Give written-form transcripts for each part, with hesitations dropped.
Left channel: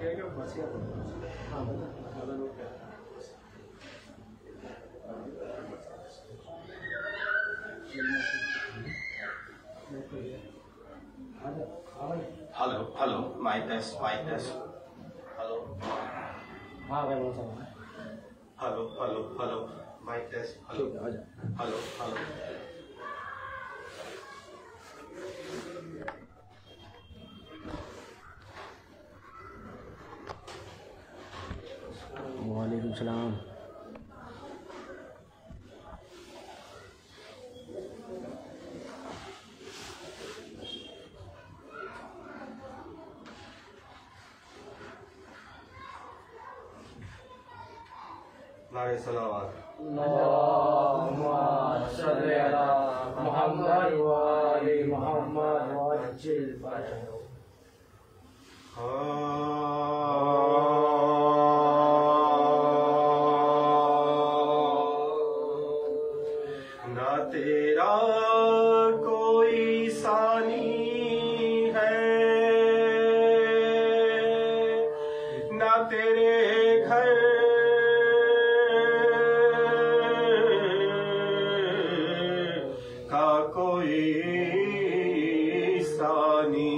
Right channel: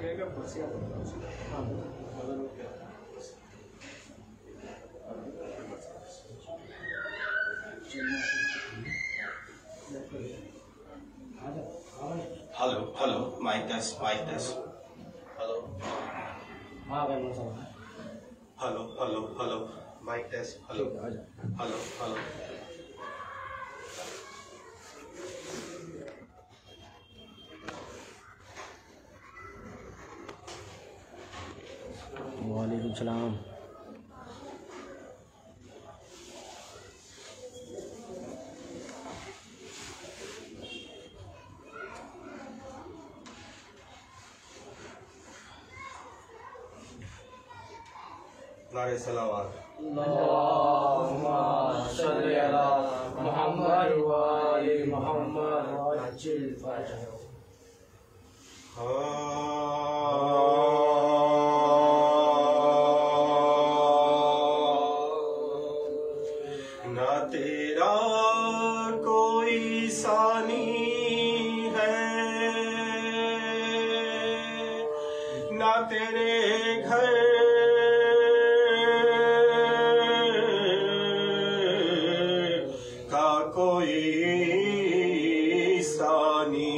Hello, mic test. Hello. Hello, mic test. Hello. وعلیکم السلام. نعرہ صلوات. اللہم صلی علی محمد و آل محمد وعجل فرجہ. نہ تیرا کوئی ثانی ہے، نہ تیرے گھر کا کوئی ثانی.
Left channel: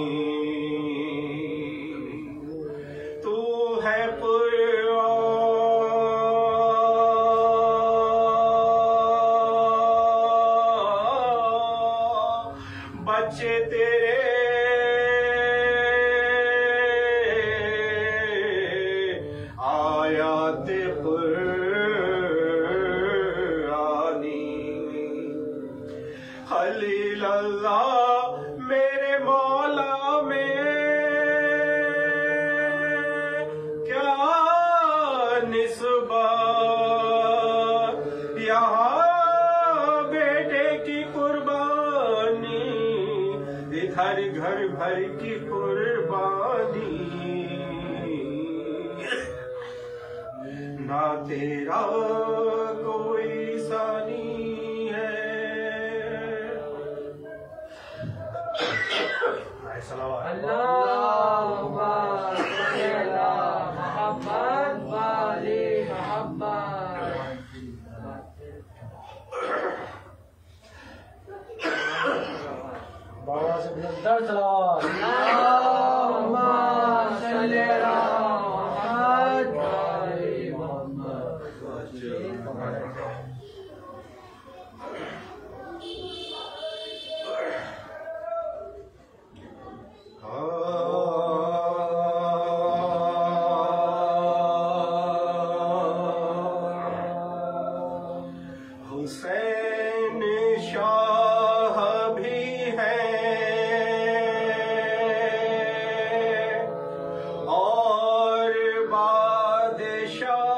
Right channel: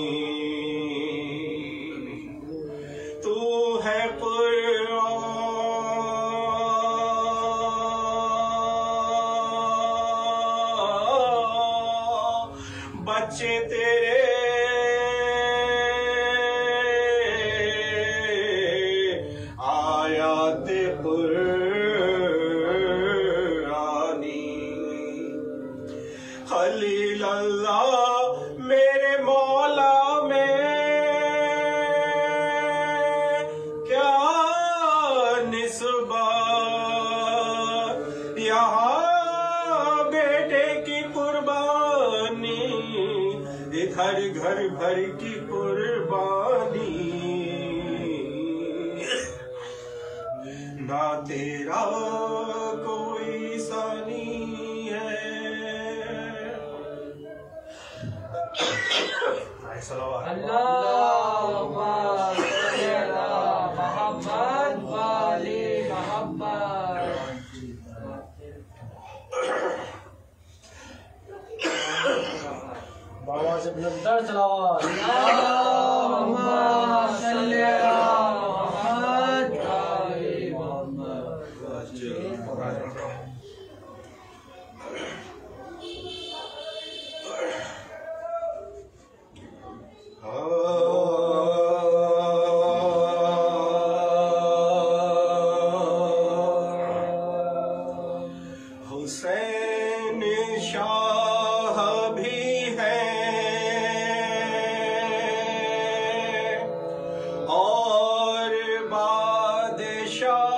تو ہے بچے تیرے آیات قرآنی. خلیل اللہ میرے مولا میں کیا نسبت، یہاں بیٹے کی قربانی، ادھر گھر بھر کی قربانی. نہ تیرا کوئی ثانی ہے. اللہم صلی علی محمد و آل محمد. بابا سے بلندر صلوات. اللہم صلی علی محمد و آل محمد وعجل فرجہ. حسین شاہ بھی ہے اور بادشاہ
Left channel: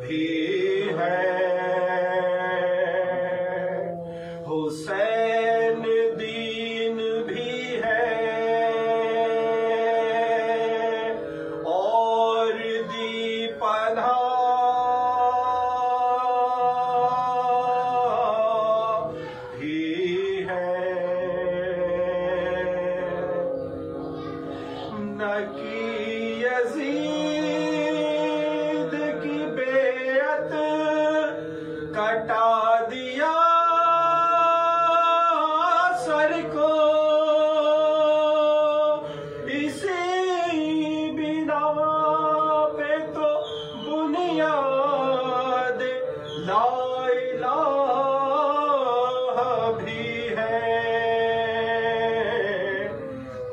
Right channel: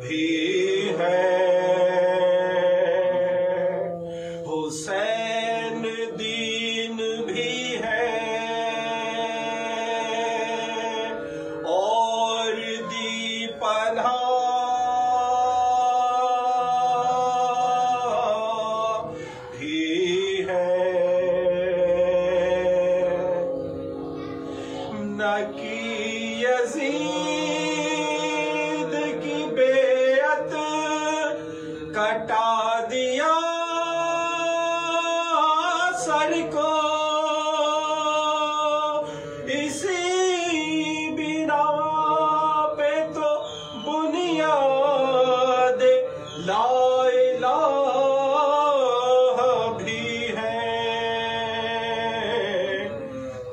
بھی ہے. حسین دین بھی ہے اور دی پناہ بھی ہے. نہ کی یزید کی بیعت کٹا دیا سر کو، اسی بنا پہ تو بنیاد لا الہ بھی ہے.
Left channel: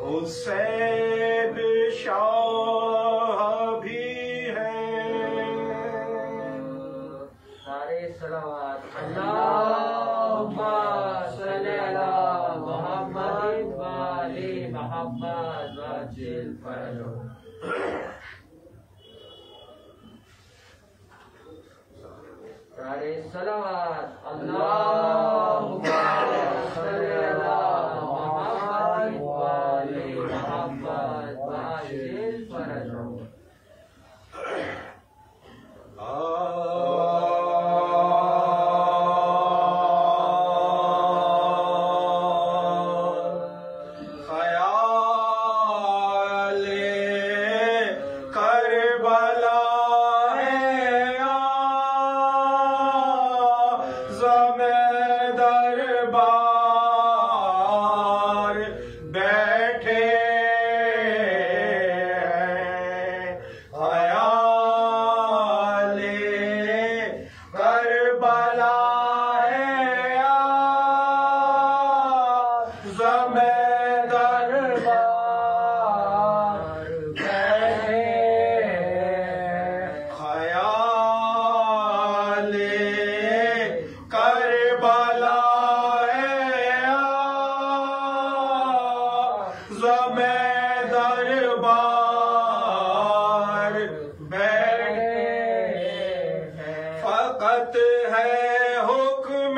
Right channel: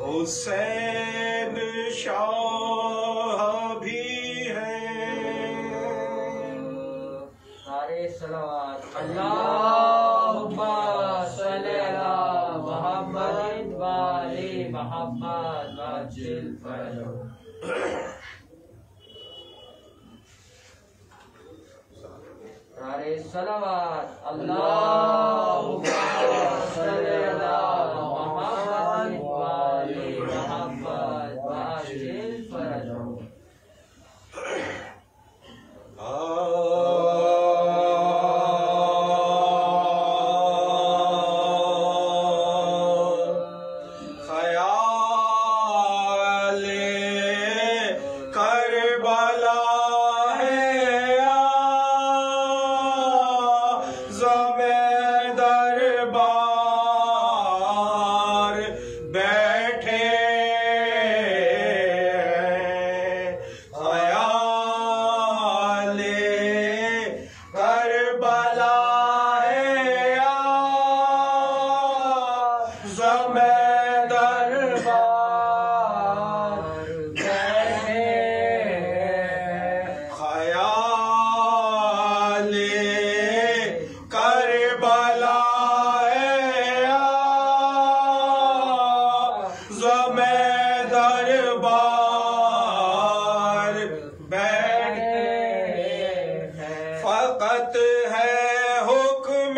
حسین شاہ بھی ہے. سارے صلوات. اللہم صلی علی محمد و آل محمد وعجل فرجہ. سارے صلوات. اللہم صلی علی محمد و آل محمد وعجل فرجہ.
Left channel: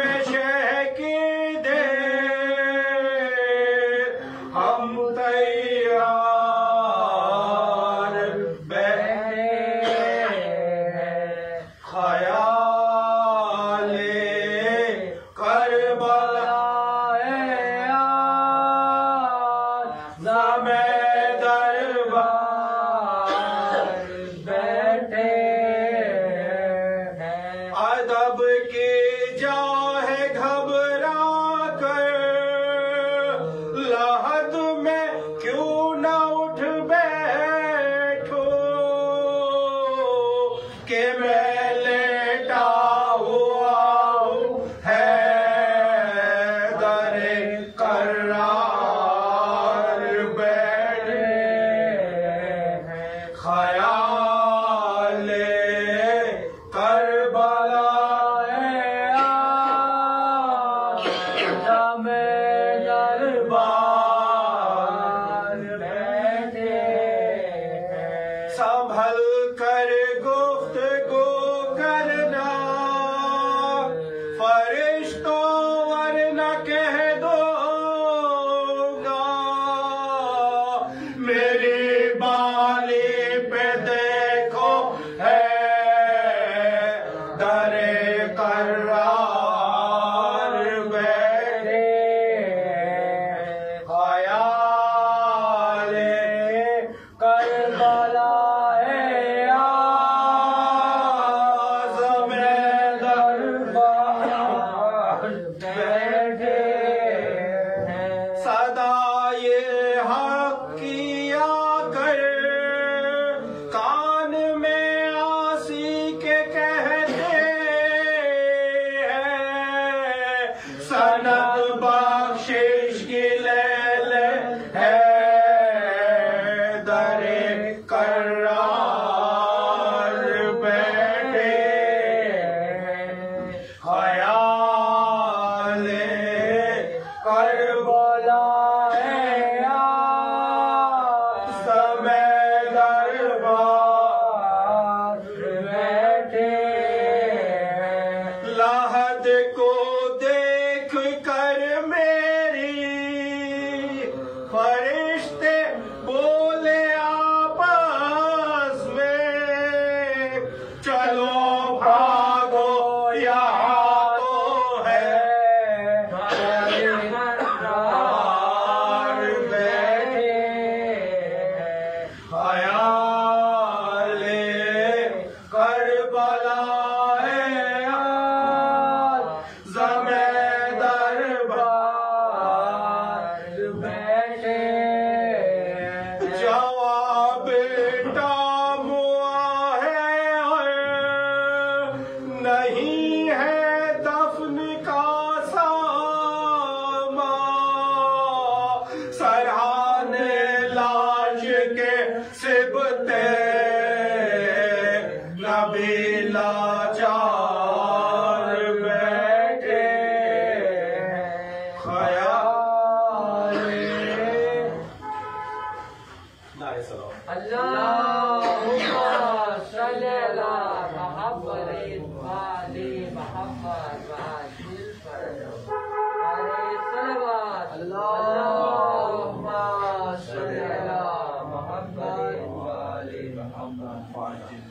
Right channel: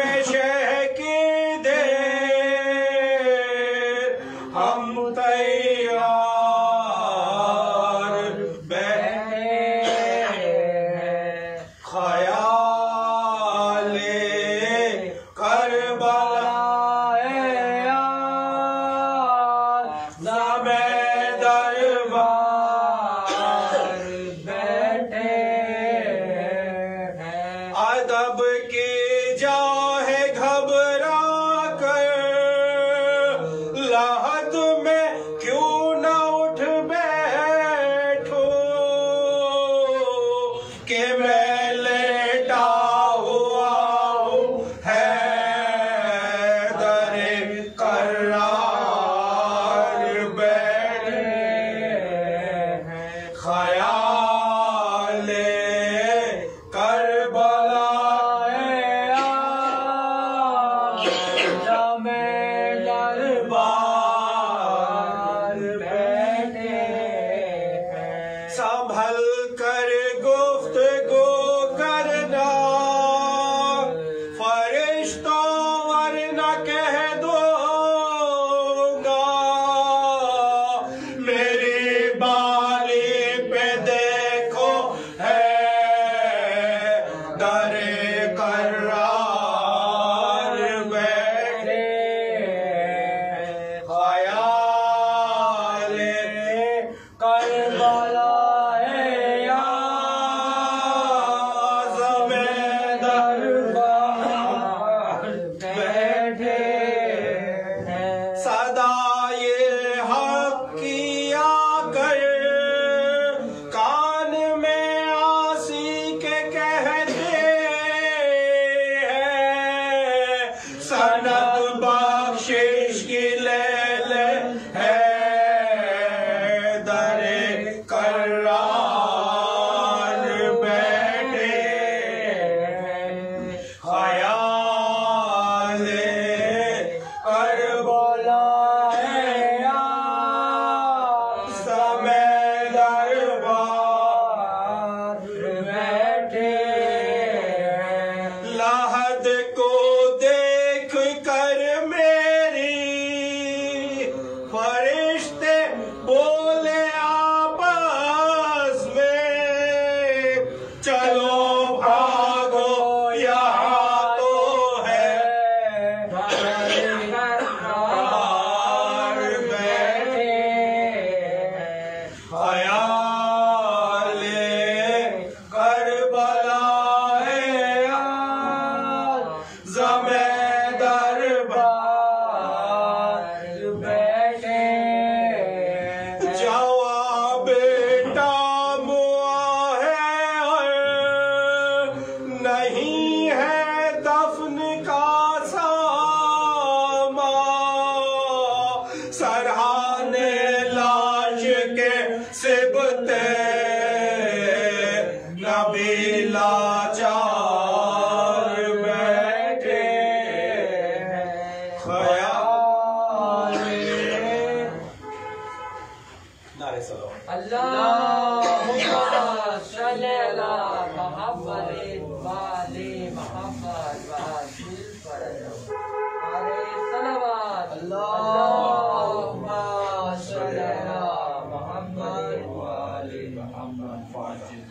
میں شہ کی دیر ہم تیار بیٹھے خیال کربلا ادب کی جاہ گھبرا کر لحد میں کیوں نہ اٹھ بیٹھو کہ میں لیٹا ہوا ہوں حیدر کرار بیٹھے خیال کربلا سنبھل کر گفتگو کرنا فرشتہ ورنہ کہہ دو گا میری بالی پہ دیکھو ہے در کرار بیٹھے خیال کربلا صدائے حق کیا کر کان میں آسی کے کہتے ہیں سند بخشش کی لیل ہے در کرار بیٹھے خیال کربلا لحد کو دیکھ کر میری فرشتے بولے آپس میں چلو بھاگو یہاں تو ہے بیٹھے خیال کربلا جواب ٹام ہوا ہے نہیں ہے دفن کا سامان سرہانے لاش کے سبتے نبی لاچار بیٹھے خیال نعرہ سلام اللہم صلی علی محمد وآلِ محمد وعجل فرجہ علیہ الصلوات اللہم صلی علی محمد وآلِ محمد وعجل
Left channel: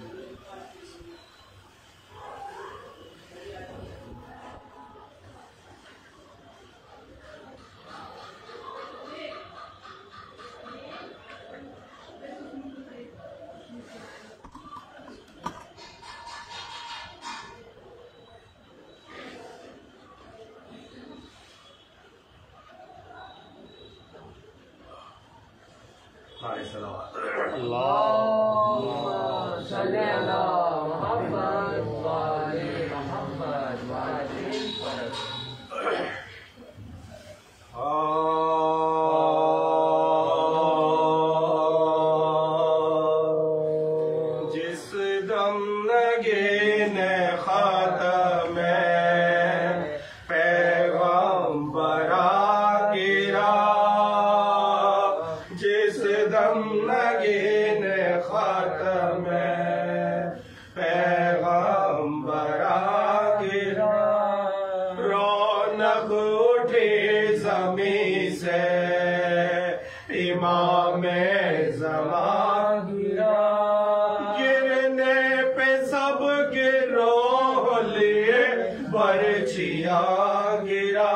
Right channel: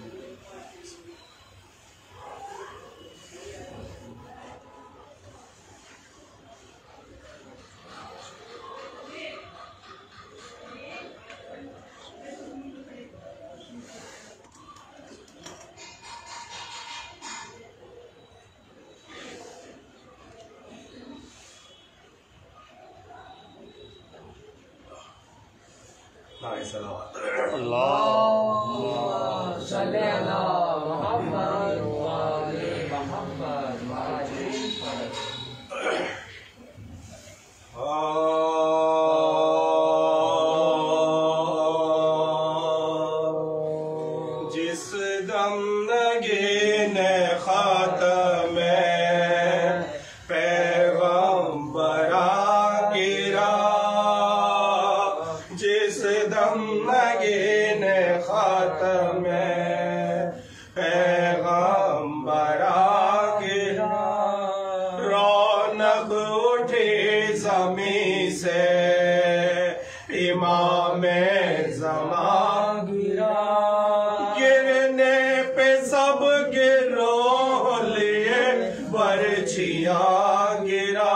اللہم صلی علی محمد وآلِ محمد وعجل فرجہ جس دم نگین خاتم پیغمبرا گرا جس دم نگین خاتم پیغمبرا اٹھے زمین سے امام زمان گرا گرنے پہ سب گروہ لیے برچھیا گرا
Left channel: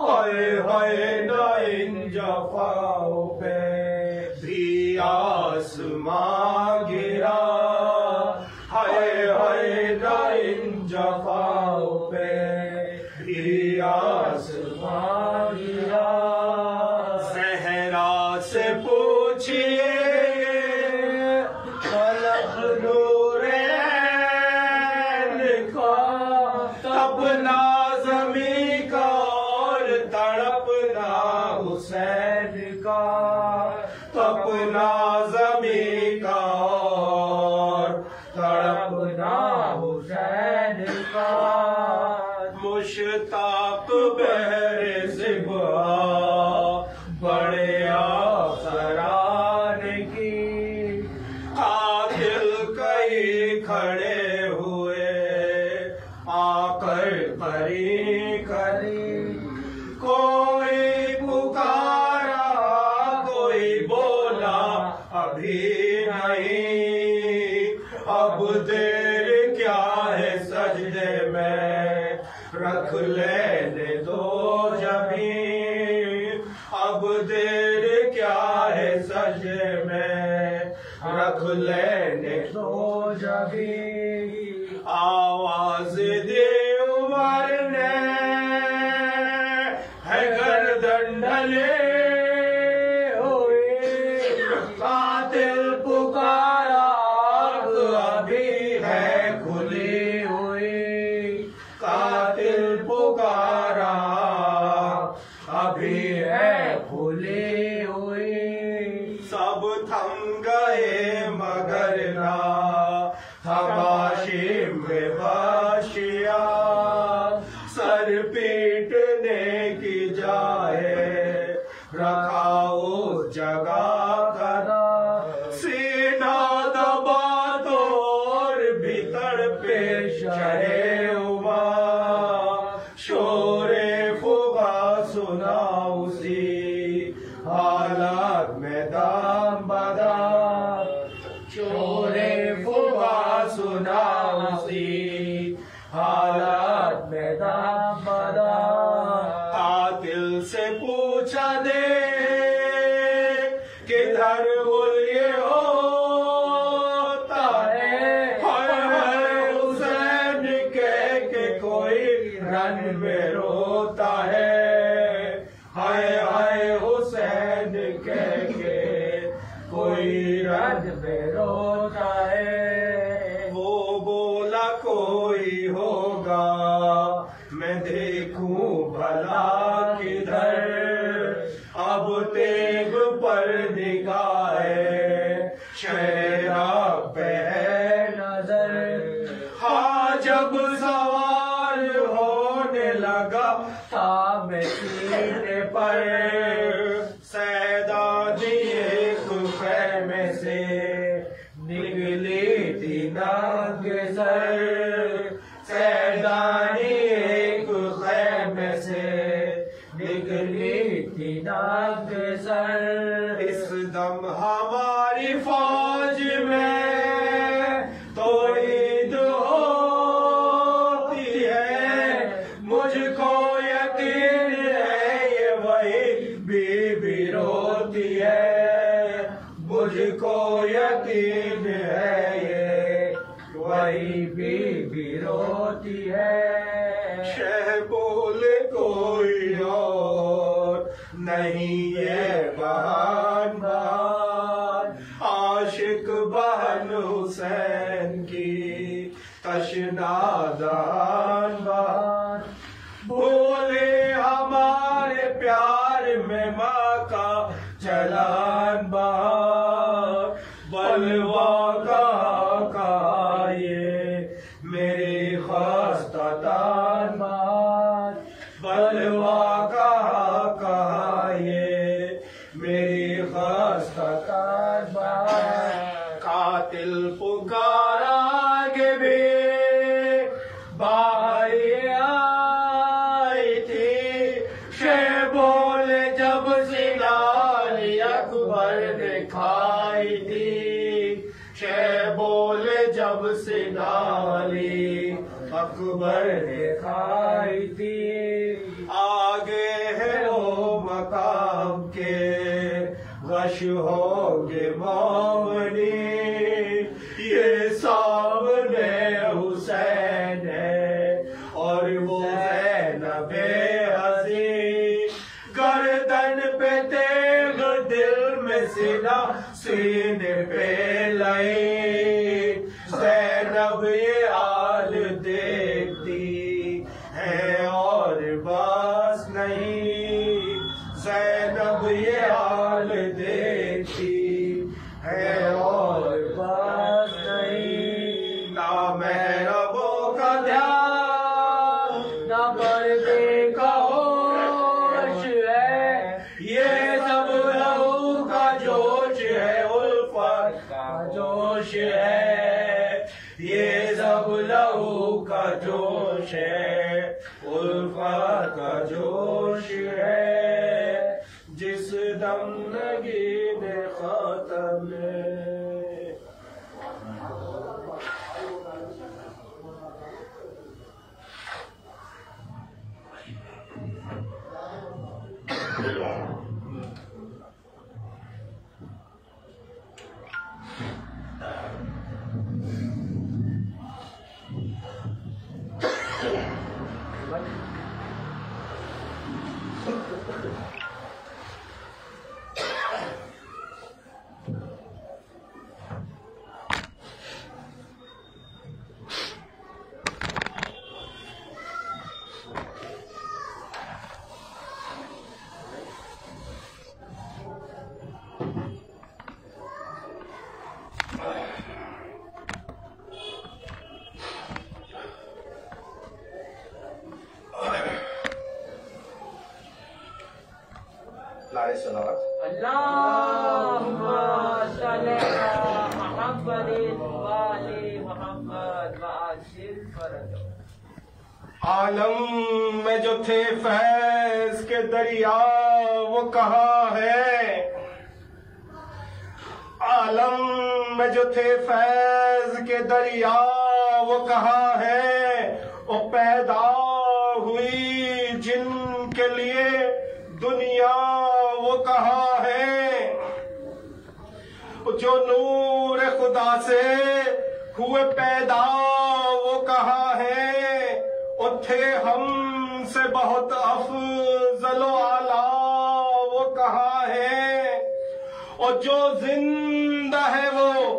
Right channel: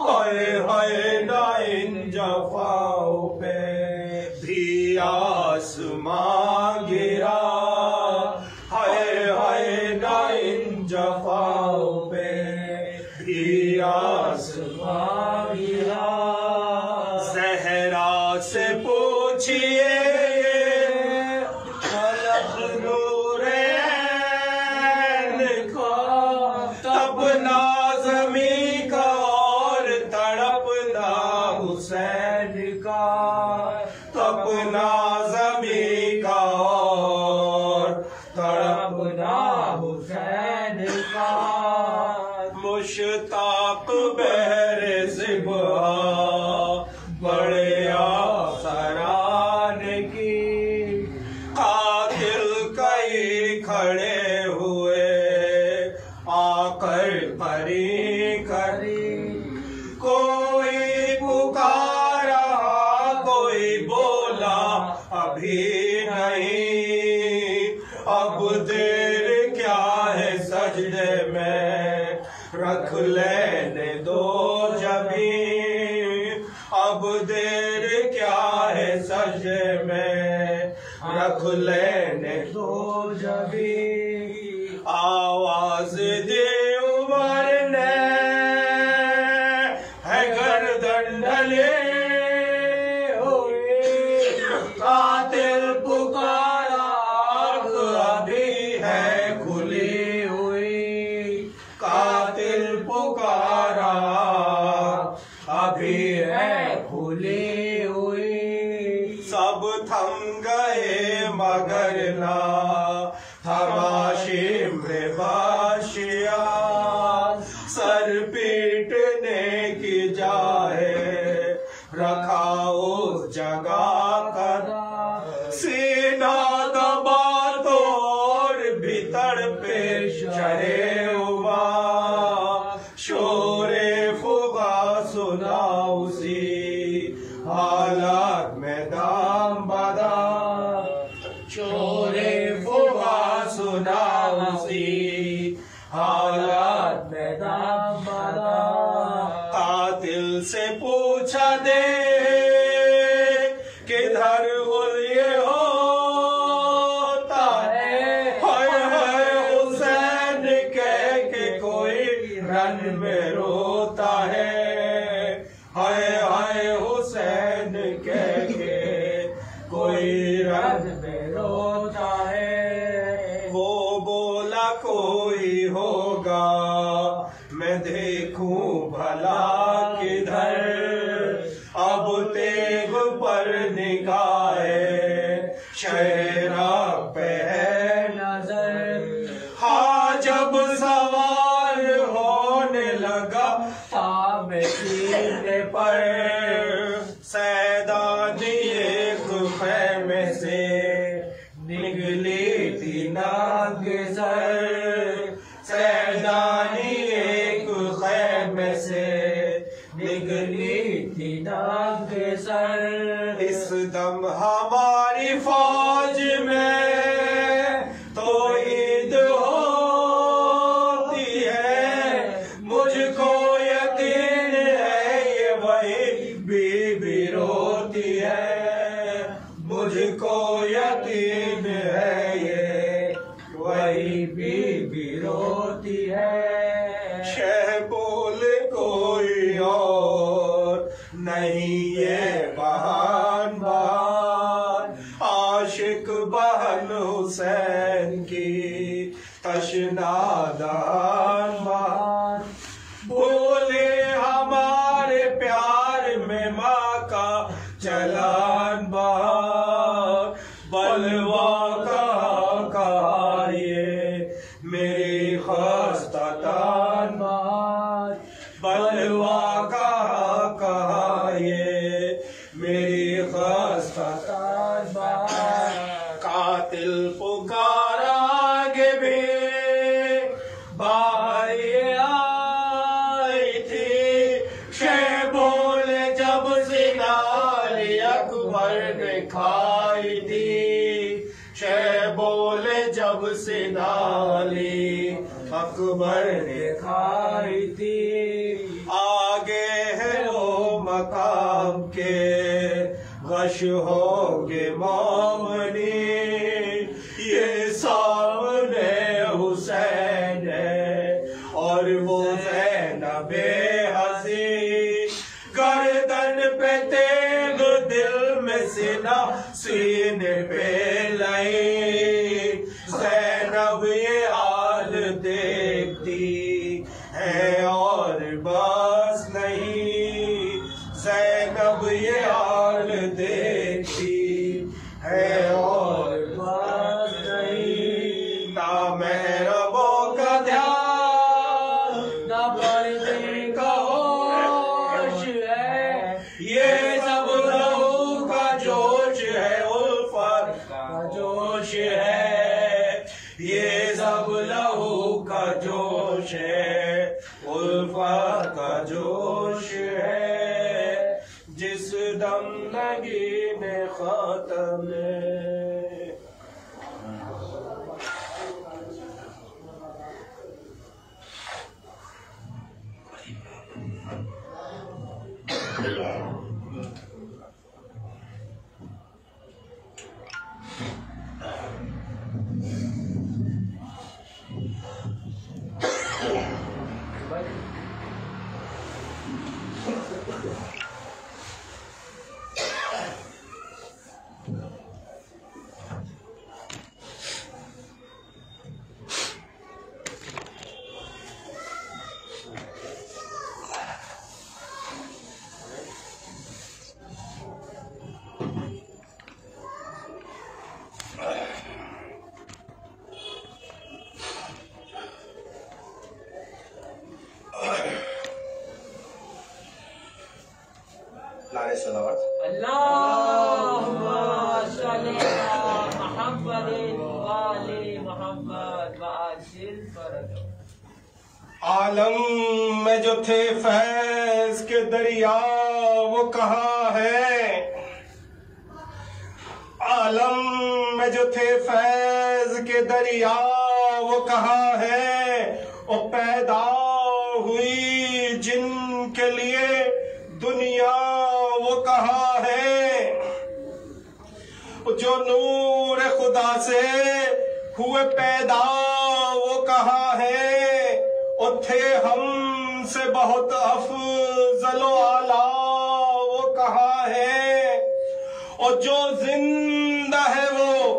ہائے ہائے نہ ان جفاؤں پہ بھی آسمان گرا ہائے ہائے نہ ان جفاؤں پہ بھی آسمان گرا زہرا سے پوچھئے خلق نور عین کا تپنا زمین کا اور تڑپنا حسین کا تپنا زمین کا اور تڑپنا حسین کا مشتاق بہر زبا بڑے آسران کی قاتل کئی کھڑے ہوئے آ کر پری کری کوئی پکارا کوئی بولا ابھی نہیں اب دیر کیا ہے سجدے میں رکھ لینے دو جبھی اب دیر کیا ہے سجدے میں رکھ لینے دو جبھی آواز دے عمر نے ہے گردن ڈھلے ہوئے قاتل پکارا ابھی ہے کھلی ہوئی قاتل پکارا ابھی ہے کھلی ہوئی سب تھم گئے مگر نہ تماشے میں باشیا سر پیٹنے کی جائے رکھاؤ جگہ کرا سینہ دبا توڑ بھیتر پہ چڑھے ہوا شور فغا سنا اسی حالات میں دام بدام شور فغا سنا اسی حالات میں دام بدام قاتل سے پوچھا دے کدھر غلیے ہوتا ہے ہائے ہائے حسین کہہ کے کوئی رن میں روتا ہے ہائے ہائے حسین کہہ کے کوئی رن میں روتا ہے وہ بولا کوئی ہوگا میں دیکھوں بھلا کدھر اب تیغ پر نگاہ شہرا پہ ہے نظر ہاں جب سوار ہونے لگا تھا میں سینے پر سیدانی ایک خیمے سے نکلی تھی ننگ سر سیدانی ایک خیمے سے نکلی تھی ننگ سر اس دم ہماری فوج میں توحید ہوتی ہے مجھ کو یقین ہے یہ وہی بی بی روتی ہے مجھ کو یقین ہے یہ وہی بی بی روتی ہے شہ بول کوئی اور نہیں یہ بہان بہان عاشق بہن حسین کی تشنا دان بہان بولے ہمارے پیار میں ماں کا چلان بہان بلوا کہا یہ میری خستہ تان بہان بلوا کہا یہ میری خستہ تان بہان قاتل پکارا آگے بھی باہر دکھائی تھی آگے ہے وہ مقام کے غش ہوگے مومنی یہ سامنے حسین ہے اور وہ زینب عزیز گردن پہ تیغ دل میں سینہ سینے پہ لائی زینب یہ حال دیکھتی ہے اور بس نہیں زینب یہ حال دیکھتی ہے اور بس نہیں نہ محرموں کا دھیان نہ پردے کا ہوش ہے یہ سب لہو کا جوش ہے الفت کا جوش ہے یہ سب لہو کا جوش ہے الفت کا جوش ہے جس دم نگین خاتم نعرہ صلوات اللہم صلی علی محمد وآل محمد وعجل فرجہ عالم میں جو تھے فیض کے دریا وہ کہاں ہے عالم میں جو تھے فیض کے دریا وہ کہاں ہے وہ پیدا ہوئی جن کے لیے دنیا وہ کہاں ہے جو نور خدا سے ہوئے پیدا وہ کہاں ہے وہ تھے ہم سے بہت افضل و اعلیٰ وہ کہاں ہے اور جو زندہ ہے وہ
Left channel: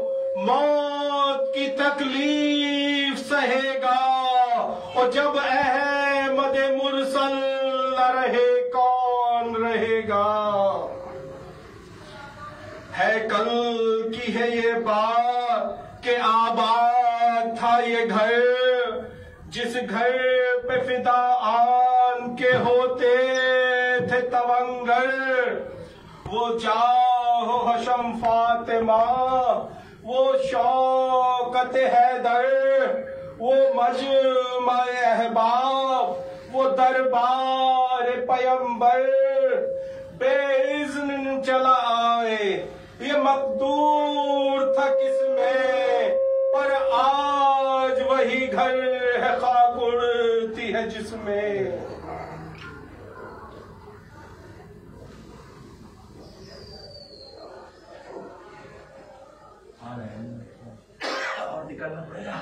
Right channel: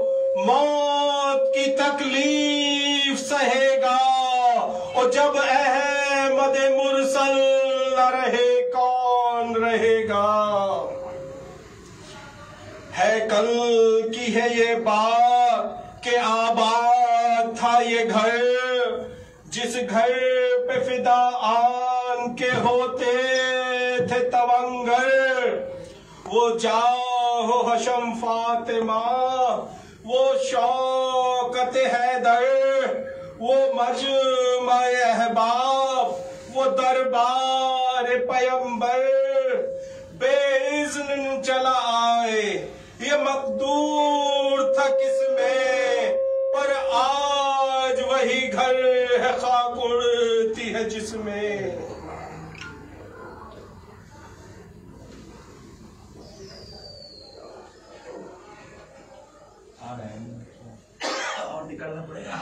موت کی تکلیف سہے گا اور جب احمد مرسل نہ رہے کون رہے گا ہے کل کی ہے یہ بات کہ آباد تھا یہ گھر جس گھر پہ فدا آن کے ہوتے تھے تونگر وہ جاہ حشم فاطمہ وہ شوکت حیدر وہ مجمع احباب وہ دربار پیمبر بے اذن چلا آئے یہ مقدور تھا کس میں پر آج وہی گھر ہے خاک اڑتی ہے جس میں اور نکلنا پڑے گا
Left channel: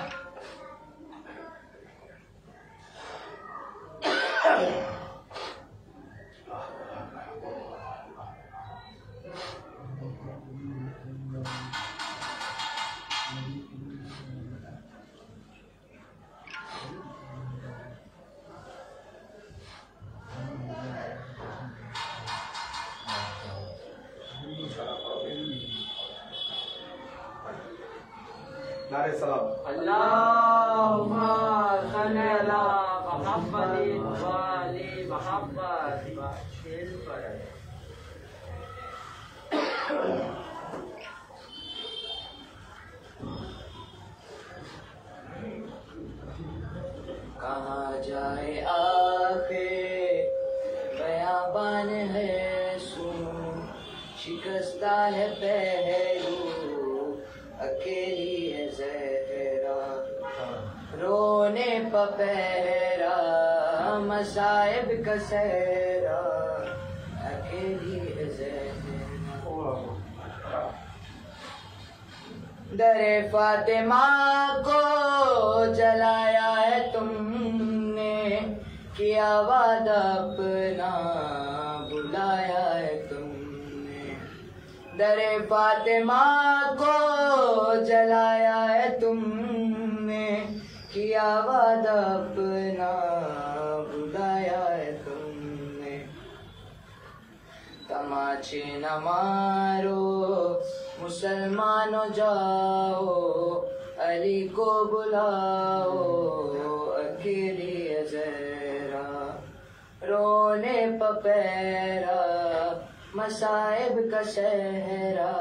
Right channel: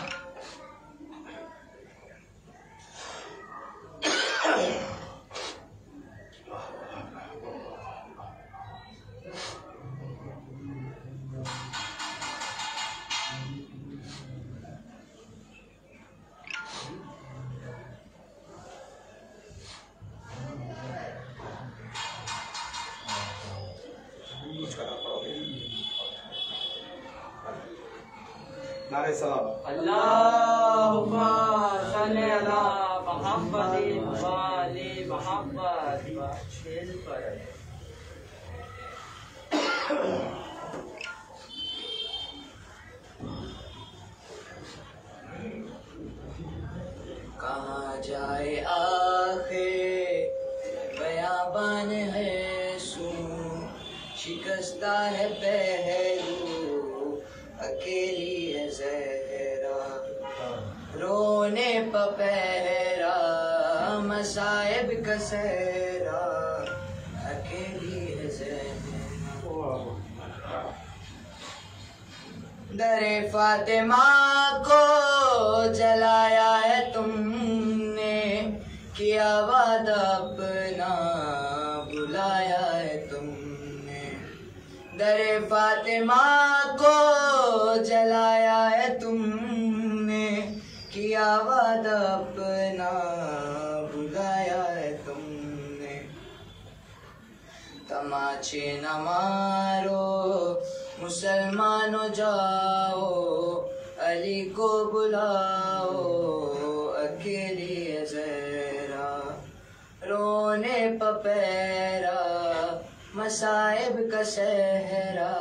نعرہ سلام اللہم صلی علی محمد وآل محمد وعجل فرجہ کہاں جائے آخر بیابان ہے سن شکستہ ہے پہلو اکیلی ہے زہرا رونے پہ پہرا مصائب کا صحرا اکیلی ہے زہرا در فاطمہ کو جلایا ہے تم نے کیا وعدہ اپنا بلایا ہے تم نے در فاطمہ کو جلایا ہے تم نے کیا وعدہ اپنا بلایا ہے تم نے تماچے نہ مارو مسلمانوں جاؤ علی کو بلاؤ اکیلی ہے زہرا رونے پپیرا مصائب کا صحرا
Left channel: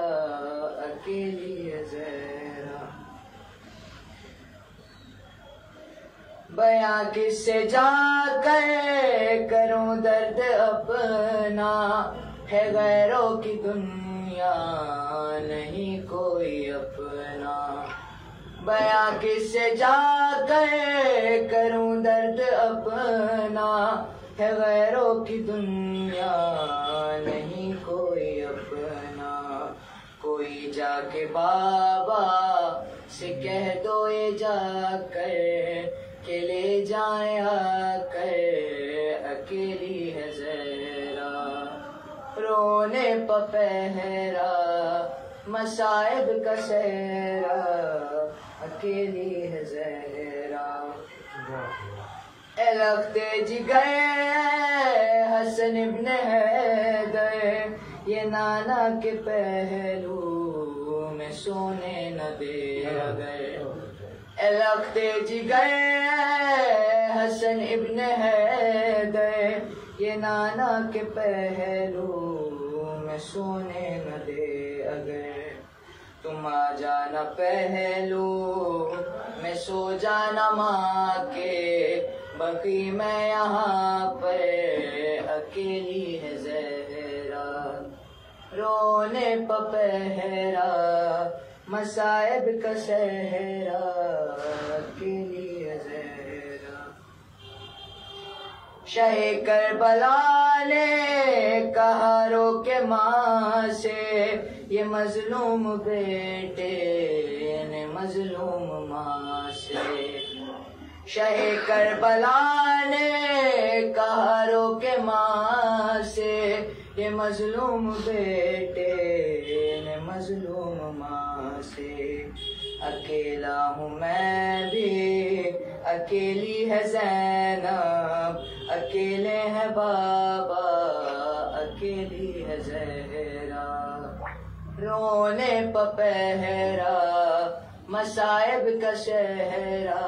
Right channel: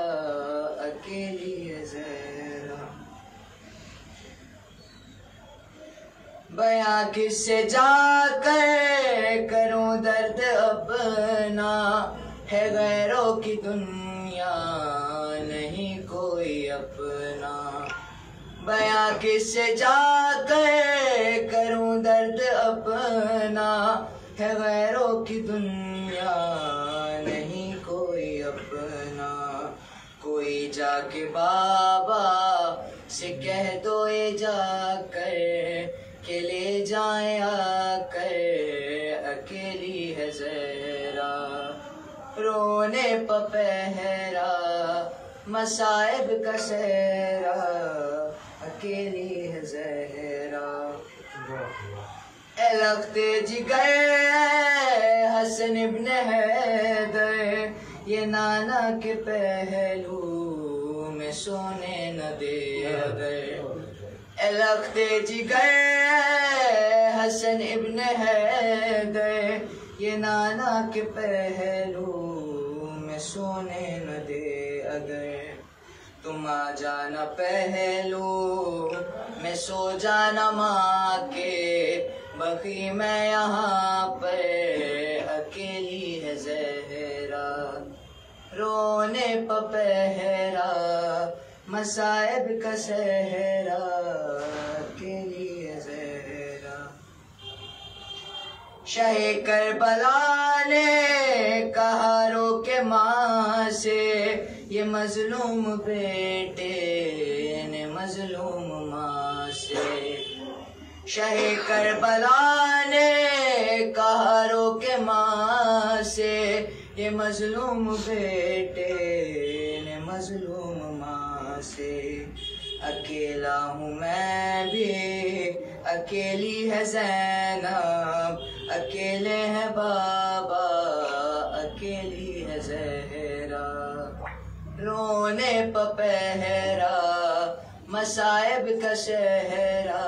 اکیلی ہے زہرا بیاں کس سے جا کر کروں درد اپنا ہے غیروں کی دنیا نہیں کوئی اپنا بیاں کس سے جا کر کروں درد اپنا ہے غیروں کی دنیا نہیں کوئی اپنا کوئی جا کے بابا سے کہہ دو یہ جا کر کہ لے جائیں آ کر اکیلی ہے زہرا رونے پپہرا مصائب کا صحرا اکیلی ہے زہرا اے لگتے جگر حسن ابن حیدر یہ نانا کے پہلو میں سونے نہ دے اگر اے لگتے جگر حسن ابن حیدر یہ نانا کے پہلو میں سونے نہ دے اگر تم آ جانا پہلو میں سو جانا ماں کے بقی میں یہاں پر اکیلی ہے زہرا رونے پپہرا مصائب کا صحرا اکیلی ہے زہرا شاہ کربلا نے کہا رو کے ماں سے یہ مظلوم بیٹے نے مظلوم ماں سے شاہ کربلا نے کہا رو کے ماں سے یہ مظلوم بیٹے نے مظلوم ماں سے اکیلا ہوں میں بھی اکیلی ہے زینب اکیلے ہیں بابا اکیلی ہے زہرا رونے پپہرا مصائب کا صحرا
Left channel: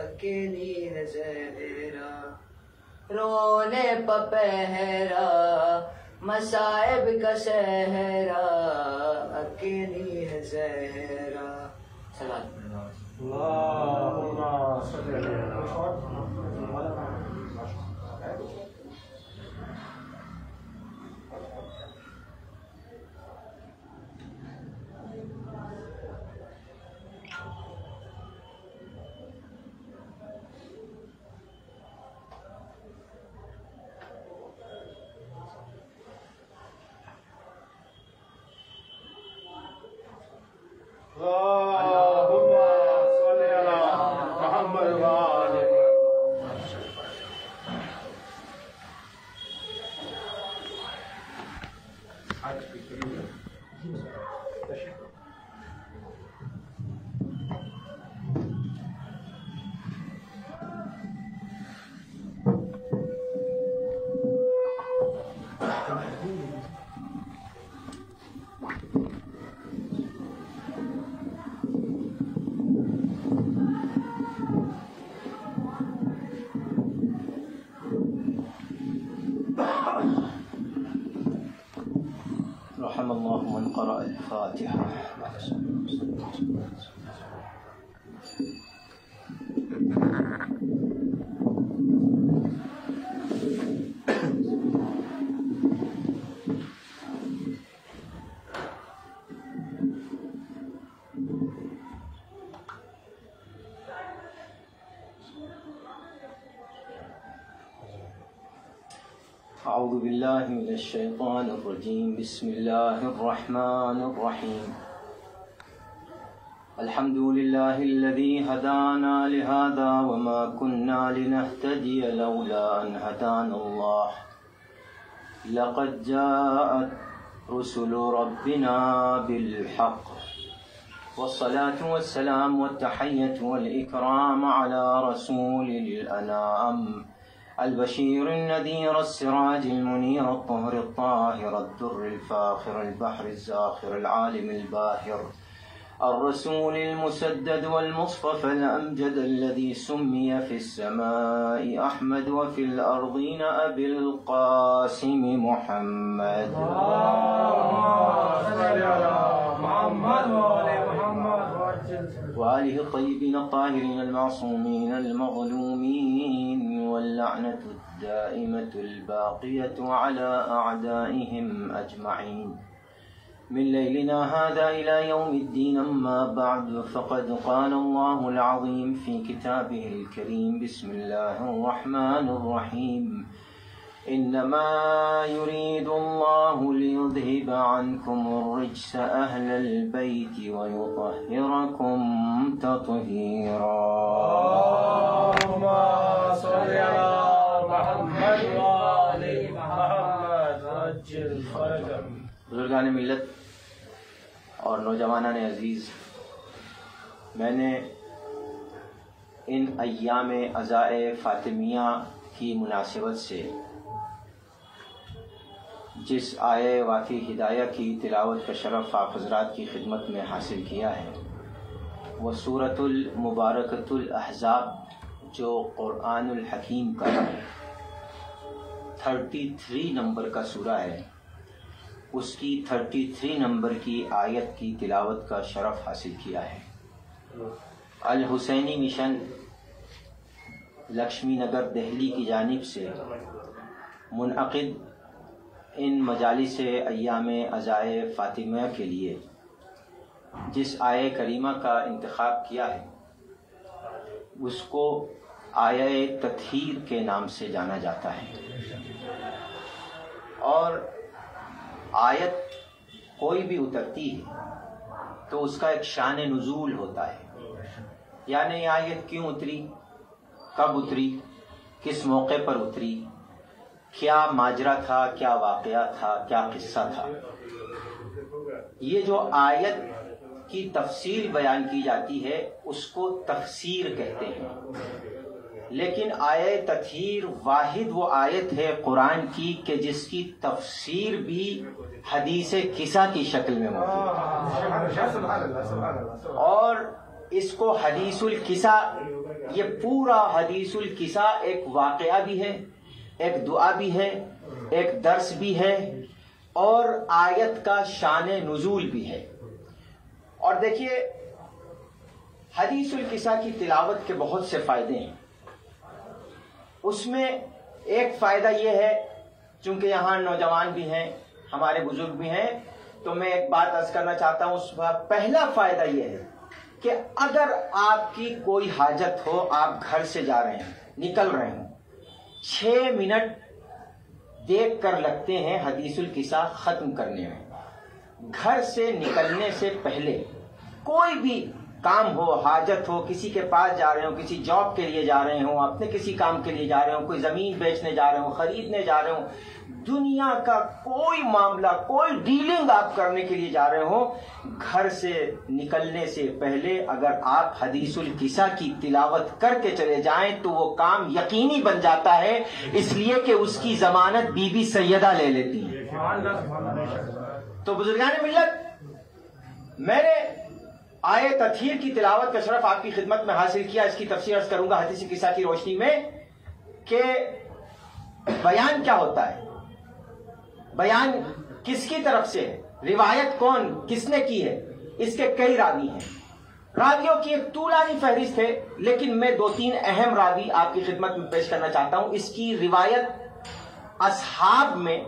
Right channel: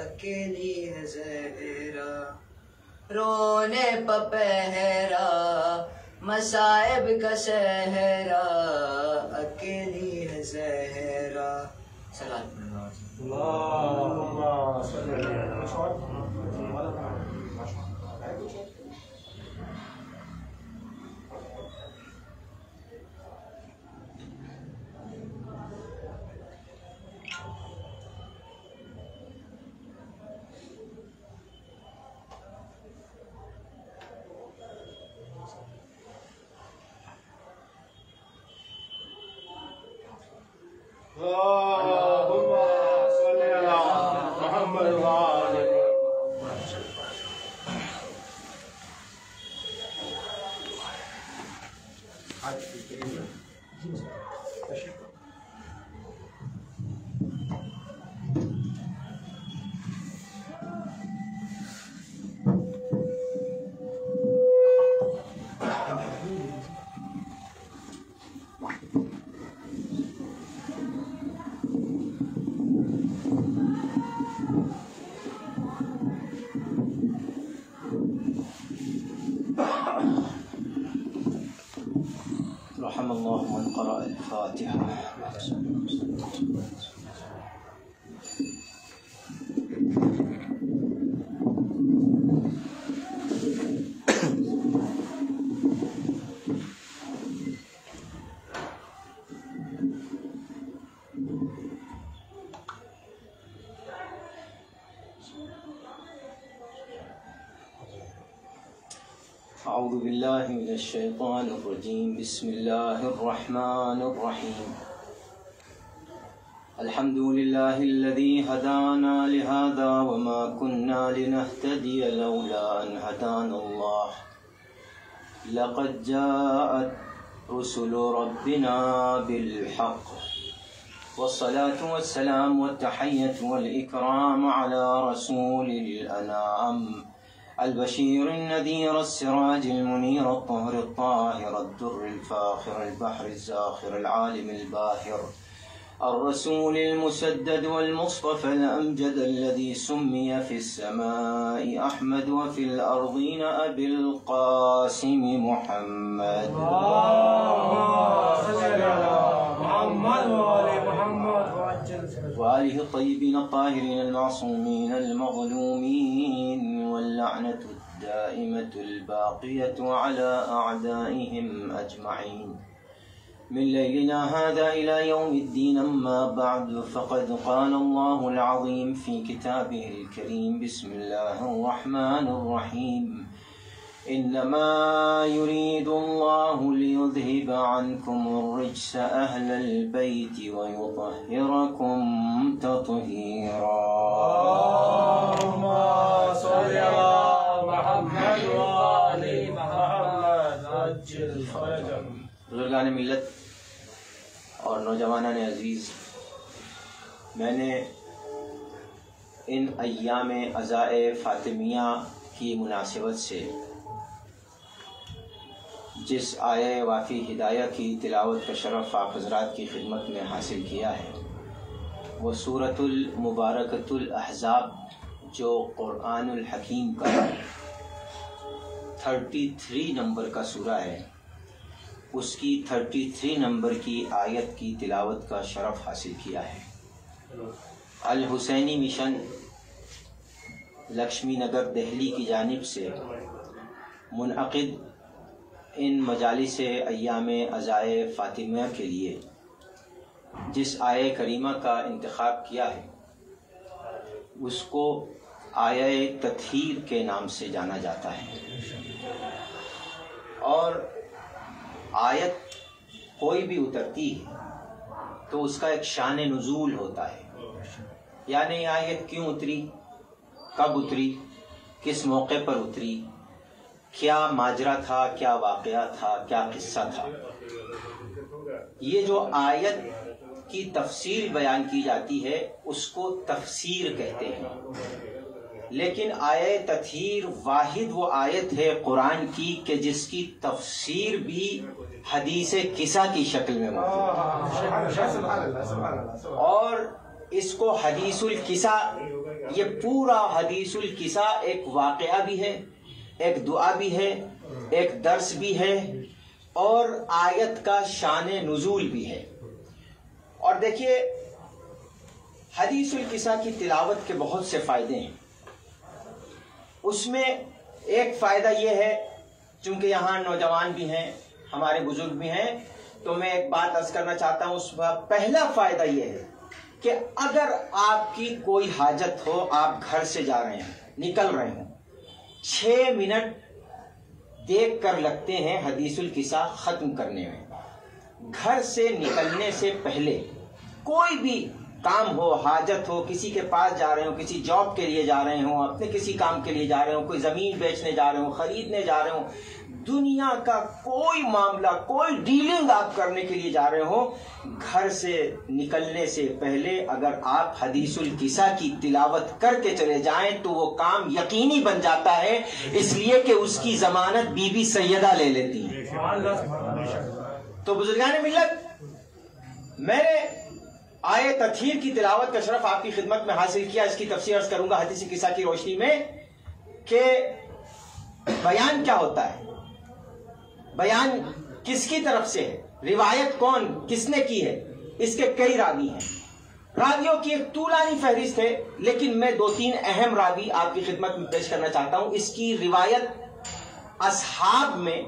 اکیلی ہے زہرا رونے پپہرا مصائب کا صحرا اکیلی ہے زہرا سلام اللہم صلی اللہ رحم الله من قرأ الفاتحة. أعوذ بالله من الشيطان الرجيم. بسم الله الرحمن الرحيم. الحمد لله الذي هدانا لهذا وما كنا لنهتدي لولا أن هدانا الله. لقد جاءت رسل ربنا بالحق والصلاة والسلام والتحية والإكرام على رسول الأنام البشير النذير السراج المنير الطهر الطاهر الدر الفاخر البحر الزاخر العالم الباهر الرسول المسدد والمصطفى الأمجد الذي سمي في السماء أحمد وفي الأرضين أبي القاسم محمد. وآله الطيبين الطاهرين المعصومين المظلومين واللعنة الدائمة الباقية على أعدائهم أجمعين من ليلنا هذا إلى يوم الدين. أما بعد فقد قال الله العظيم في كتابه الكريم. بسم الله الرحمن الرحيم. إنما يريد الله ليذهب عنكم الرجس أهل البيت ويطهركم تطهيرا. اللهم صل على محمد وآل محمد عجل فرجهم. بزرگان ملت اور نوجوانان عزیز، میں نے ان ایام عزائے فاطمیہ کی مناسبت سے جس آئے وافی ہدایہ کی تلاوت کا شرف آپ حضرات کی خدمت میں حاصل کیا ہے وہ سورۃ المبارکۃ الاحزاب جو قرآن الحکیم کا 33 نمبر کا سورہ ہے، اس کی 33 نمبر کی آیت کی تلاوت کا شرف حاصل کیا ہے۔ الحسینی مشن لکشمی نگر دہلی کی جانب سے منعقد ان مجالس ایام عزائے فاطمیہ کے لیے جس آیہ کریمہ کا انتخاب کیا ہے اس کو آیہ تطہیر کے نام سے جانا جاتا ہے، اور آیت کوئی بھی اترتی ہے تو اس کا ایک شان نزول ہوتا ہے، یعنی آیت کیوں اتری، کب اتری، کس موقع پر اتری، کیا ماجرا تھا، کیا واقعہ تھا، کیا قصہ تھا۔ یہ جو آیت کی تفصیل بیان کی جاتی ہے اس کو تفسیر کہتے ہیں، لیکن آیہ تطہیر واحد وہ آیت ہے قرآن کی کہ جس کی تفسیر بھی حدیث قصہ کی شکل میں موجود ہے، اور اس کو حدیث القصہ، یہ پورا حدیث القصہ ایک واقعہ بھی ہے، ایک دعا بھی ہے، ایک درس بھی ہے، اور آیت کا شان نزول بھی ہے۔ اور دیکھیے حدیث القصہ کی تلاوت کے بہت سے فائدے ہیں، اس میں ایک فائدہ یہ ہے، چونکہ یہاں نوجوان بھی ہیں، ہمارے بزرگ بھی ہیں، تو میں ایک بات عرض کرنا چاہتا ہوں۔ اس کا پہلا فائدہ یہ ہے کہ اگر آپ کی کوئی حاجت ہو، آپ گھر سے جا رہے ہیں، نکل رہے ہیں، 6 منٹ دیکھ کر لگتے ہیں حدیث القصہ ختم کرنے میں۔ گھر سے نکلنے سے پہلے کوئی بھی کام ہو، حاجت ہو، کسی کے پاس جا رہے ہوں، کسی جاب کے لیے جا رہے ہوں، اپنے کسی کام کے لیے جا رہے ہوں، کوئی زمین بیچنے جا رہے ہوں، خریدنے جا رہے ہوں، دنیا کا کوئی معاملہ، کوئی ڈیلنگ آپ کرنے کے لیے جا رہے ہوں، گھر سے نکلنے سے پہلے اگر آپ حدیث القصہ کی تلاوت کر کے چلے جائیں تو وہ کام یقینی بن جاتا ہے، اس لیے کہ اس کی ضمانت بی بی سیدہ لے لیتی ہے۔ تو بزرگان ملت، میں نے آیت تطہیر کی تلاوت کا شرف آپ کی خدمت میں حاصل کیا، اس کی تفسیر عرض کروں گا حدیث قصہ کی روشنی میں کہ بیان کیا ہوتا ہے، بیان کس کی طرف سے ہے، روایت کون کس نے کی ہے، اس کے کئی راوی ہیں، راویوں کی ایک طولانی فہرست ہے، لیکن میں 2-3 اہم راوی آپ کی خدمت میں پیش کرنا چاہتا ہوں۔ اس کی روایت اصحاب میں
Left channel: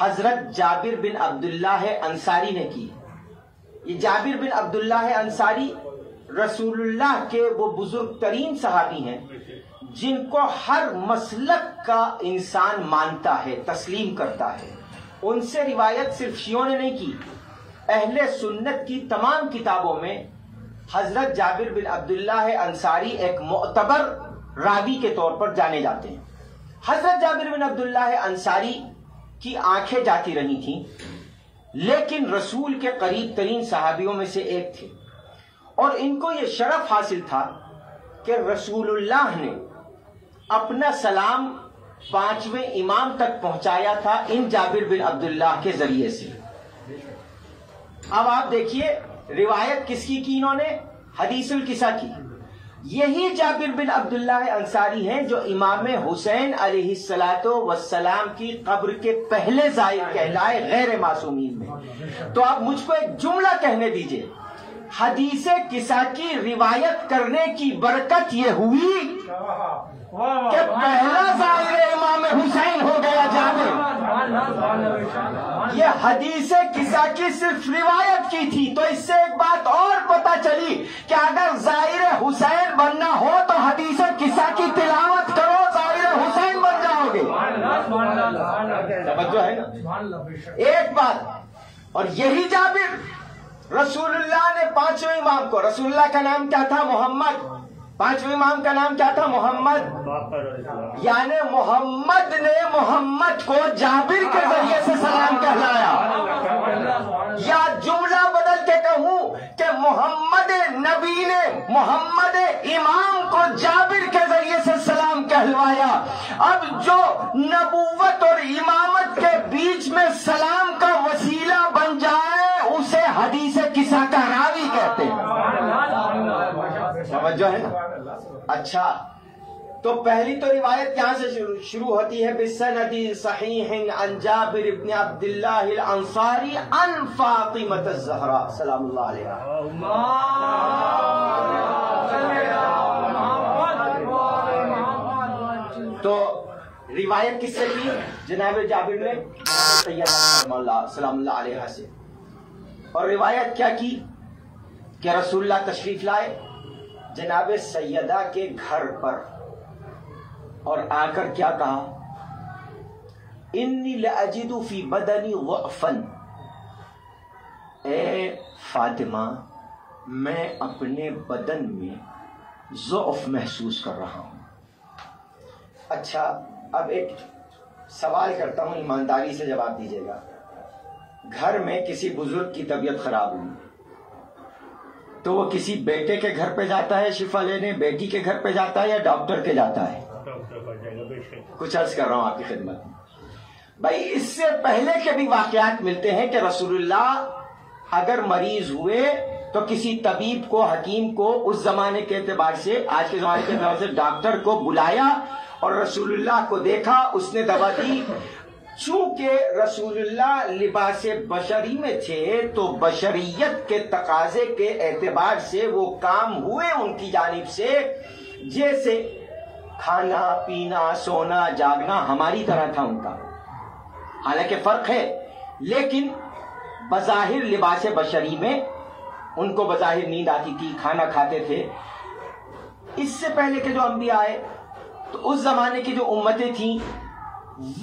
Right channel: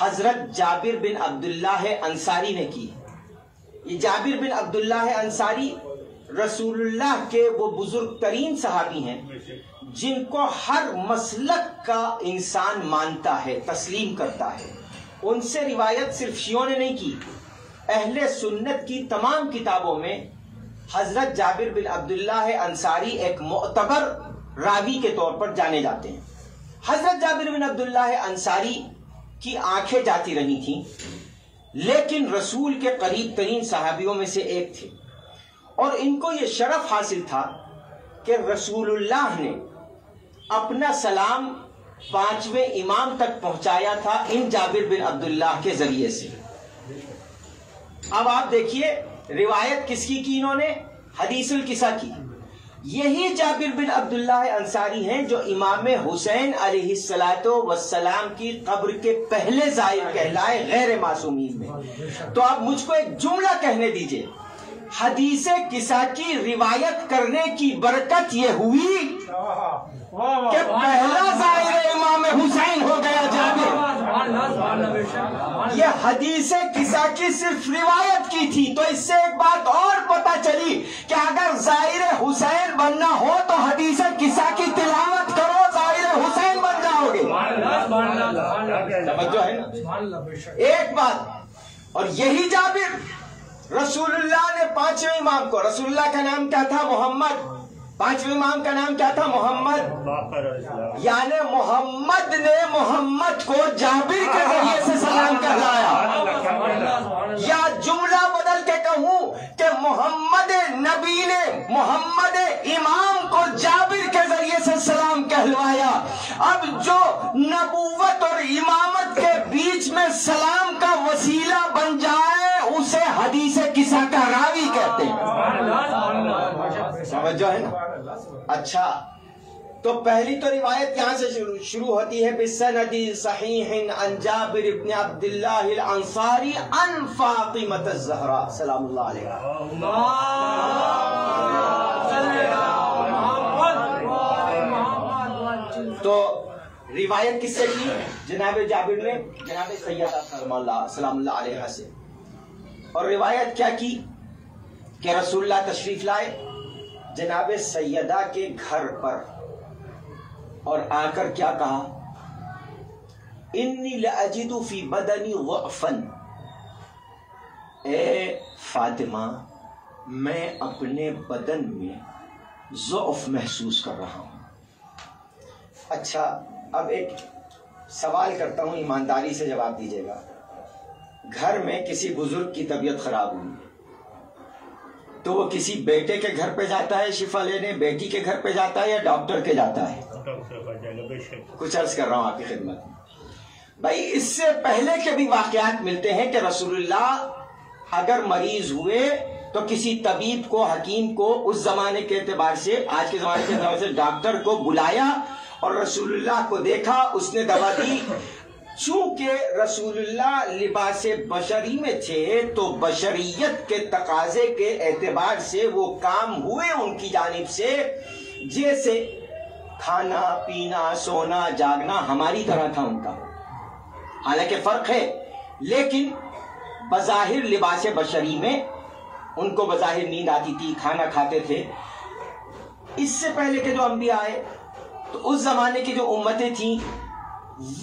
حضرت جابر بن عبداللہ انصاری نے کی۔ یہ جابر بن عبداللہ انصاری رسول اللہ کے وہ بزرگ ترین صحابی ہیں جن کو ہر مسلک کا انسان مانتا ہے، تسلیم کرتا ہے. ان سے روایت صرف شیعوں نے نہیں کی، اہل سنت کی تمام کتابوں میں حضرت جابر بن عبداللہ انصاری ایک معتبر راوی کے طور پر جانے جاتے ہیں. حضرت جابر بن عبداللہ انصاری کی آنکھیں جاتی رہی تھیں، لیکن رسول کے قریب ترین صحابیوں میں سے ایک تھے، اور ان کو یہ شرف حاصل تھا کہ رسول اللہ نے اپنا سلام 5ویں امام تک پہنچایا تھا ان جابر بن عبداللہ کے ذریعے سے. اب آپ دیکھیے روایت کس کی انہوں نے؟ حدیث القصہ کی. یہی جابر بن عبداللہ انصاری ہیں جو امام حسین علیہ السلام کی قبر کے پہلے زائر کہلائے غیر معصومین میں. تو آپ مجھ کو ایک جملہ کہنے دیجئے، حدیث قصہ کی روایت کرنے کی برکت یہ ہوئی کہ پہلا زائر امام حسین ہو گیا جابر. یہ حدیث قصہ کی صرف روایت کی تھی، تو اس سے ایک بات اور پتہ چلی کہ اگر زائر حسین بننا ہو تو حدیث قصہ کی تلاوت کرو، زائر حسین بن جاؤ گے. توجہ ہے نا؟ ایک بات، اور یہی جابر رسول اللہ نے 5ویں امام کو، رسول اللہ کا نام کیا تھا؟ محمد. 5ویں امام کا نام کیا تھا؟ محمد. یعنی محمد نے محمد کو جابر کے ذریعے سے سلام کہلایا. یا جملہ بدل کے کہوں کہ محمد نبی نے محمد امام کو جابر کے ذریعے سے سلام کہلوایا. اب جو نبوت اور امامت کے بیچ میں سلام کا وسیلہ بن جائے اسے حدیث قصہ کا راوی کہتے ہیں. سمجھو ہے نا؟ اچھا، تو پہلی تو روایت یہاں سے شروع ہوتی ہے بِسَنَدِ صَحِيحٍ عن جابر بن عبداللہ الانصاری عن فاطمۃ الزہراء سلام اللہ علیہا. تو روایت کس سے کی؟ جناب جابر نے جناب سیدہ سلام اللہ علیہا سے. اور روایت کیا کی کہ رسول اللہ تشریف لائے جناب سیدہ کے گھر پر، اور آ کر کیا کہا؟ انی لأجد فی بدنی ضعفا، اے فاطمہ میں اپنے بدن میں ضعف محسوس کر رہا ہوں. اچھا، اب ایک سوال کرتا ہوں، ایمانداری سے جواب دیجیے گا. گھر میں کسی بزرگ کی طبیعت خراب ہوئی تو وہ کسی بیٹے کے گھر پہ جاتا ہے شفا لینے، بیٹی کے گھر پہ جاتا ہے، یا ڈاکٹر کے جاتا ہے؟ کچھ عرض کر رہا ہوں آپ کی خدمت میں. بھائی اس سے پہلے کے بھی واقعات ملتے ہیں کہ رسول اللہ اگر مریض ہوئے تو کسی طبیب کو، حکیم کو، اس زمانے کے اعتبار سے، آج کے زمانے کے اعتبار سے ڈاکٹر کو بلایا اور رسول اللہ کو دیکھا، اس نے دوا دی. چونکہ رسول اللہ لباس بشری میں تھے تو بشریت کے تقاضے کے اعتبار سے وہ کام ہوئے ان کی جانب سے جیسے کھانا پینا سونا جاگنا ہماری طرح تھا ان کا. حالانکہ فرق ہے، لیکن بظاہر لباس بشری میں ان کو بظاہر نیند آتی تھی، کھانا کھاتے تھے. اس سے پہلے کے جو انبیاء آئے تو اس زمانے کی جو امتیں تھیں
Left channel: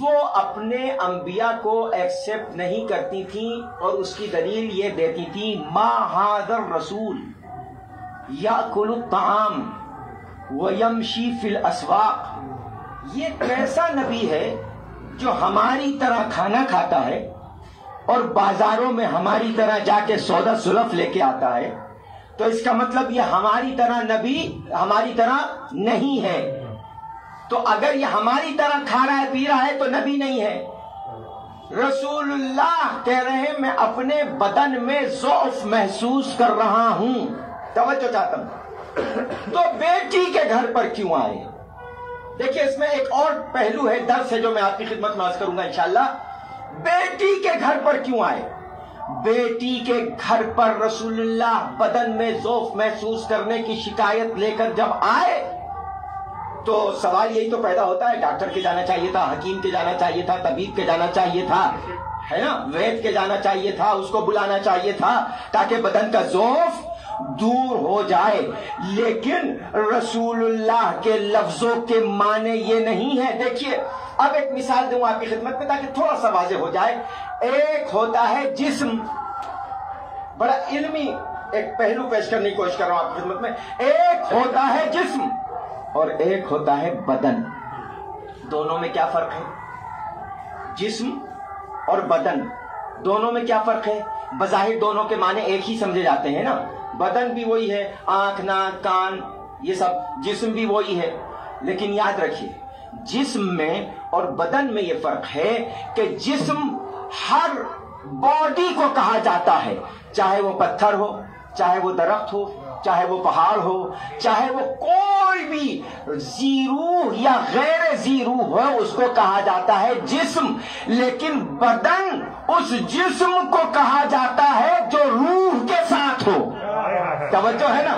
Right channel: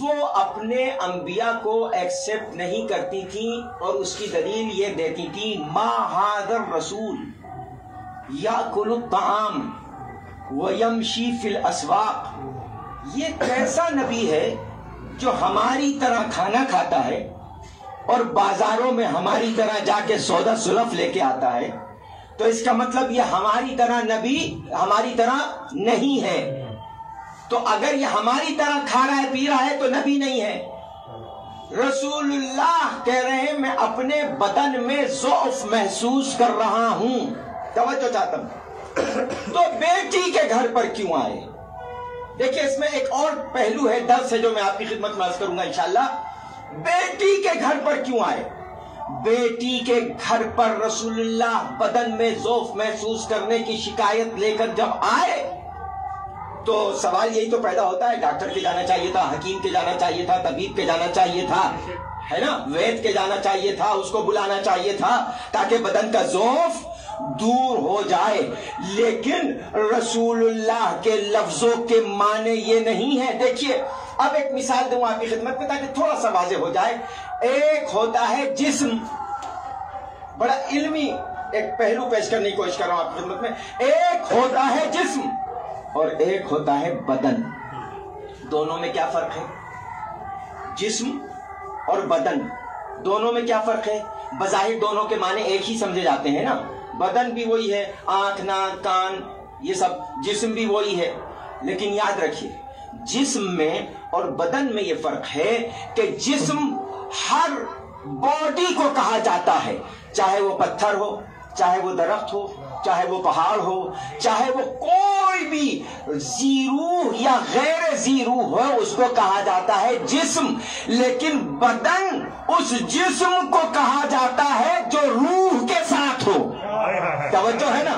وہ اپنے انبیاء کو ایکسپٹ نہیں کرتی تھیں، اور اس کی دلیل یہ دیتی تھی ما ھذا الرسول یاکل الطعام ویمشی فی الاسواق، یہ کیسا نبی ہے جو ہماری طرح کھانا کھاتا ہے اور بازاروں میں ہماری طرح جا کے سودا سلف لے کے آتا ہے. تو اس کا مطلب یہ ہماری طرح نبی ہماری طرح نہیں ہے. تو اگر یہ ہماری طرح کھا رہا ہے پی رہا ہے تو نبی نہیں ہے. رسول اللہ کہہ رہے ہیں میں اپنے بدن میں ضعف محسوس کر رہا ہوں. توجہ چاہتا ہوں. تو بیٹی کے گھر پر کیوں آئے؟ دیکھیں اس میں ایک اور پہلو ہے، درس ہے جو میں آپ کی خدمت میں عرض کروں گا انشاءاللہ. بیٹی کے گھر پر کیوں آئے؟ بیٹی کے گھر پر رسول اللہ بدن میں ضعف محسوس کرنے کی شکایت لے کر جب آئے تو سوال یہی تو پیدا ہوتا ہے، ڈاکٹر کے جانا چاہیے تھا، حکیم کے جانا چاہیے تھا، طبیب کے جانا چاہیے تھا، ہے نا، وید کے جانا چاہیے تھا، اس کو بلانا چاہیے تھا تاکہ بدن کا ضعف دور ہو جائے. لیکن رسول اللہ کے لفظوں کے معنی یہ نہیں ہے. دیکھیے اب ایک مثال دوں آپ کی خدمت میں تاکہ تھوڑا سا واضح ہو جائے. ایک ہوتا ہے جسم، بڑا علمی ایک پہلو پیش کرنے کی کوشش کر رہا ہوں آپ کی خدمت میں. ایک ہوتا ہے جسم اور ایک ہوتا ہے بدن. دونوں میں کیا فرق ہے؟ جسم اور بدن دونوں میں کیا فرق ہے؟ بظاہر دونوں کے معنی ایک ہی سمجھے جاتے ہیں نا. بدن بھی وہی ہے، آنکھ ناک کان یہ سب، جسم بھی وہی ہے. لیکن یاد رکھیے جسم میں اور بدن میں یہ فرق ہے کہ جسم ہر باڈی کو کہا جاتا ہے، چاہے وہ پتھر ہو، چاہے وہ درخت ہو، چاہے وہ پہاڑ ہو، چاہے وہ کوئی بھی ذی روح یا غیر ذی روح ہو، اس کو کہا جاتا ہے جسم. لیکن بدن اس جسم کو کہا جاتا ہے جو روح کے ساتھ ہو. توجہ ہے نا؟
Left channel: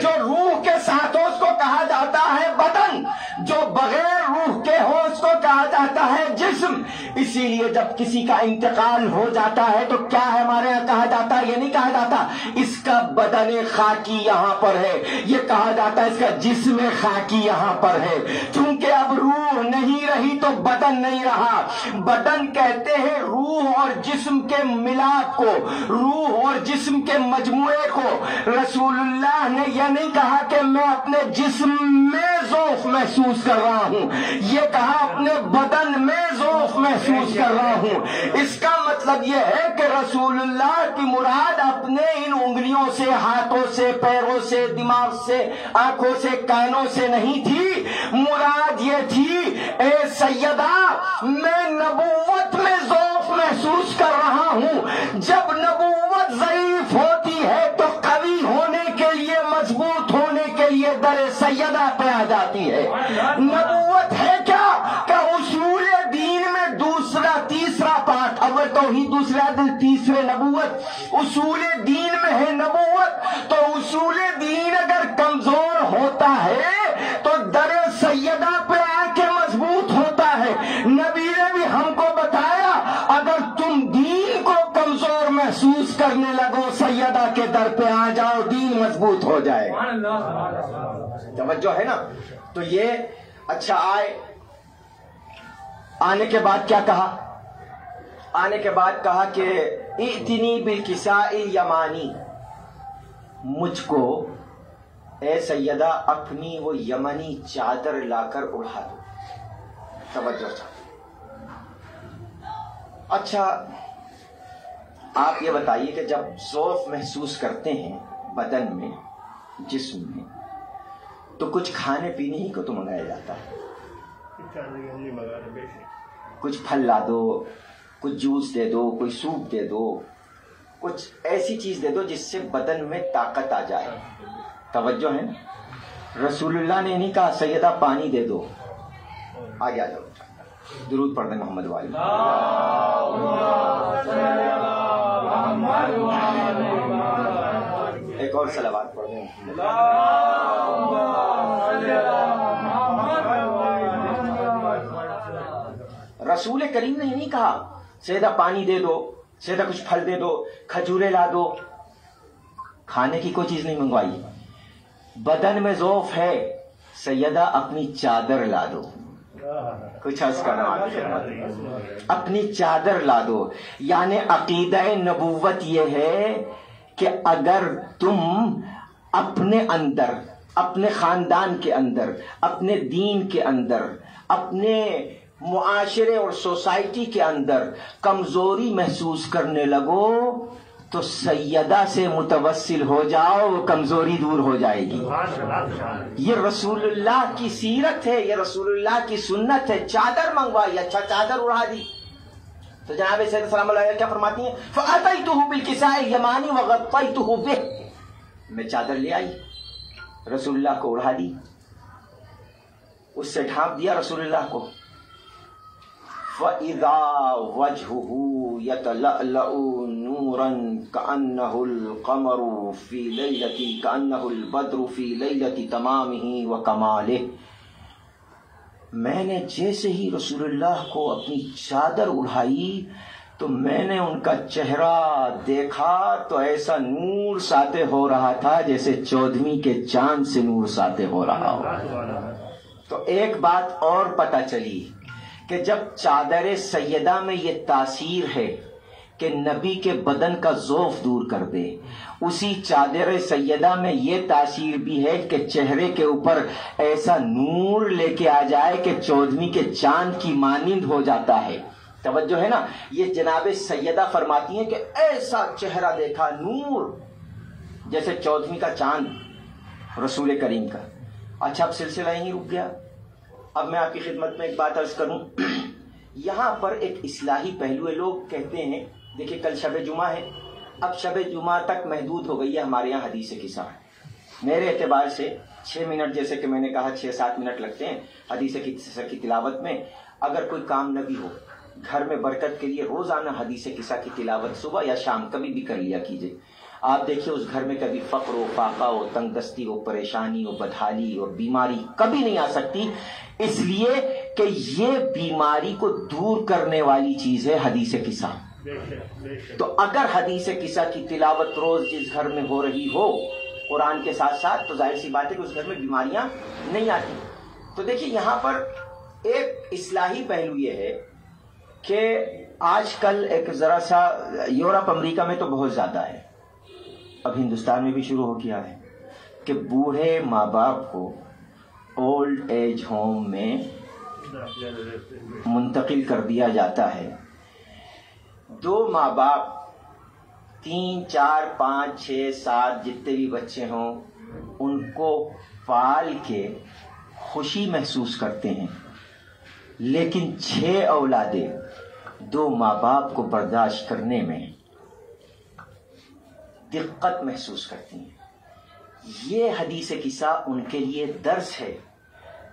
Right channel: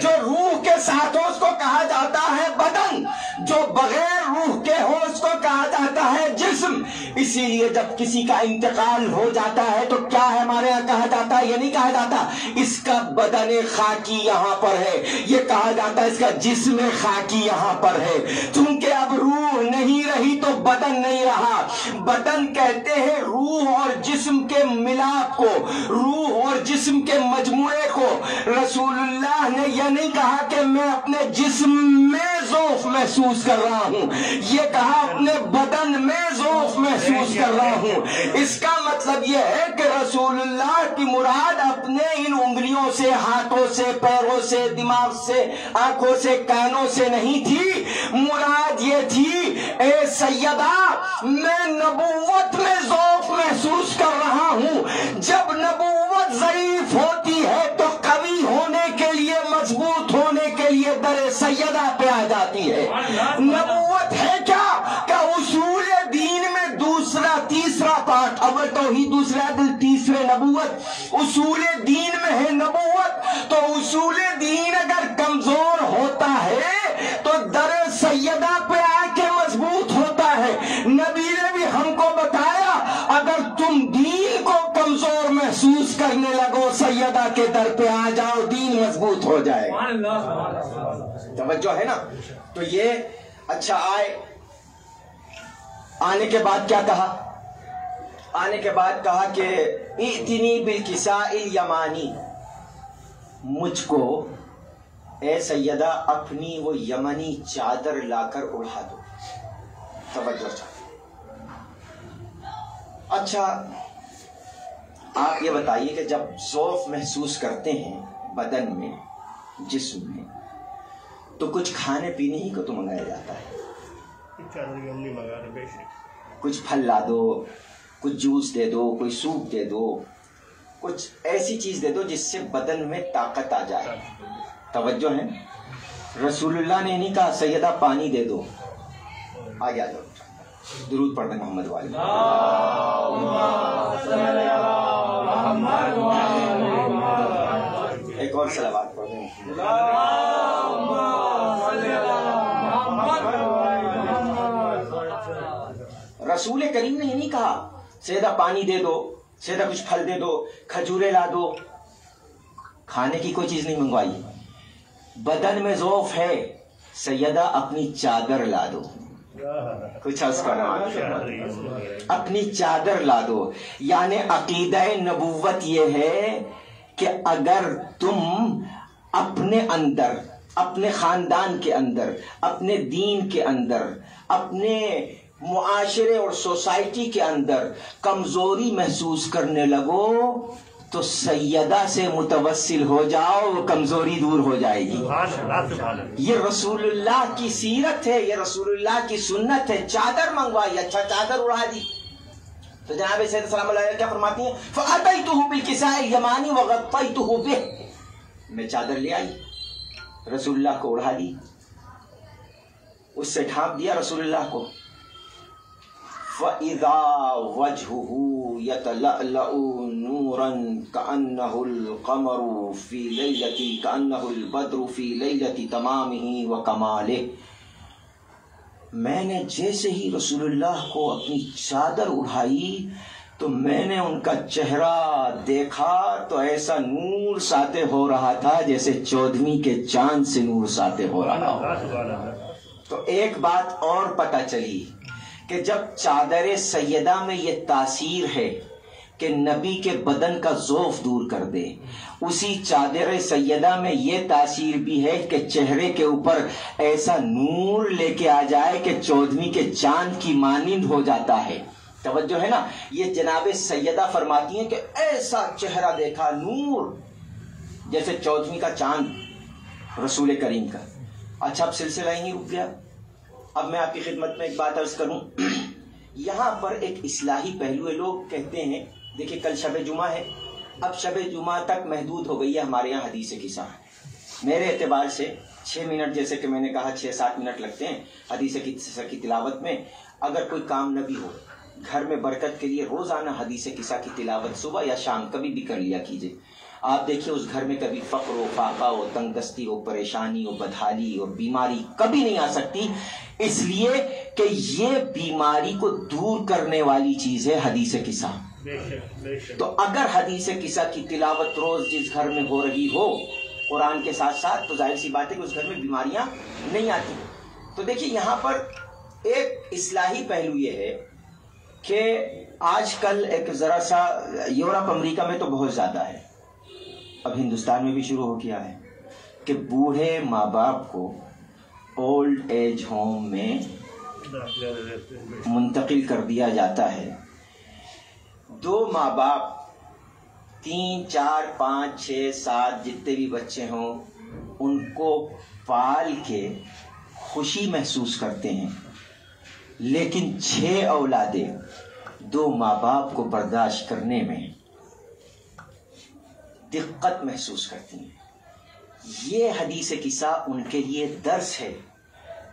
جو روح کے ساتھ ہو اس کو کہا جاتا ہے بدن، جو بغیر روح کے ہو اس کو کہا جاتا ہے جسم. اسی لیے جب کسی کا انتقال ہو جاتا ہے تو کیا ہے ہمارے یہاں کہا جاتا ہے؟ یہ نہیں کہا جاتا اس کا بدن خاکی یہاں پر ہے، یہ کہا جاتا ہے اس کا جسم خاکی یہاں پر ہے. چونکہ اب روح نہیں رہی تو بدن نہیں رہا. بدن کہتے ہیں روح اور جسم کے ملاپ کو، روح اور جسم کے مجموعے کو. رسول اللہ نے یہ نہیں کہا کہ میں اپنے جسم میں ذوق محسوس کر رہا ہوں، یہ کہا اپنے بدن میں ذوق محسوس کر رہا ہوں. اس کا مطلب یہ ہے کہ رسول اللہ کی مراد اپنے ان انگلیوں سے، ہاتھوں سے، پیروں سے، دماغ سے، آنکھوں سے، کانوں سے نہیں تھی. مراد یہ تھی اے سیدہ میں نبوت میں ذوق محسوس کر رہا ہوں. جب نبوت ضعیف ہوتی ہے تو قوی ہونے کے لیے، مضبوط ہونے کے لیے در سیدہ پہ آ جاتی ہے. نبوت ہے کیا کہ اصول دین میں دوسرا تیسرا پارٹ، اول توحید، دوسرا عدل، تیسرے نبوت. اصول دین میں ہے نبوت، تو اصول دین اگر کمزور ہوتا ہے تو در سیدہ پہ آ کے مضبوط ہوتا ہے. نبی نے بھی ہم کو بتایا اگر تم دین کو کمزور محسوس کرنے لگو سیدہ کے در پہ آ جاؤ، دین مضبوط ہو جائے. توجہ ہے نا؟ تو یہ اچھا آنے کے بعد کیا کہا؟ آنے کے بعد کہا کہ ائتنی بالکساء الیمانی، مجھ کو اے سیدہ اپنی وہ یمنی چادر لا کر اڑا دو. توجہ. اچھا آپ یہ بتائیے کہ جب ذوق محسوس کرتے ہیں بدن میں، جسم میں، تو کچھ کھانے پینے ہی کو تو منگایا جاتا ہے. کچھ پھل لا دو، کچھ جوس دے دو، کوئی سوپ دے دو، کچھ ایسی چیز دے دو جس سے بدن میں طاقت آ جائے. توجہ ہے. رسول اللہ نے نہیں کہا سیدہ پانی دے دو. آگے آ جاؤ، درود پڑھ دیں محمد والے. ایک اور صلوات پڑھ دیں. رسول کریم نے نہیں کہا سیدہ پانی دے دو، سیدہ کچھ پھل دے دو، کھجورے لا دو. کھانے کی کوئی چیز نہیں منگوائی. بدن میں ذوف ہے، سیدہ اپنی چادر لا دو. کچھ عرض کرو، اپنی چادر لا دو. یعنی عقیدہ نبوت یہ ہے کہ اگر تم اپنے اندر، اپنے خاندان کے اندر، اپنے دین کے اندر، اپنے معاشرے اور سوسائٹی کے اندر کمزوری محسوس کرنے لگو تو سیدہ سے متوسل ہو جاؤ، وہ کمزوری دور ہو جائے گی. یہ رسول اللہ کی سیرت ہے، یہ رسول اللہ کی سنت ہے. چادر منگوائی، اچھا چادر اڑا دی. تو جناب سید سلام اللہ علیہ کیا فرماتی ہیں؟ فَأَتَيْتُهُ بِالْكِسَاءِ الْيَمَانِ وَغَطَّيْتُهُ بِهِ، میں چادر لے آئی، رسول اللہ کو اڑا دی، اس سے ڈھانپ دیا رسول اللہ کو. فَإِذَا وَجْهُهُ يَتَلَأْلَأُ نُورًا كَأَنَّهُ الْقَمَرُ فِي لَيْلَةِ كَأَنَّهُ الْبَدْرُ فِي لَيْلَةِ تَمَامِهِ وَكَمَالِهِ. میں نے جیسے ہی رسول اللہ کو اپنی چادر اڑائی تو میں نے ان کا چہرہ دیکھا تو ایسا نور ساطع ہو رہا تھا جیسے 14ویں کے چاند سے نور ساطع ہو رہا ہو۔ تو ایک بات اور پتہ چلی کہ جب چادر سیدہ میں یہ تاثیر ہے کہ نبی کے بدن کا ضعف دور کر دے، اسی چادر سیدہ میں یہ تاثیر بھی ہے کہ چہرے کے اوپر ایسا نور لے کے آ جائے کہ 14ویں کے چاند کی مانند ہو جاتا ہے۔ توجہ ہے نا، یہ جناب سیدہ فرماتی ہیں کہ ایسا چہرہ دیکھا، نور جیسے 14ویں کا چاند رسول کریم کا۔ اچھا، اب سلسلہ ہی نہیں رک گیا، اب میں آپ کی خدمت میں ایک بات عرض کروں۔ یہاں پر ایک اصلاحی پہلو ہے، لوگ کہتے ہیں دیکھیں کل شب جمعہ ہے، اب شب جمعہ تک محدود ہو گئی ہے ہمارے یہاں حدیث قصہ ہے۔ میرے اعتبار سے 6 منٹ، جیسے کہ میں نے کہا 6-7 منٹ لگتے ہیں حدیث قصہ کی تلاوت میں۔ اگر کوئی کام نہ بھی ہو، گھر میں برکت کے لیے روزانہ حدیث قصہ کی تلاوت صبح یا شام کبھی بھی کر لیا کیجیے۔ آپ دیکھیے اس گھر میں کبھی فقر ہو، فاقہ ہو، تنگ دستی ہو، پریشانی ہو، بدحالی اور بیماری کبھی نہیں آ سکتی، اس لیے کہ یہ بیماری کو دور کرنے والی چیز ہے حدیث قصہ۔ تو اگر حدیث قصہ کی تلاوت روز جس گھر میں ہو رہی ہو قرآن کے ساتھ ساتھ، تو ظاہر سی بات ہے کہ اس گھر میں بیماریاں نہیں آتی۔ تو دیکھیے یہاں پر ایک اصلاحی پہلو یہ ہے کہ آج کل ایک ذرا سا یورپ امریکہ میں تو بہت زیادہ ہے، اب ہندوستان میں بھی شروع ہو گیا ہے کہ بوڑھے ماں باپ کو اولڈ ایج ہوم میں منتقل کر دیا جاتا ہے۔ 2 ماں باپ 3 4 5 6 7 جتنے بھی بچے ہوں ان کو پال کے خوشی محسوس کرتے ہیں، لیکن 6 اولادیں 2 ماں باپ کو برداشت کرنے میں دقت محسوس کرتی ہیں۔ یہ حدیث قصہ ان کے لیے درس ہے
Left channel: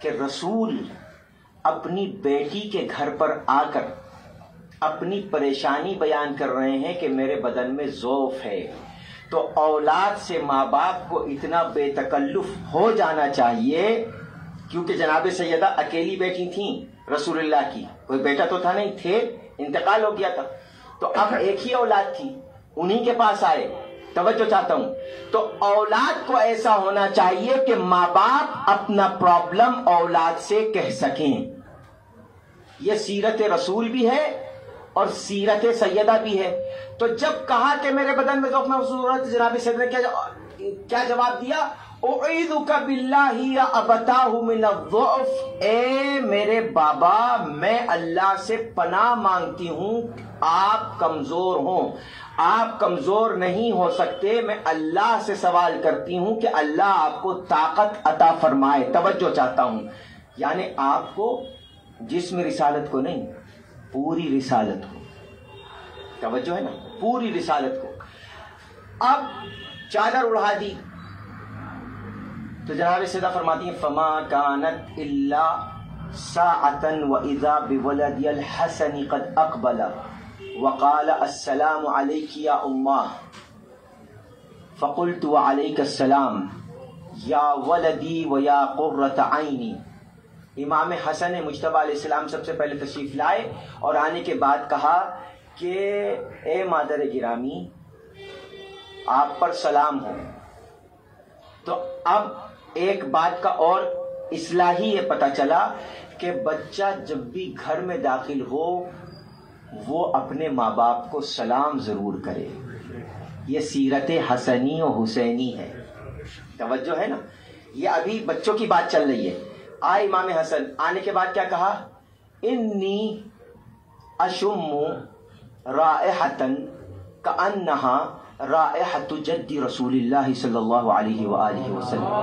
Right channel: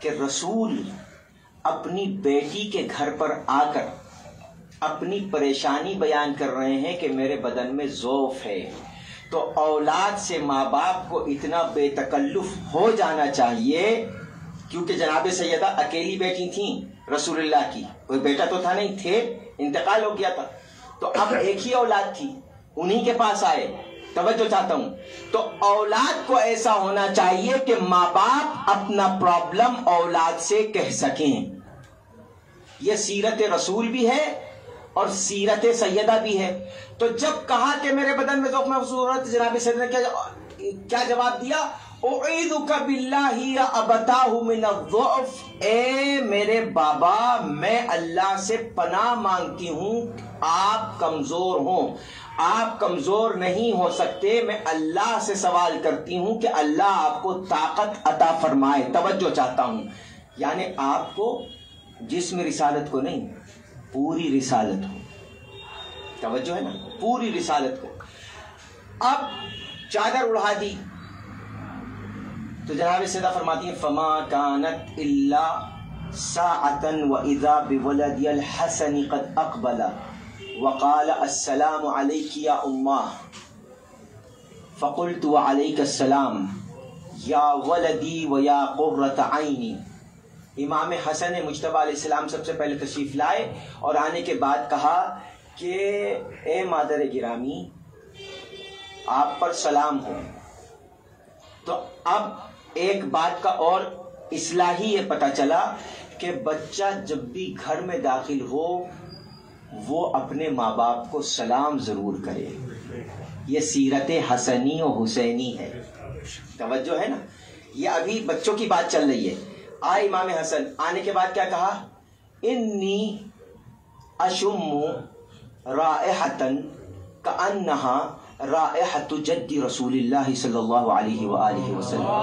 کہ رسول اپنی بیٹی کے گھر پر آ کر اپنی پریشانی بیان کر رہے ہیں کہ میرے بدن میں ضعف ہے، تو اولاد سے ماں باپ کو اتنا بے تکلف ہو جانا چاہیے، کیونکہ جناب سیدہ اکیلی بیٹی تھیں رسول اللہ کی، کوئی بیٹا تو تھا نہیں، تھے انتقال ہو گیا تھا، تو اب ایک ہی اولاد تھی، انہی کے پاس آئے۔ توجہ چاہتا ہوں، تو اولاد کو ایسا ہونا چاہیے کہ ماں باپ اپنا پرابلم اولاد سے کہہ سکیں۔ یہ سیرت رسول بھی ہے اور سیرت سیدہ بھی ہے۔ تو جب کہا کہ میرے بدن میں ضعف محسوس ہے، جناب سیدہ نے کیا جواب دیا؟ اعوذک باللہ یا ابتاہ من الضعف، اے میرے بابا میں اللہ سے پناہ مانگتی ہوں، آپ کمزور ہوں، آپ کمزور نہیں ہو سکتے، میں اللہ سے سوال کرتی ہوں کہ اللہ آپ کو طاقت عطا فرمائے۔ توجہ چاہتا ہوں، یعنی آپ کو جسم رسالت کو نہیں، پوری رسالت کو، توجہ ہے نا، پوری رسالت کو۔ اب چادر اڑا دی تو جناب سیدہ فرماتی ہیں فما كانت الا ساعة واذا بولد الحسن قد اقبل وقال السلام عليك يا امه فقلت وعليك السلام يا ولدي ويا قرة عيني۔ امام حسن مجتبی علیہ السلام سب سے پہلے تشریف لائے اور آنے کے بعد کہا کہ اے مادر گرامی آپ پر سلام ہو۔ تو اب ایک بات کا اور اصلاحی یہ پتہ چلا کہ بچہ جب بھی گھر میں داخل ہو وہ اپنے ماں باپ کو سلام ضرور کرے، یہ سیرت حسنی و حسینی ہے۔ توجہ ہے نا، یہ ابھی بچوں کی بات چل رہی ہے۔ آئے امام حسن، آنے کے بعد کیا کہا؟ انی اشم رائحۃ کأنہا رائحۃ جد رسول اللہ صلی اللہ علیہ وآلہ وسلم۔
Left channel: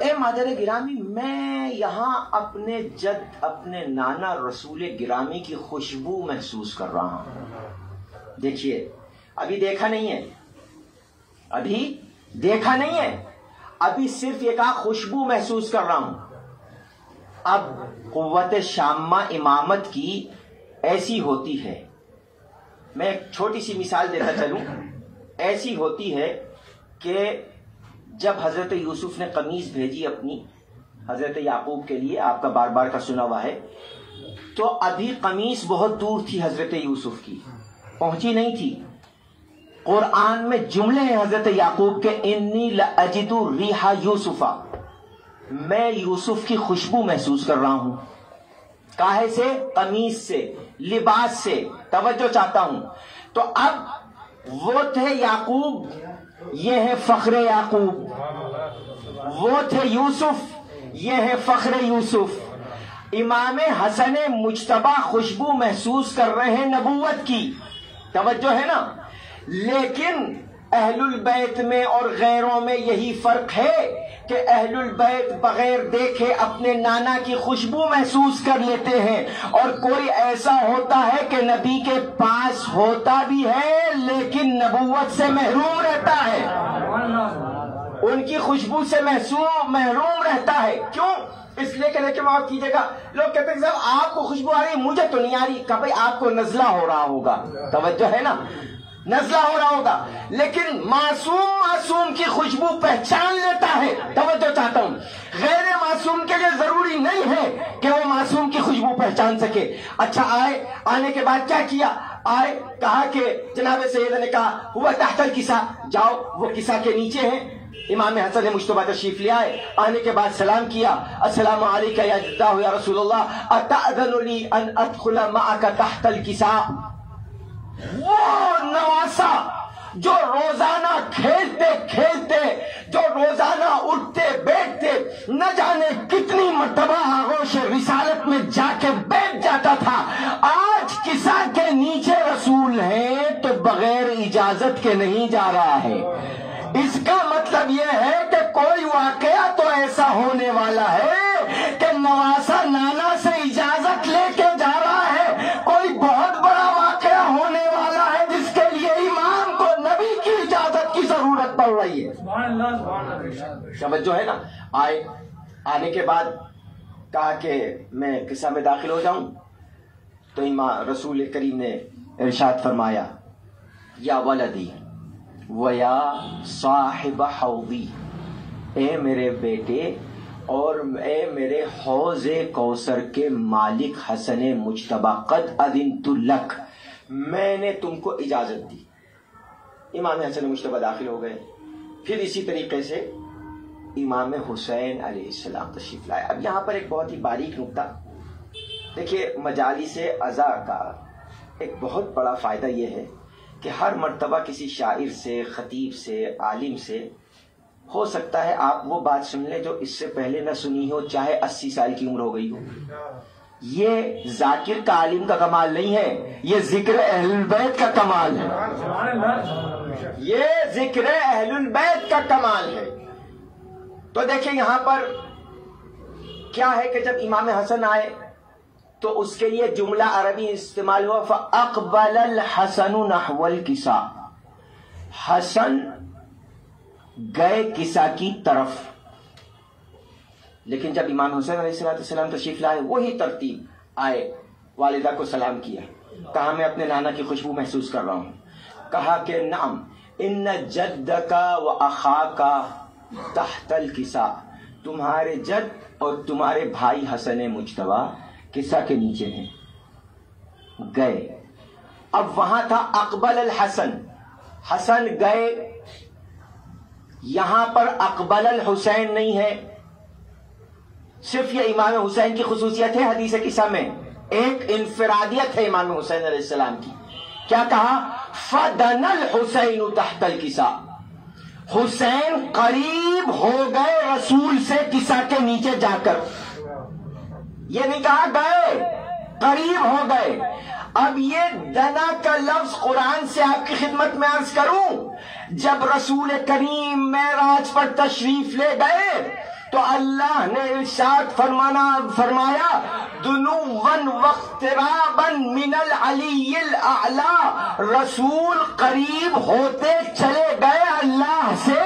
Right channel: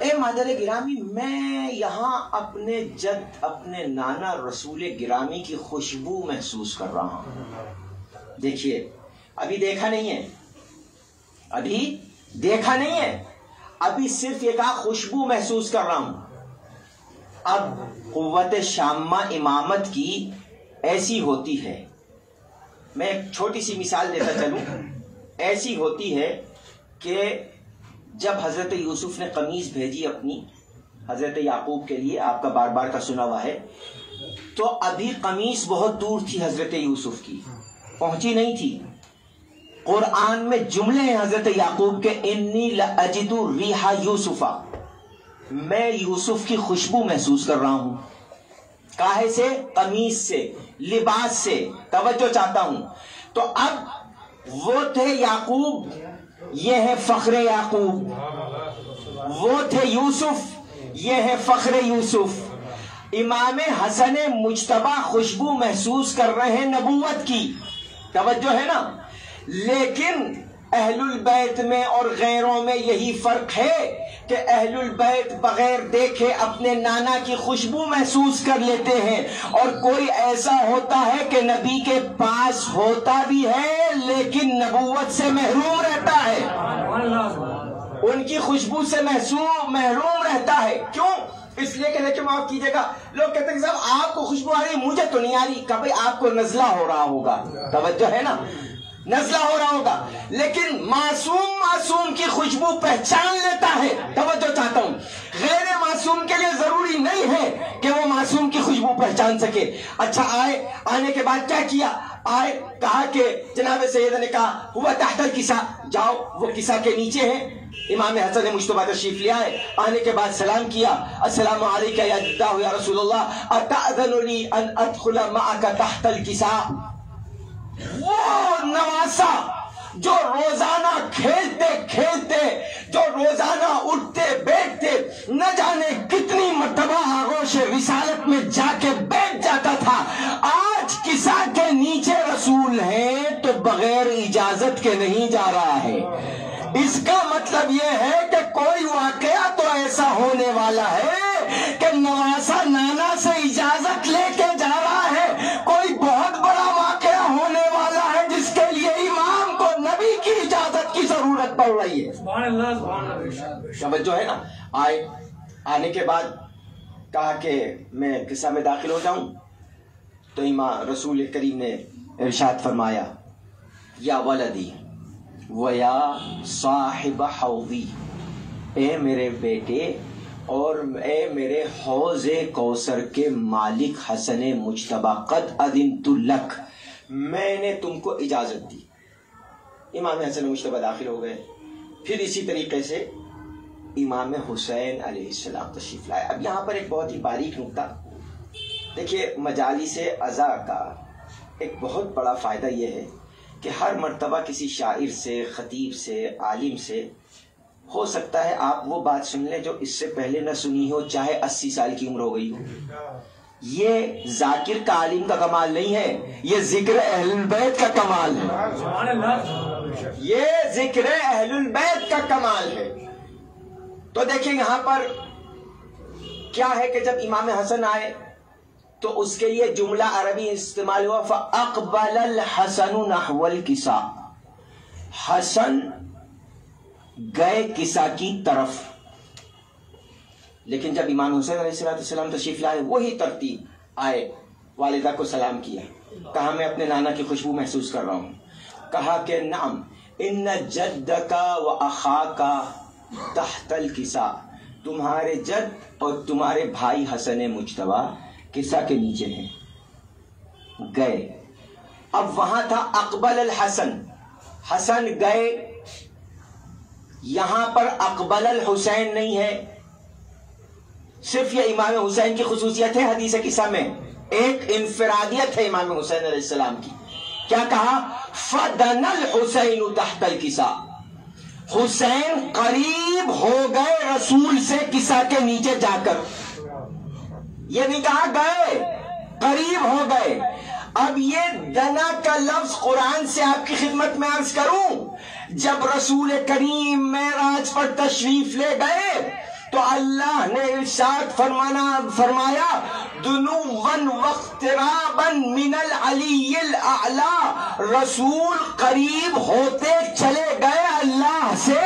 اے مادر گرامی، میں یہاں اپنے جد، اپنے نانا رسول گرامی کی خوشبو محسوس کر رہا ہوں۔ دیکھیے ابھی دیکھا نہیں ہے، ابھی دیکھا نہیں ہے، ابھی صرف یہ کہا خوشبو محسوس کر رہا ہوں۔ اب قوت شامہ امامت کی ایسی ہوتی ہے، میں ایک چھوٹی سی مثال دیتا چلوں، ایسی ہوتی ہے کہ جب حضرت یوسف نے قمیض بھیجی اپنی حضرت یعقوب کے لیے آپ کا بار بار کا سنا ہوا ہے. تو ابھی قمیص بہت دور تھی حضرت یوسف کی, پہنچی نہیں تھی. قرآن میں جملے ہیں حضرت یعقوب کے, انی لاجد ریح یوسفا, میں یوسف کی خوشبو محسوس کر رہا ہوں. کاہے سے؟ قمیص سے, لباس سے. توجہ چاہتا ہوں. تو اب وہ تھے یعقوب, یہ ہے فخر یعقوب. وہ تھے یوسف, یہ ہے فخر یوسف. امام حسن مجتبی خوشبو محسوس کر رہے ہیں نبوت کی. توجہ ہے نا. لیکن اہل البیت میں اور غیروں میں یہی فرق ہے کہ اہل البیت بغیر دیکھے اپنے نانا کی خوشبو محسوس کر لیتے ہیں, اور کوئی ایسا ہوتا ہے کہ نبی کے پاس ہوتا بھی ہے لیکن نبوت سے محروم رہتا ہے, ان کی خوشبو سے محروم رہتا ہے. کیوں؟ اس لیے کہ دیکھیں معاف کیجیے گا, لوگ کہتے ہیں کہ صاحب آپ کو خوشبو آ رہی, مجھے تو نہیں آ رہی. کہ بھائی آپ کو نزلہ ہو رہا ہوگا. توجہ ہے نا, نزلہ ہو رہا ہوگا. لیکن معصوم کی خوشبو پہچان لیتا ہے. توجہ چاہتا ہوں, غیر معصوم کے لیے ضروری نہیں ہے کہ وہ معصوم کی خوشبو پہچان سکے. اچھا آنے کے بعد کیا کیا؟ کہا کہ جناب سید نے کہا ہوا تحت الکسا, جاؤ وہ کسا کے نیچے ہیں. امام حسن مجتبی تشریف لے آئے. آنے کے بعد سلام کیا, السلام علیکم یا جدہ یا رسول اللہ, اتأذن لی ان ادخل معک تحت الکسا. وہ نواسا جو روزانہ کھیلتے جو روزانہ اٹھتے بیٹھتے نہ جانے کتنی مرتبہ آغوش رسالت میں جا کے بیٹھ جاتا تھا, آج کسا کے نیچے رسول ہیں تو بغیر اجازت کے نہیں جا رہا ہے. اس کا مطلب یہ ہے کہ کوئی واقعہ تو ایسا ہونے والا ہے کہ نواسا نانا سے اجازت لے کے جا رہا ہے. کوئی بہت بڑا واقعہ ہونے والا ہے جس کے لیے امام کو نبی کی اجازت کی ضرورت پڑ رہی ہے. توجہ ہے نا. آنے کے بعد کہا کہ میں قصہ میں داخل ہو جاؤں, تو امام رسول کریم نے ارشاد فرمایا, یا ولدی ویا صاحب حوضی, اے میرے بیٹے اور اے میرے حوض کوثر کے مالک حسن مجتبی, قد اذنت لک, میں نے تم کو اجازت دی. امام حسن مجتبی داخل ہو گئے. پھر اسی طریقے سے امام حسین علیہ السلام تشریف لائے. اب یہاں پر ایک بہت ہی باریک نکتہ دیکھیے, مجالس عزا کا ایک بہت بڑا فائدہ یہ ہے کہ ہر مرتبہ کسی شاعر سے, خطیب سے, عالم سے ہو سکتا ہے آپ وہ بات سن لیں جو اس سے پہلے نہ سنی ہو, چاہے 80 سال کی عمر ہو گئی ہو. یہ ذاکر کا عالم کا کمال نہیں ہے, یہ ذکر اہل البیت کا کمال ہے. یہ ذکر اہل البیت کا کمال ہے. تو دیکھیں یہاں پر کیا ہے کہ جب امام حسن آئے تو اس کے لیے جملہ عربی استعمال ہوا, فَأَقْبَلَ الْحَسَنُ نَحْوَ الْكِسَا, حسن گئے کسا کی طرف. لیکن جب امام حسین علیہ السلام تشریف لائے وہی ترتیب آئے, والدہ کو سلام کیا, کہا میں اپنے نانا کی خوشبو محسوس کر رہا ہوں. کہا کہ نعم ان جدکا و اخاکا تحت الکسا, تمہارے جد اور تمہارے بھائی حسن مجتبی کسا کے نیچے ہیں. گئے. اب وہاں تھا اقبل الحسن, حسن گئے. یہاں پر اقبل الحسین نہیں ہے. صرف یہ امام حسین کی خصوصیت ہے حدیث کسا میں, ایک انفرادیت ہے امام حسین علیہ السلام کی. کیا کہا؟ فدن الحسین تحت الکسا, حسین قریب ہو گئے رسول سے کسا کے نیچے جا کر. یہ نہیں کہا گئے, قریب ہو گئے. اب یہ دنا کا لفظ قرآن سے آپ کی خدمت میں عرض کروں, جب رسول کریم معراج پر تشریف لے گئے تو اللہ نے ارشاد فرمایا دنوًا واقترابًا من العلی الاعلی, رسول قریب ہوتے چلے گئے اللہ سے.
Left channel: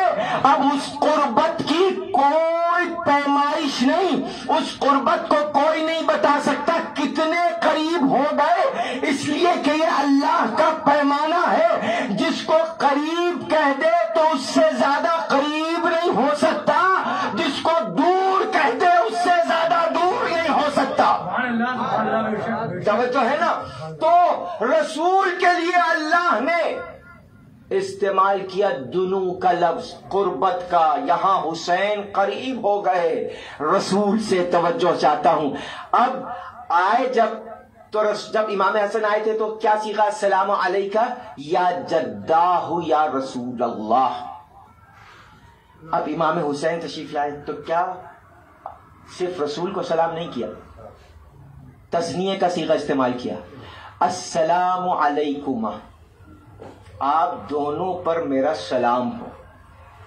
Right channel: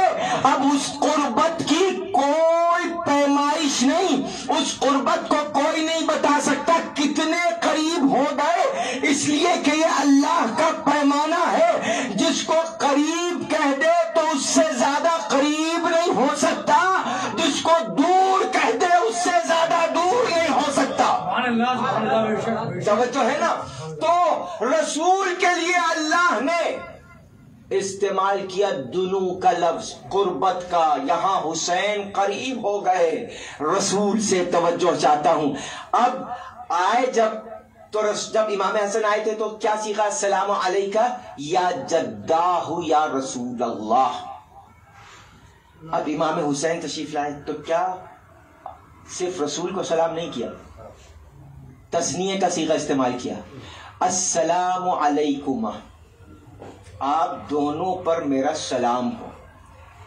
اب اس قربت کی کوئی پیمائش نہیں, اس قربت کو کوئی نہیں بتا سکتا کتنے قریب ہو گئے, اس لیے کہ یہ اللہ کا پیمانہ ہے. جس کو قریب کہہ دے تو اس سے زیادہ قریب نہیں ہو سکتا, جس کو دور کہہ دے اس توجہ ہے نا. تو رسول کے لیے اللہ نے استعمال کیا دنو کا لفظ، قربت کا. یہاں حسین قریب ہو گئے رسول سے. توجہ چاہتا ہوں. اب آئے جب امام حسن آئے تھے تو کیا سیکھا؟ السلام علیکہ یا جداہ یا رسول اللہ. اب امام حسین تشریف لائے تو کیا صرف رسول کو سلام نہیں کیا، تثنیہ کا صیغہ استعمال کیا. السلام علیکما، آپ دونوں پر میرا سلام ہو.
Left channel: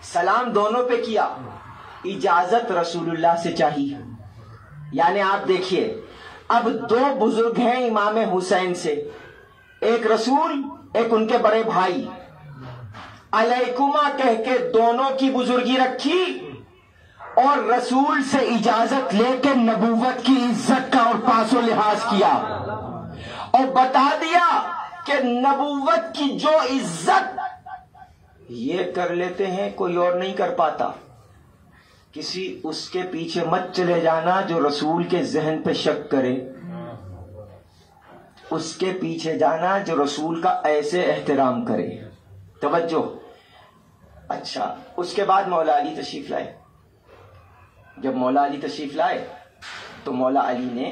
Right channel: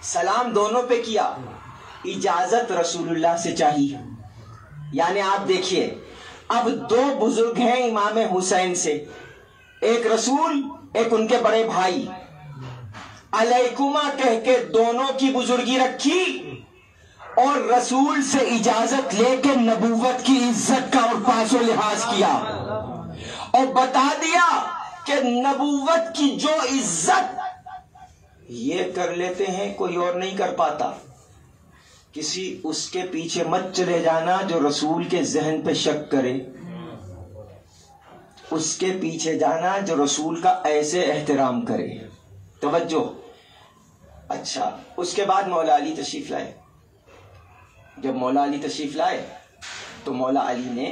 سلام دونوں پہ کیا. اجازت رسول اللہ سے چاہیے. یعنی آپ دیکھیے اب دو بزرگ ہیں امام حسین سے، ایک رسول ایک ان کے بڑے بھائی. علیکما کہہ کے دونوں کی بزرگی رکھی اور رسول سے اجازت لے کے نبوت کی عزت کا اور پاس و لحاظ کیا اور بتا دیا کہ نبوت کی جو عزت یہ کر لیتے ہیں کوئی اور نہیں کر پاتا. کسی اس کے پیچھے مت چلے جانا جو رسول کے ذہن پہ شک کرے. اس کے پیچھے جانا جو رسول کا ایسے احترام کرے. توجہ. اچھا، اس کے بعد مولا علی تشریف لائے. جب مولا علی تشریف لائے تو مولا علی نے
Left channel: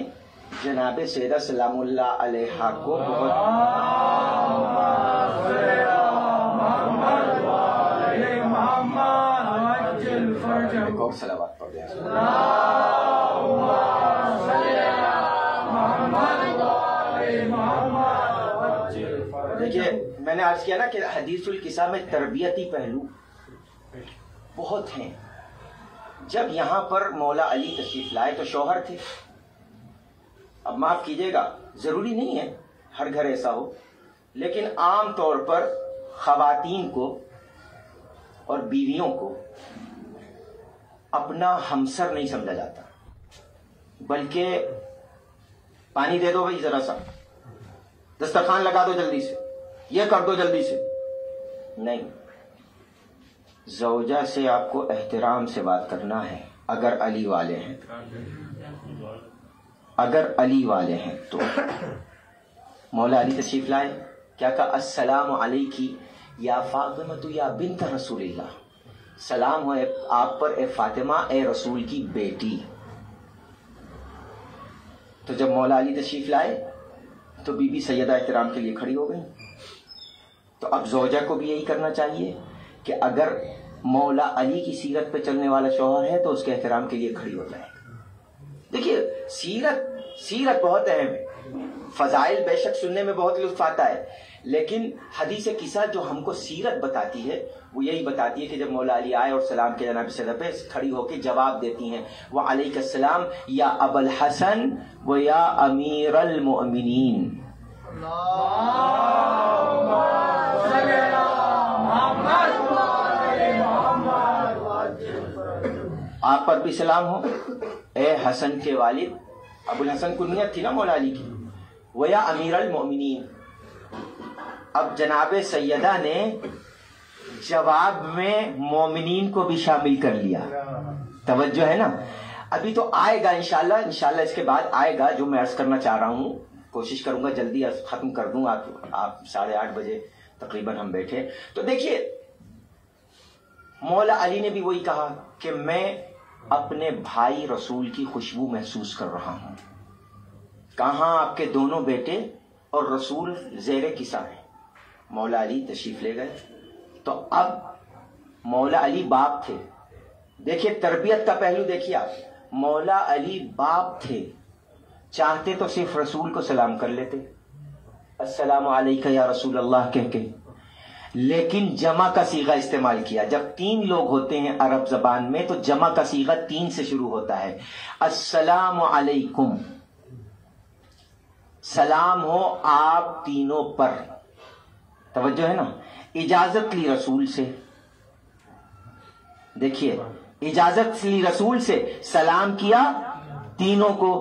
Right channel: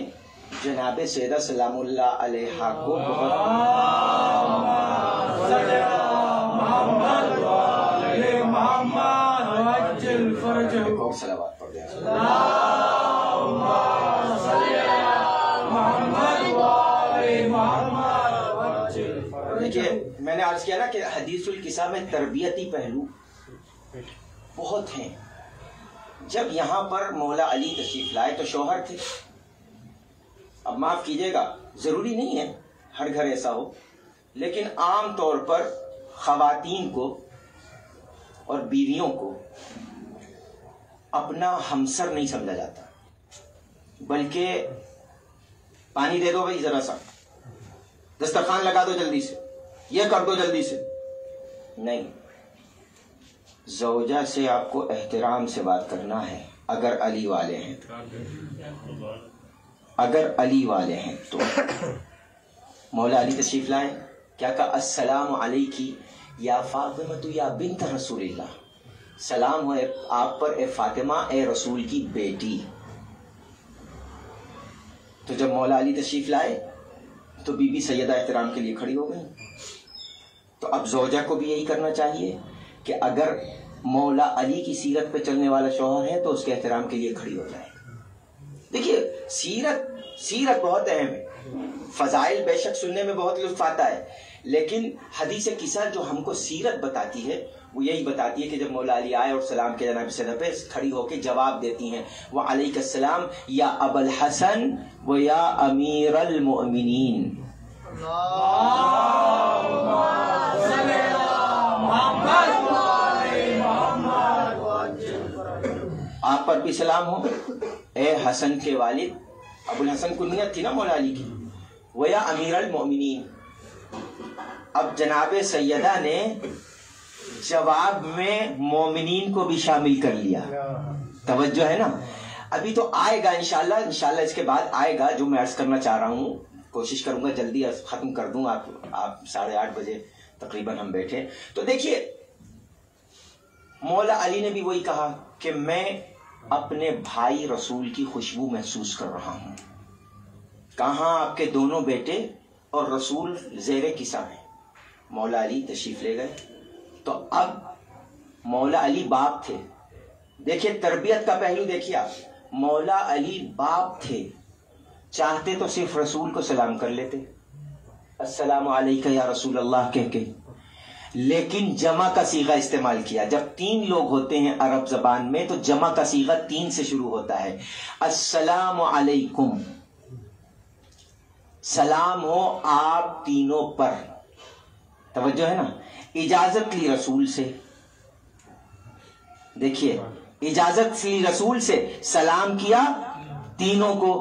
جناب سیدہ سلام اللہ علیہا کو بہت صلوات پڑھ دیا. دیکھیے میں نے عرض کیا نا کہ حدیث القصہ میں تربیتی پہلو بہت ہیں. جب یہاں پر مولا علی تشریف لائے تو شوہر تھے. اب معاف کیجیے گا، ضروری نہیں ہے ہر گھر ایسا ہو، لیکن عام طور پر خواتین کو اور بیویوں کو اپنا ہمسر نہیں سمجھا جاتا، بلکہ پانی دے دو بھائی ذرا سا، دسترخوان لگا دو جلدی سے، یہ کر دو جلدی سے. نہیں، زوجہ سے آپ کو احترام سے بات کرنا ہے. اگر علی والے ہیں، اگر علی والے ہیں تو مولا علی تشریف لائے. کیا کہا؟ السلام علیکی یا فاطمہ یا بنت رسول اللہ. سلام ہو آپ پر اے فاطمہ، اے رسول کی بیٹی. تو جب مولا علی تشریف لائے تو بی بی سیدہ احترام کے لیے کھڑی ہو گئی. تو اب زوجہ کو بھی یہی کرنا چاہیے کہ اگر مولا علی کی سیرت پہ چلنے والا شوہر ہے تو اس کے احترام کے لیے کھڑی ہو جائے. دیکھیے سیرت بہت اہم ہے. فضائل بے شک سننے میں بہت لطف آتا ہے، لیکن حدیث قصہ جو ہم کو سیرت بتاتی ہے وہ یہی بتاتی ہے کہ جب مولا علی آئے اور سلام کے جناب سیدہ پہ کھڑی ہو کے جواب دیتی ہیں، وعلیک السلام یا ابا الحسن و یا امیر المؤمنین. آپ پر بھی سلام ہو اے حسن کے والد. ابو الحسن کنیت تھی نا مولا علی کی. ویا امیر المؤمنین. اب جناب سیدہ نے جواب میں مومنین کو بھی شامل کر لیا. توجہ ہے نا. ابھی تو آئے گا انشاءاللہ اس کے بعد آئے گا جو میں عرض کرنا چاہ رہا ہوں. کوشش کروں گا جلدی ختم کر دوں. آپ 8:30 بجے تقریباً ہم بیٹھے. تو دیکھیے مولا علی نے بھی وہی کہا کہ میں اپنے بھائی رسول کی خوشبو محسوس کر رہا ہوں. کہاں آپ کے دونوں بیٹے اور رسول زیر قصہ ہیں. مولا علی تشریف لے گئے. تو اب مولا علی باپ تھے. دیکھیے تربیت کا پہلو دیکھیے آپ. مولا علی باپ تھے، چاہتے تو صرف رسول کو سلام کر لیتے، السلام علیکہ یا رسول اللہ کہہ کے، لیکن جمع کا صیغہ استعمال کیا. جب 3 لوگ ہوتے ہیں عرب زبان میں تو جمع کا صیغہ 3 سے شروع ہوتا ہے. السلام علیکم، سلام ہو آپ تینوں پر. توجہ ہے نا. اجازت لی رسول سے. دیکھیے اجازت لی رسول سے، سلام کیا تینوں کو.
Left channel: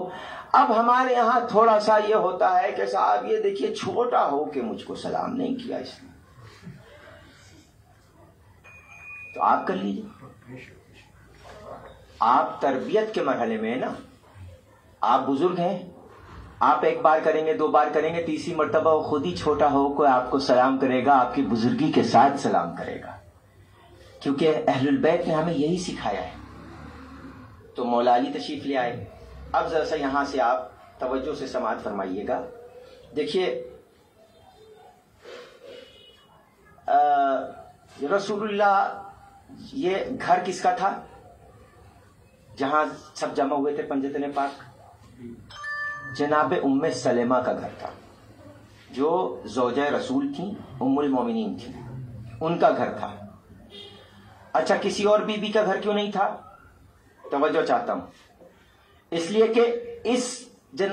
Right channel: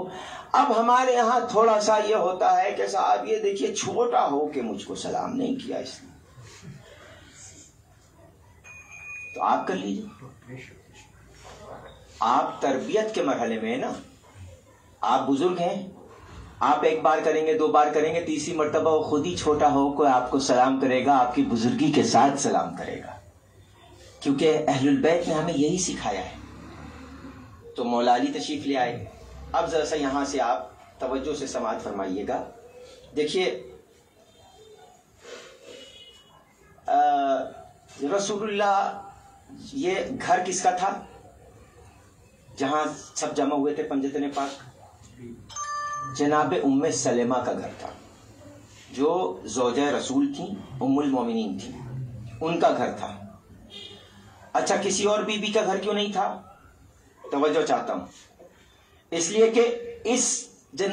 اب ہمارے یہاں تھوڑا سا یہ ہوتا ہے کہ صاحب یہ دیکھیے چھوٹا ہو کے مجھ کو سلام نہیں کیا اس نے، تو آپ کر لیجیے. آپ تربیت کے مرحلے میں ہیں نا، آپ بزرگ ہیں، آپ ایک بار کریں گے، 2 بار کریں گے، تیسری مرتبہ وہ خود ہی چھوٹا ہو کوئی آپ کو سلام کرے گا، آپ کی بزرگی کے ساتھ سلام کرے گا، کیونکہ اہل البیت نے ہمیں یہی سکھایا ہے۔ تو مولا علی تشریف لے آئے۔ اب ذرا سا یہاں سے آپ توجہ سے سماعت فرمائیے گا۔ دیکھیے رسول اللہ، یہ گھر کس کا تھا جہاں سب جمع ہوئے تھے پنجتن پاک؟ جناب ام سلمہ کا گھر تھا، جو زوجہ رسول تھیں، ام المومنین تھیں، ان کا گھر تھا۔ اچھا، کسی اور بی بی کا گھر کیوں نہیں تھا؟ توجہ چاہتا ہوں، اس لیے کہ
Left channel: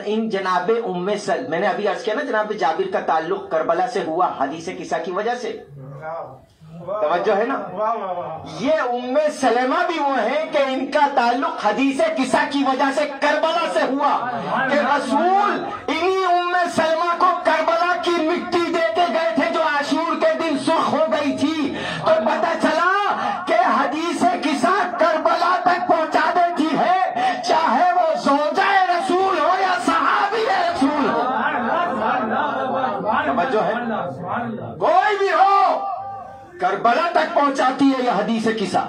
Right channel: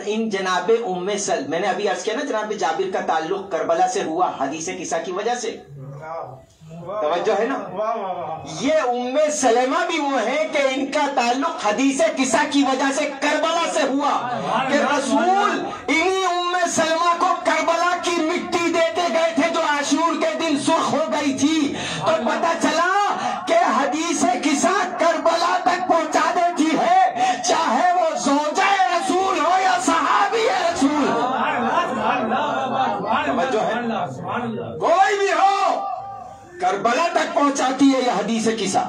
ان جناب ام سلمہ، میں نے ابھی عرض کیا نا جناب جابر کا تعلق کربلا سے ہوا حدیث قصہ کی وجہ سے، توجہ ہے نا؟ یہ ام سلمہ بھی وہ ہے کہ ان کا تعلق حدیث قصہ کی وجہ سے کربلا سے ہوا، کہ رسول انہی ام سلمہ کو کربلا کی مٹی دیتے گئے تھے جو عاشور کے دن سرخ ہو گئی تھی، تو پتہ چلا کہ حدیث قصہ کربلا تک پہنچا دیتی ہے، چاہے وہ زوجہ رسول ہو یا صحابی رسول ہو، توجہ ہے، کوئی بھی ہو کربلا تک پہنچاتی ہے یہ حدیث قصہ۔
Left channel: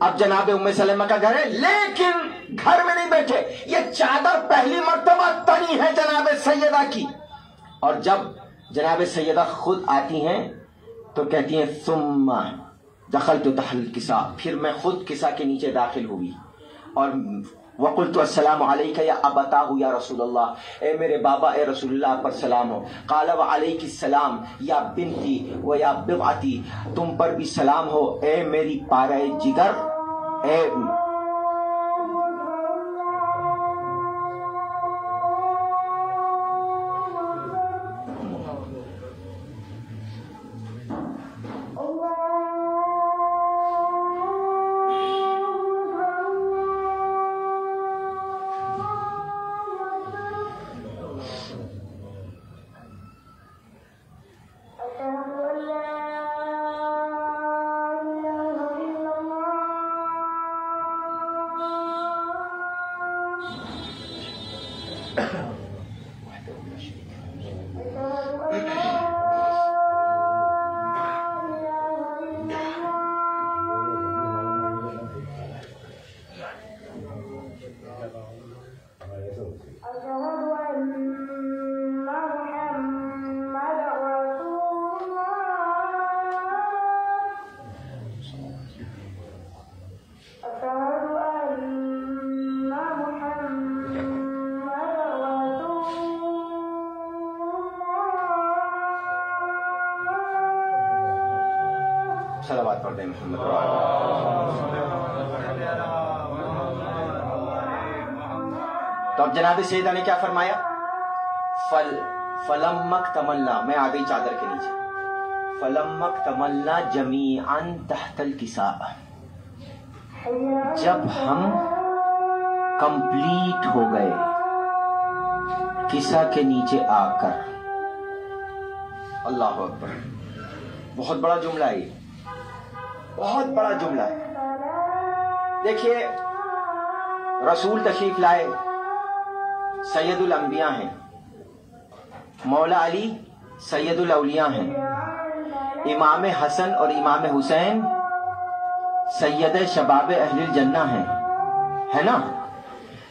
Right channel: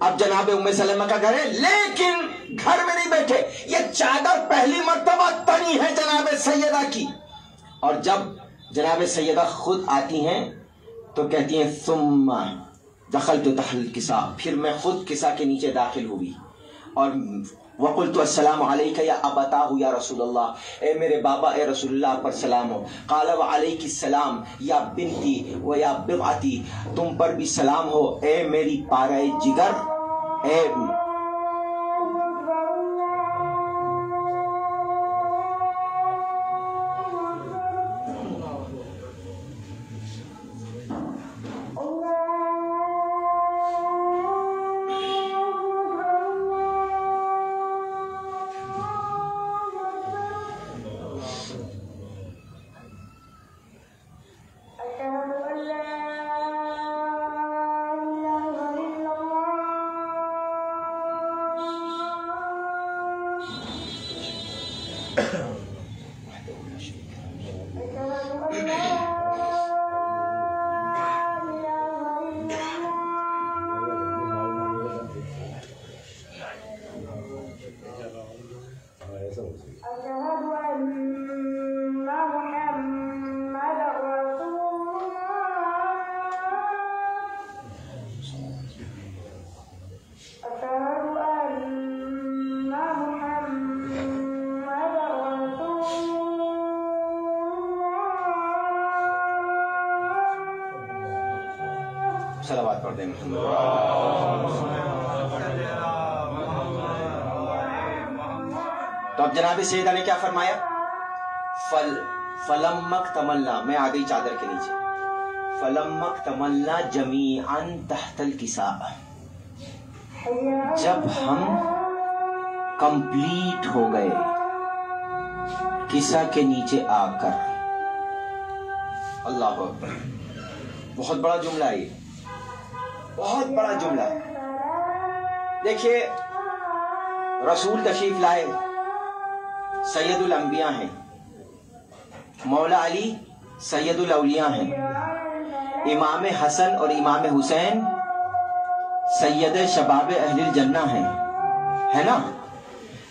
اب جناب ام سلمہ کا گھر ہے، لیکن گھر میں نہیں بیٹھے، یہ چادر پہلی مرتبہ تنی ہے جناب سیدہ کی، اور جب جناب سیدہ خود آتی ہیں تو کہتی ہیں ثم دخلت تحت الکساء، پھر میں خود کسا کے نیچے داخل ہوئی، اور وقلت السلام علیک یا ابتاہ یا رسول اللہ، اے میرے بابا، اے رسول اللہ پر سلام ہو۔ قال وعلیک السلام یا بنتی و یا بضعتی، تم پر بھی سلام ہو اے میری پارہ جگر، اے صلوات پڑھ دیں محمد۔ تو اب جناب سیدہ نے کیا فرمایا؟ فلما اکتملنا، میں آ گئی چادر کے نیچے، فلما اکتملنا جمیعا تحت الکساء، جب ہم کمپلیٹ ہو گئے کسا کے نیچے آ کر، اللہ اکبر، بہت بڑا جملہ ہے یہ، بہت بڑا جملہ ہے۔ دیکھیے رسول تشریف لائے، سید الانبیاء ہیں، مولا علی سید الاولیاء ہیں، امام حسن اور امام حسین سید شباب اہل الجنہ ہیں، ہے نا؟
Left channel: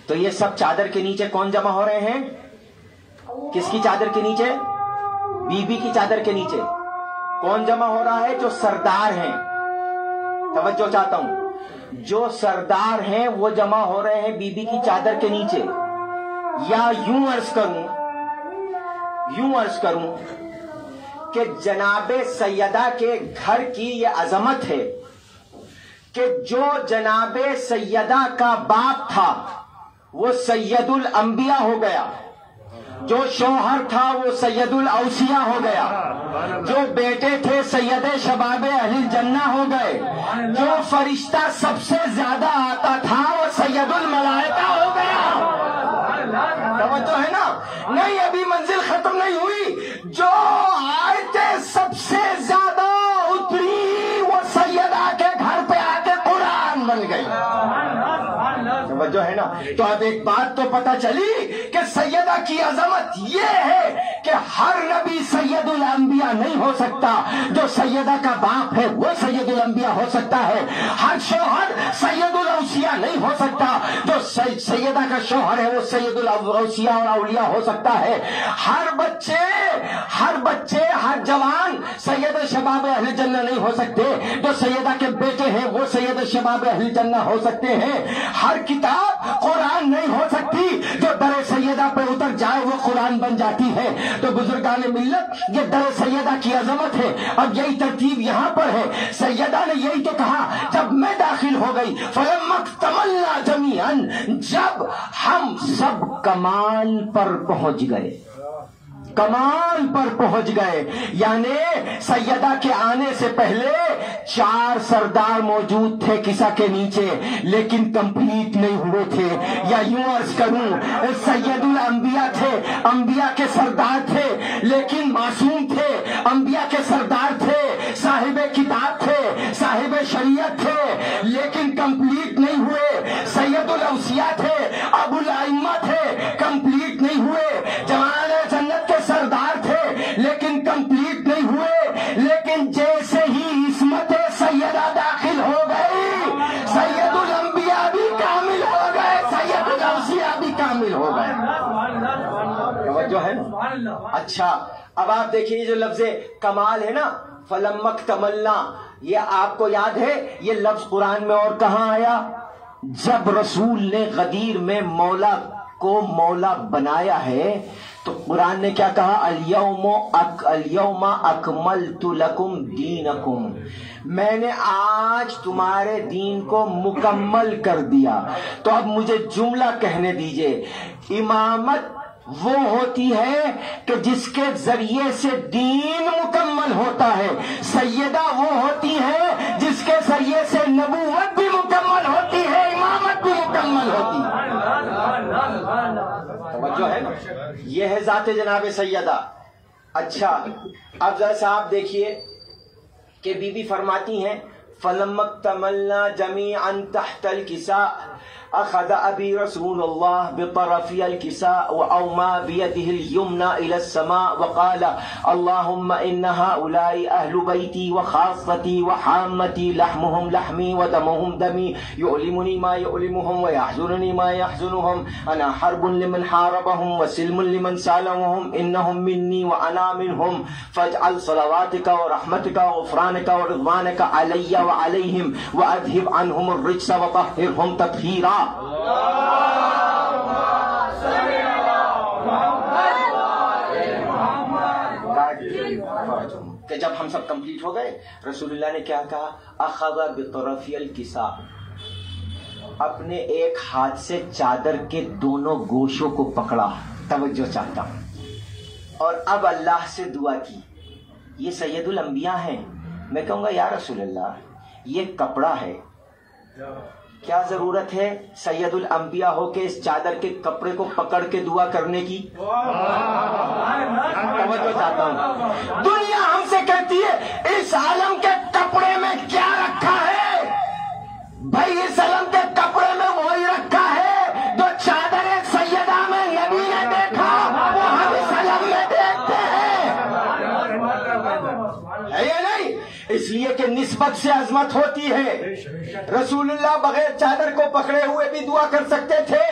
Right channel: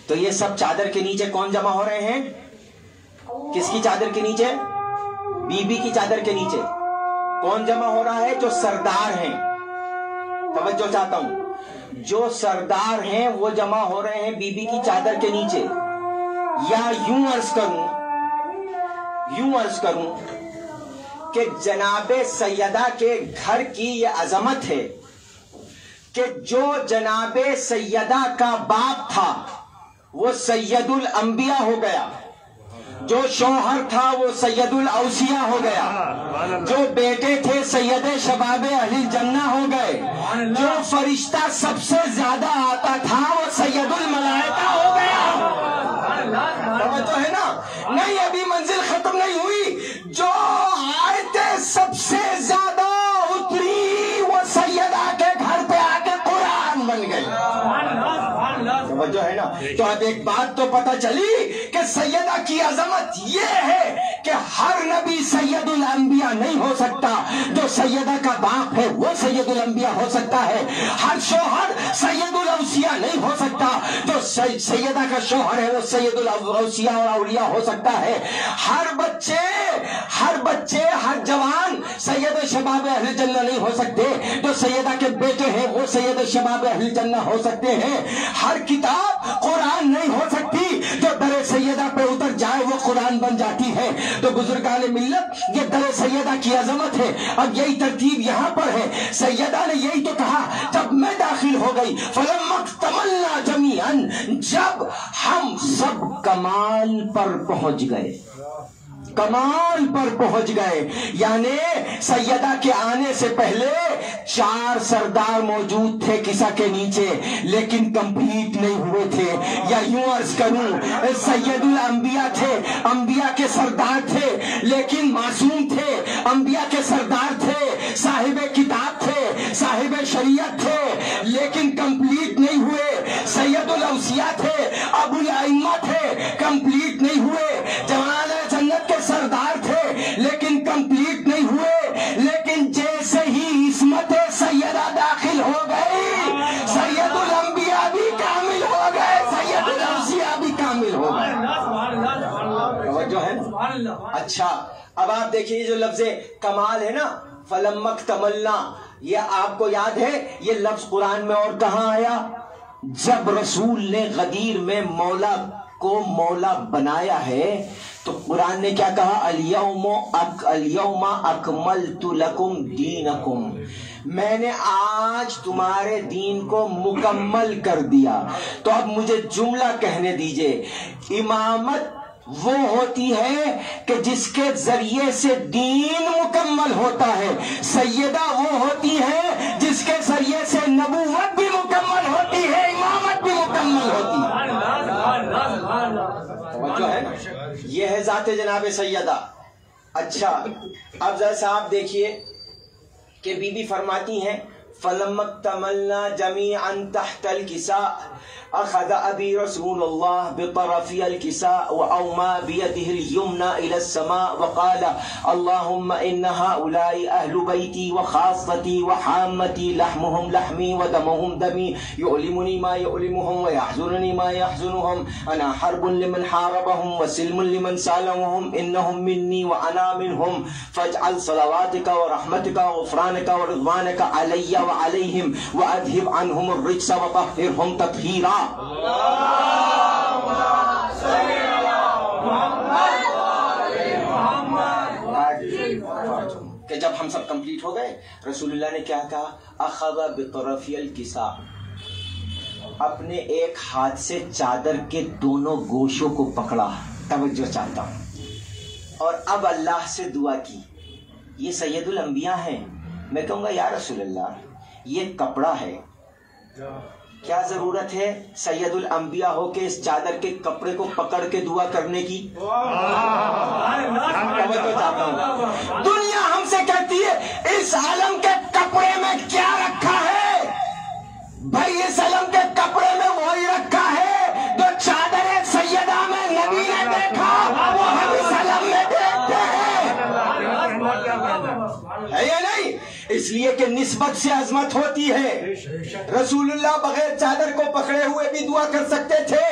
تو یہ سب چادر کے نیچے کون جمع ہو رہے ہیں؟ کس کی چادر کے نیچے؟ بی بی کی چادر کے نیچے کون جمع ہو رہا ہے؟ جو سردار ہیں، توجہ چاہتا ہوں، جو سردار ہیں وہ جمع ہو رہے ہیں بی بی کی چادر کے نیچے۔ یا یوں عرض کروں کہ جناب سیدہ کے گھر کی یہ عظمت ہے کہ جو جناب سیدہ کا باپ تھا وہ سید الانبیاء ہو گیا، جو شوہر تھا وہ سید الاوصیاء ہو گیا، جو بیٹے تھے سید شباب اہل الجنہ ہو گئے، جو فرشتہ سب سے زیادہ آتا تھا وہ سید الملائکہ ہو گیا۔ توجہ ہے نا؟ نہیں، ابھی منزل ختم نہیں ہوئی، جو آیتیں سب سے زیادہ اتری وہ سیدہ کے گھر پہ آ کے قرآن بن گئی۔ توجہ ہے نا. تو اب ایک بات تو پتہ چلی کہ سیدہ کی عظمت یہ ہے کہ ہر نبی سید الانبیاء نہیں ہو سکتا. جو سیدہ کا باپ ہے وہ سید الانبیاء ہو سکتا ہے. ہر شوہر سید الاوصیاء نہیں ہو سکتا. جو سیدہ کا شوہر ہے وہ سید الاوصیاء اور اولیاء ہو سکتا ہے. ہر بچے ہر جوان سید شباب اہل جنہ نہیں ہو سکتے. جو سیدہ کے بیٹے ہیں وہ سید شباب اہل جنہ ہو سکتے ہیں. ہر کتاب قرآن نہیں ہو سکتی. جو در سیدہ پہ اتر جائے وہ قرآن بن جاتی ہے. تو بزرگان ملت یہ در سیدہ کی عظمت ہے. اب یہی ترتیب یہاں پر ہے. سیدہ نے یہی تو کہا جب میں داخل ہو گئی فَلَمَّا اكْتَمَلْنَا جَمِيعًا، جب ہم سب کمال پر پہنچ گئے. کمال پر پہنچ گئے یعنی سیدہ کے آنے سے پہلے 4 سردار موجود تھے کسا کے نیچے لیکن کمپلیٹ نہیں ہوئے تھے. یا یوں عرض کروں سید الانبیاء تھے، انبیاء کے سردار تھے لیکن معصوم تھے. انبیاء کے سردار تھے، صاحب کتاب تھے، صاحب شریعت تھے لیکن کمپلیٹ نہیں ہوئے. سید الاوصیاء تھے، ابو الائمہ تھے، کمپلیٹ نہیں ہوئے. جمال جنت کے سردار تھے لیکن کمپلیٹ نہیں ہوئے. لیکن جیسے ہی عصمت سیدہ داخل ہو گئی سید الانبیاء بھی کامل ہو گئے، سید الاوصیاء بھی کامل ہو گئے. جو ہے اچھا اب آپ دیکھیے جو لفظ کمال ہے نا فَلَمَّا اكْتَمَلْنَا، یہ آپ کو یاد ہے یہ لفظ قرآن میں اور کہاں آیا؟ جب رسول نے غدیر میں مولا کو مولا بنایا ہے تو قرآن نے کیا کہا؟ اليوم اکملت لکم دینکم، میں نے آج تمہارے دین کو مکمل کر دیا. تو اب مجھے جملہ کہنے دیجئے. امامت وہ ہوتی ہے کہ جس کے ذریعے سے دین مکمل ہوتا ہے. سیدہ وہ ہوتی ہے جس کے ذریعے سے نبوت بھی مکمل ہوتی ہے، امامت بھی مکمل ہوتی ہے. جو ہے یہ ہے ذات جناب سیدہ. اچھا اب ذرا صاحب دیکھیے کہ بی بی فرماتی ہیں فَلَمَّا اكْتَمَلْنَا جَمِيعًا تَحْتَ الْكِسَاءِ أخذ أبي رسول الله بطرفي الكساء وأومى بيده اليمنى إلى السماء وقال اللهم إن هؤلاء أهل بيتي وخاصتي وحامتي لحمهم لحمي ودمهم دمي يؤلمني ما يؤلمهم ويحزنني ما يحزنهم أنا حرب لمن حاربهم وسلم لمن سالمهم إنهم مني وأنا منهم فاجعل صلواتك ورحمتك وغفرانك ورضوانك علي وعليهم وأذهب عنهم الرجس وطهرهم تطهيرا. کہ جب ہم سب کمپلیٹ ہو گئے رسول اللہ نے کیا کہا؟ اخذ بطرفی الکساء، اپنے ایک ہاتھ سے چادر کے دونوں گوشوں کو پکڑا. توجہ چاہتا ہوں. اور اب اللہ سے دعا کی. یہ سید الانبیاء ہیں. میں کہوں گا یا رسول اللہ یہ کپڑا ہے، کیا ضرورت ہے سید الانبیاء ہو کے اس چادر کے کپڑے کو پکڑ کے دعا کرنے کی؟ دنیا ہم سے کہتی ہے اس عالم کے کپڑے میں کیا رکھا ہے؟ بھائی اس عالم کے کپڑے میں وہی رکھا ہے جو چادر سیدہ میں نبی نے دیکھا وہ ہم اس عالم میں دیکھتے ہیں. ہے یا نہیں؟ اس لیے کہ نسبت سے عظمت ہوتی ہے. رسول اللہ بغیر چادر کو پکڑے ہوئے بھی دعا کر سکتے تھے،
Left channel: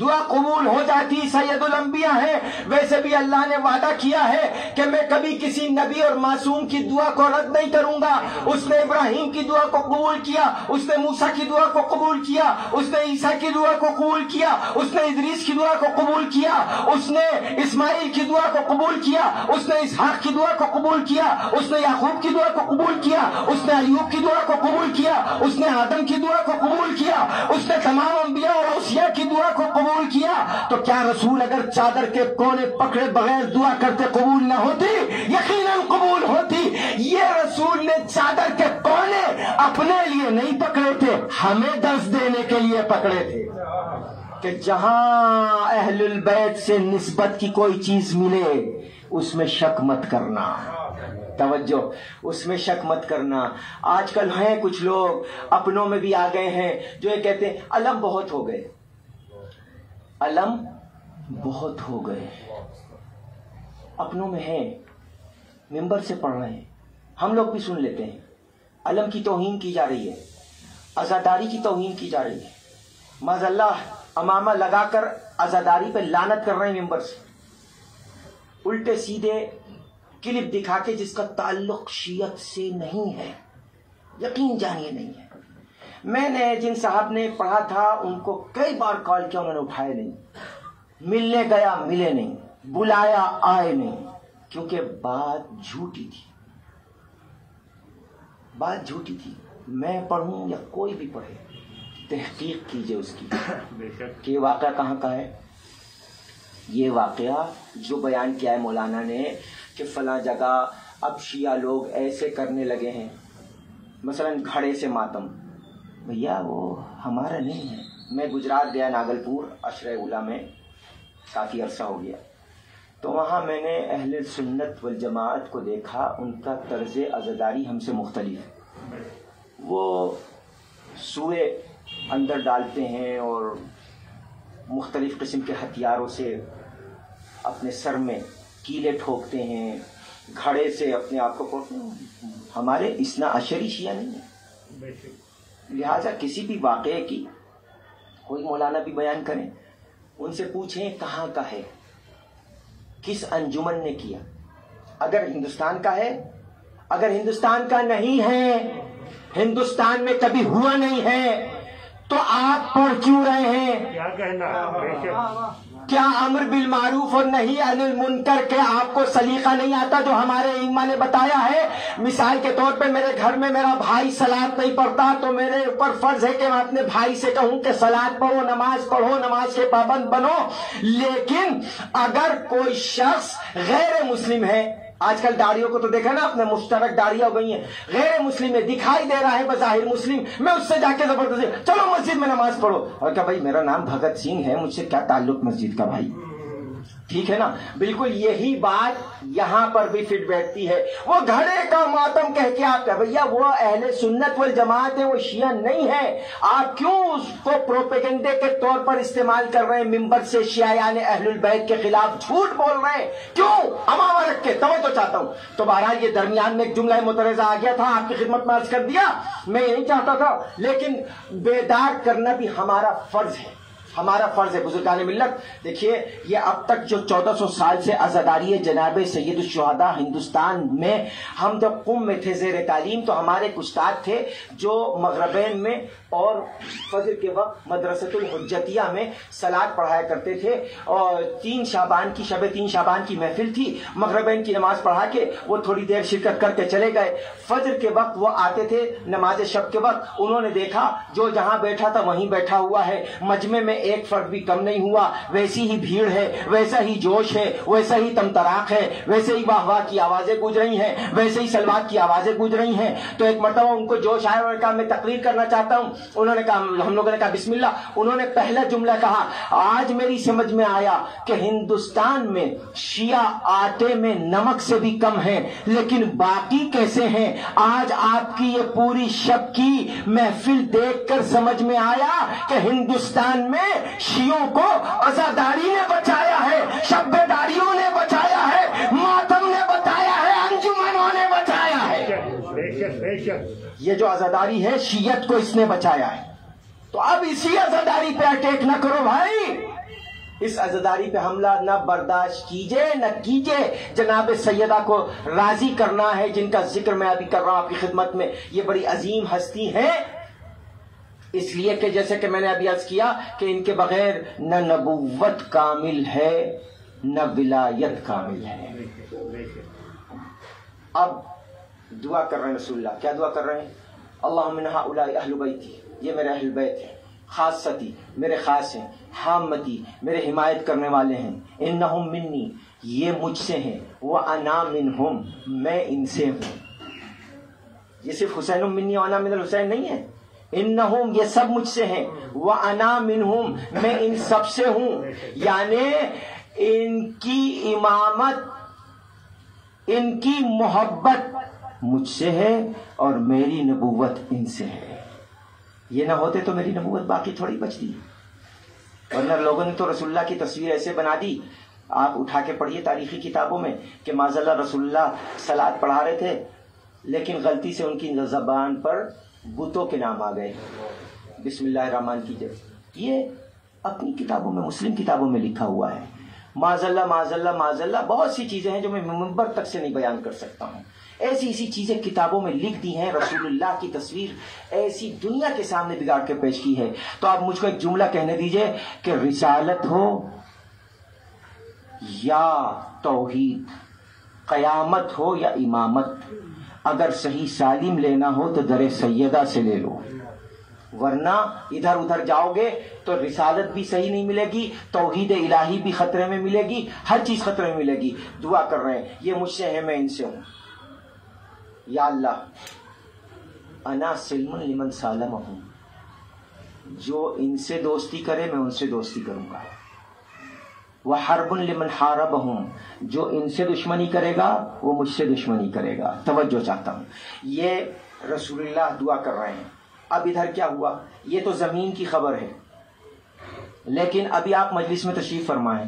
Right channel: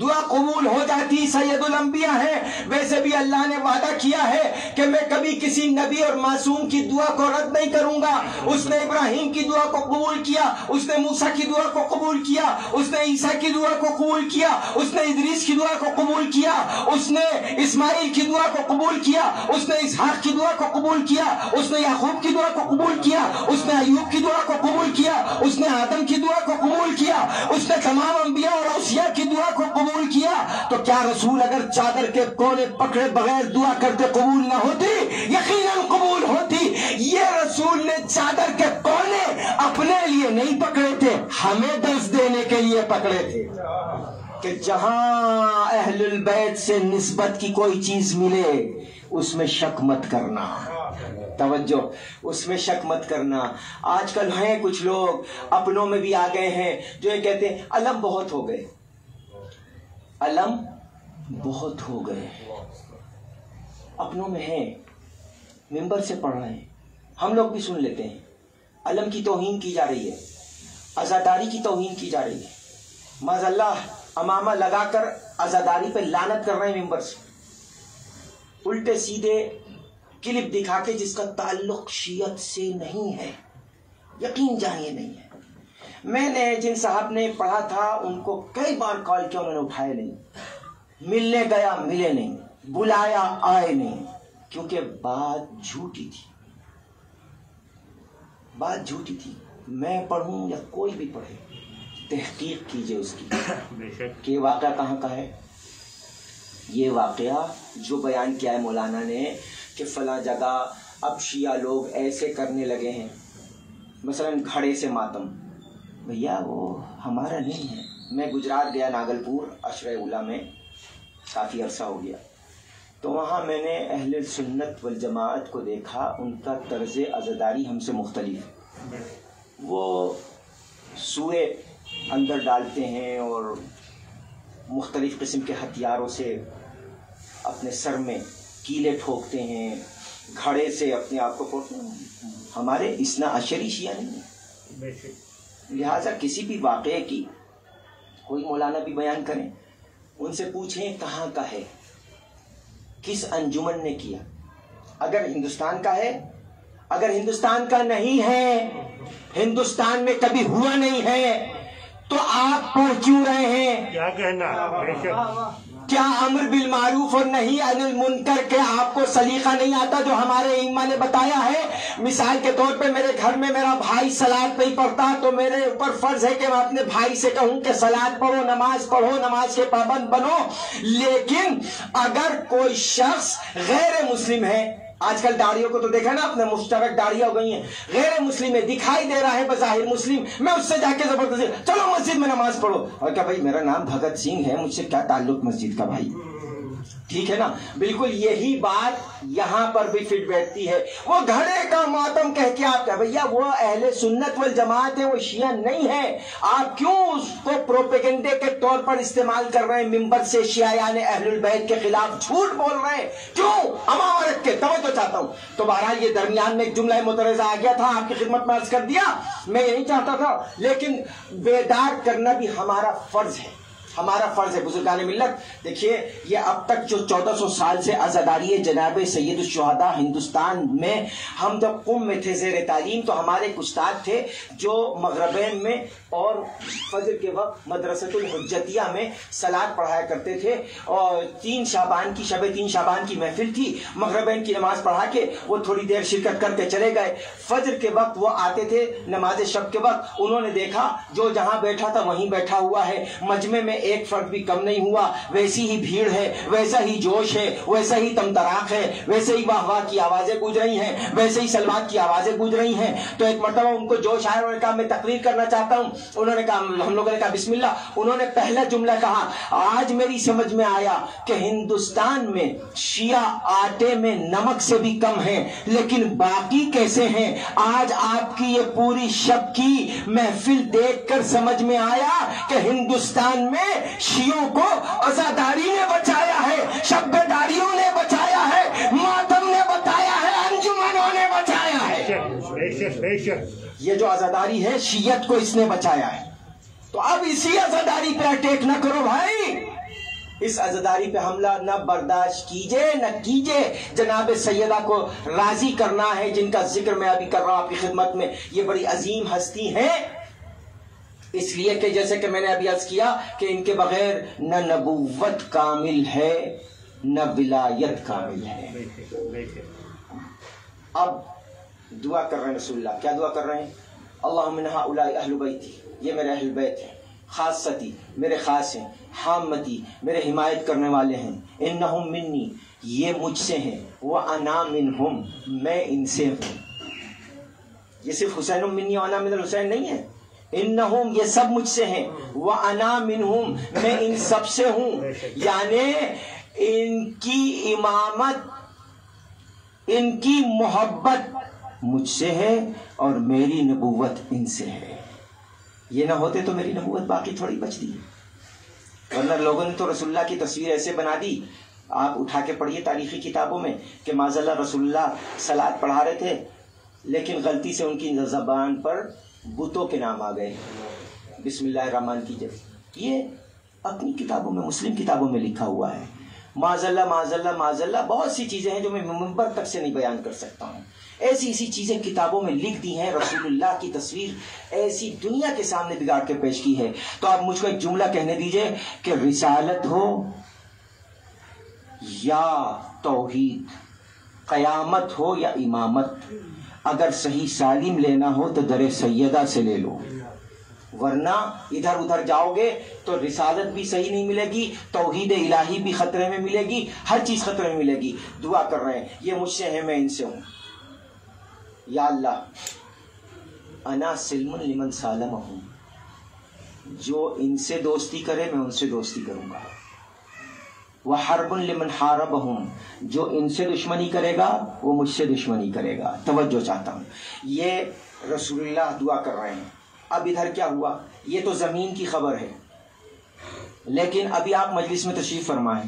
دعا قبول ہو جاتی. سید الانبیاء ہیں. ویسے بھی اللہ نے وعدہ کیا ہے کہ میں کبھی کسی نبی اور معصوم کی دعا کو رد نہیں کروں گا. اس نے ابراہیم کی دعا کو قبول کیا، اس نے موسیٰ کی دعا کو قبول کیا، اس نے عیسیٰ کی دعا کو قبول کیا، اس نے ادریس کی دعا کو قبول کیا، اس نے اسماعیل کی دعا کو قبول کیا، اس نے اسحاق کی دعا کو قبول کیا، اس نے یعقوب کی دعا کو قبول کیا، اس نے ایوب کی دعا کو قبول کیا، اس نے آدم کی دعا کو قبول کیا، اس نے تمام انبیاء اور اوصیاء کی دعا کو قبول کیا. تو کیا رسول اگر چادر کے کونے پکڑے بغیر دعا کرتے قبول نہ ہوتی؟ یقیناً قبول ہوتی. یہ رسول نے چادر کے کونے اپنے لیے نہیں پکڑے تھے، ہمیں درس دینے کے لیے پکڑے تھے کہ جہاں اہل البیت سے نسبت کی کوئی چیز ملے اس میں شک مت کرنا. توجہ، اس میں شک مت کرنا. آج کل ہیں کچھ لوگ اپنوں میں بھی آ گئے ہیں جو یہ کہتے ہیں علم بہت ہو گئے، علم بہت ہو گئے. اپنوں میں ہیں، ممبر سے پڑھ رہے ہیں، ہم لوگ بھی سن لیتے ہیں. علم کی توہین کی جا رہی ہے، عزاداری کی توہین کی جا رہی ہے. معاذ اللہ امامہ لگا کر عزاداری پہ لعنت کر رہے ہیں ممبر سے، الٹے سیدھے کلپ دکھا کے جس کا تعلق شیعت سے نہیں ہے. یقین جانیے نہیں ہے. میں نے جن صاحب نے پڑھا تھا ان کو کئی بار کال کیا، انہوں نے اٹھائے نہیں. ملنے گیا ملے نہیں، بلایا آئے نہیں، کیونکہ بات جھوٹی تھی. بات جھوٹی تھی. میں پڑھوں یا کوئی بھی پڑھے، تحقیق کیجئے اس کی کہ یہ واقعہ کہاں کا ہے. یہ واقعہ جو بیان کیا ہے مولانا نے کہ فلاں جگہ اب شیعہ لوگ ایسے کرنے لگے ہیں، مثلا گھڑے سے ماتم، بھیا وہ ہمارا نہیں ہے. میں گجرات گیا، ناگلپور عشرہ اولا میں کافی عرصہ ہو گیا، تو وہاں میں نے اہل سنت والجماعت کو دیکھا. ان کا طرز عزاداری ہم سے مختلف ہے. وہ سوئے اندر ڈالتے ہیں اور مختلف قسم کے ہتھیاروں سے اپنے سر میں کیلے ٹھوکتے ہیں، گھڑے سے اپنے آپ کو پھوڑتے ہیں. ہمارے اثنا عشری شیعہ نہیں ہے. لہٰذا کسی بھی واقعے کی کوئی مولانا بھی بیان کریں، ان سے پوچھیں کہاں کا ہے، کس انجمن نے کیا. اگر ہندوستان کا ہے، اگر ہندوستان کا نہیں ہے، ہندوستان میں کبھی ہوا نہیں ہے، تو آپ پڑھ کیوں رہے ہیں؟ کیا کہنا؟ کیا امر بالمعروف اور نہیں عن المنکر کے آپ کو سلیقہ نہیں آتا جو ہمارے ائمہ نے بتایا ہے؟ مثال کے طور پہ میرے گھر میں میرا بھائی صلاۃ نہیں پڑھتا تو میرے اوپر فرض ہے کہ میں اپنے بھائی سے کہوں کہ صلاۃ پڑھو، نماز کے پابند بنو. لیکن اگر کوئی شخص غیر مسلم ہے، آج کل داڑیوں کو تو دیکھا نا، اپنے مشترک داڑیاں ہو گئی ہیں، غیر مسلم میں دکھائی دے رہا ہے بظاہر مسلم، میں اس سے جا کے زبردستی چلو مسجد میں نماز پڑھو. اور کیا بھائی میرا نام بھگت سنگھ ہے، مجھ سے کیا تعلق مسجد کا بھائی؟ ٹھیک ہے نا. بالکل یہی بات یہاں پر بھی فٹ بیٹھتی ہے. وہ گھڑے کا ماتم کہہ کے آپ کا بھیا وہ اہل سنت والجماعت ہے، وہ شیعہ نہیں ہے. آپ کیوں اس کو پروپیگنڈے کے طور پر استعمال کر رہے ہیں؟ ممبر سے شیعیان اہل البیت کے خلاف جھوٹ بول رہے ہیں. کیوں؟ امامہ رکھ کے توجہ چاہتا ہوں. تو بہرحال یہ درمیان میں ایک جملہ مترجہ آ گیا تھا، آپ کی خدمت میں عرض کر دیا. میں یہ نہیں چاہتا تھا، لیکن بیدار کرنا بھی ہمارا فرض ہے، ہمارا فرض ہے. بزرگان ملت دیکھیے، یہ اب تک جو 1400 سال سے عزاداری جناب سید الشہداء ہندوستان میں، ہم جب قم میں تھے زیر تعلیم تو ہمارے ایک استاد تھے جو مغربین میں اور فجر کے وقت مدرسۃ الحجتیہ میں صلاۃ پڑھایا کرتے تھے. اور 3 شعبان کی شب 3 شعبان کی محفل تھی، مغربین کی نماز پڑھا کے وہ تھوڑی دیر شرکت کر کے چلے گئے. فجر کے وقت وہ آتے تھے، نماز شب کے وقت انہوں نے دیکھا جو جہاں بیٹھا تھا وہیں بیٹھا ہوا ہے، مجمع میں ایک فرد بھی کم نہیں ہوا. ویسی ہی بھیڑ ہے، ویسا ہی جوش ہے، ویسا ہی تمتراق ہے، ویسے ہی واہ واہ کی آوازیں گونج رہی ہیں، ویسے ہی سلوات کی آوازیں گونج رہی ہیں. تو ایک مرتبہ ان کو جوش آیا، انہوں نے کہا میں تقریر کرنا چاہتا ہوں. انہوں نے کہا، ہم لوگوں نے کہا بسم اللہ. انہوں نے پہلا جملہ کہا، آج میری سمجھ میں آیا کہ ہندوستان میں شیعہ آٹے میں نمک سے بھی کم ہیں، لیکن باقی کیسے ہیں؟ آج آپ کی یہ پوری شب کی محفل دیکھ کر سمجھ میں آیا کہ ہندوستان میں شیعوں کو عزاداری نے بچایا ہے، شب بیداریوں نے بچایا ہے، ماتم نے بتایا ہے، انجمنوں نے بچایا ہے. یہ جو عزاداری ہے شیعت کو اس نے بچایا ہے. تو اب اسی عزاداری پہ اٹیک نہ کرو بھائی، اس عزاداری پہ حملہ نہ برداشت کیجئے نہ کیجئے. جناب سیدہ کو راضی کرنا ہے، جن کا ذکر میں ابھی کر رہا ہوں آپ کی خدمت میں. یہ بڑی عظیم ہستی ہے، اس لیے کہ جیسے کہ میں نے ابھی عرض کیا کہ ان کے بغیر نہ نبوت کامل ہے نہ ولایت کامل ہے. اب دعا کر رہے ہیں رسول اللہ، کیا دعا کر رہے ہیں؟ اللہم من ہؤلاء اہل بیتی، یہ میرے اہل بیت ہیں، خاصتی میرے خاص ہیں، حامتی میرے حمایت کرنے والے ہیں، انہم منی یہ مجھ سے ہیں، وانا منہم میں ان سے ہوں. یہ صرف حسین منی وانا من الحسین نہیں ہے، انہم یہ سب مجھ سے ہیں، وانا منہم میں ان سب سے ہوں. یعنی ان کی امامت ان کی محبت مجھ سے ہے اور میری نبوت ان سے ہے. یہ نہ ہوتے تو میری نبوت باقی تھوڑی بچتی. ورنہ لوگوں نے تو رسول اللہ کی تصویر ایسے بنا دی, آپ اٹھا کے پڑھیے تاریخی کتابوں میں کہ معاذ اللہ رسول اللہ صلاۃ پڑھا رہے تھے لیکن غلطی سے ان کی زبان پر بتوں کے نام آ گئے بسم اللہ الرحمن کی جگہ. یہ اپنی کتابوں میں, مسلم کتابوں میں لکھا ہوا ہے. معاذ اللہ معاذ اللہ معاذ اللہ, بہت سی چیزیں ہیں جو میں منبر تک سے نہیں بیان کر سکتا ہوں. ایسی چیزیں کتابوں میں لکھ دی ہیں. رسول اللہ کی تصویر ایسی دنیا کے سامنے بگاڑ کے پیش کی ہے. تو آپ مجھ کو ایک جملہ کہنے دیجئے کہ رسالت ہو یا توحید, قیامت ہو یا امامت, اگر صحیح سالم لینا ہو تو در سیدہ سے لے لو, ورنہ ادھر ادھر جاؤ گے تو رسالت بھی صحیح نہیں ملے گی, توحید الہی بھی خطرے میں ملے گی, ہر چیز خطرے میں ملے گی. دعا کر رہے ہیں یہ مجھ سے ہے, میں ان سے ہوں. یا اللہ انا سلم لمن سالم ہوں, جو ان سے دوستی کرے میں ان سے دوستی کروں گا. وحرب لمن حاربہم, جو ان سے دشمنی کرے گا وہ مجھ سے دشمنی کرے گا. توجہ چاہتا ہوں, یہ رسول اللہ دعا کر رہے ہیں. اب ادھر کیا ہوا, یہ تو زمین کی خبر ہے, لیکن ابھی آپ مجلس میں تشریف فرمائیں.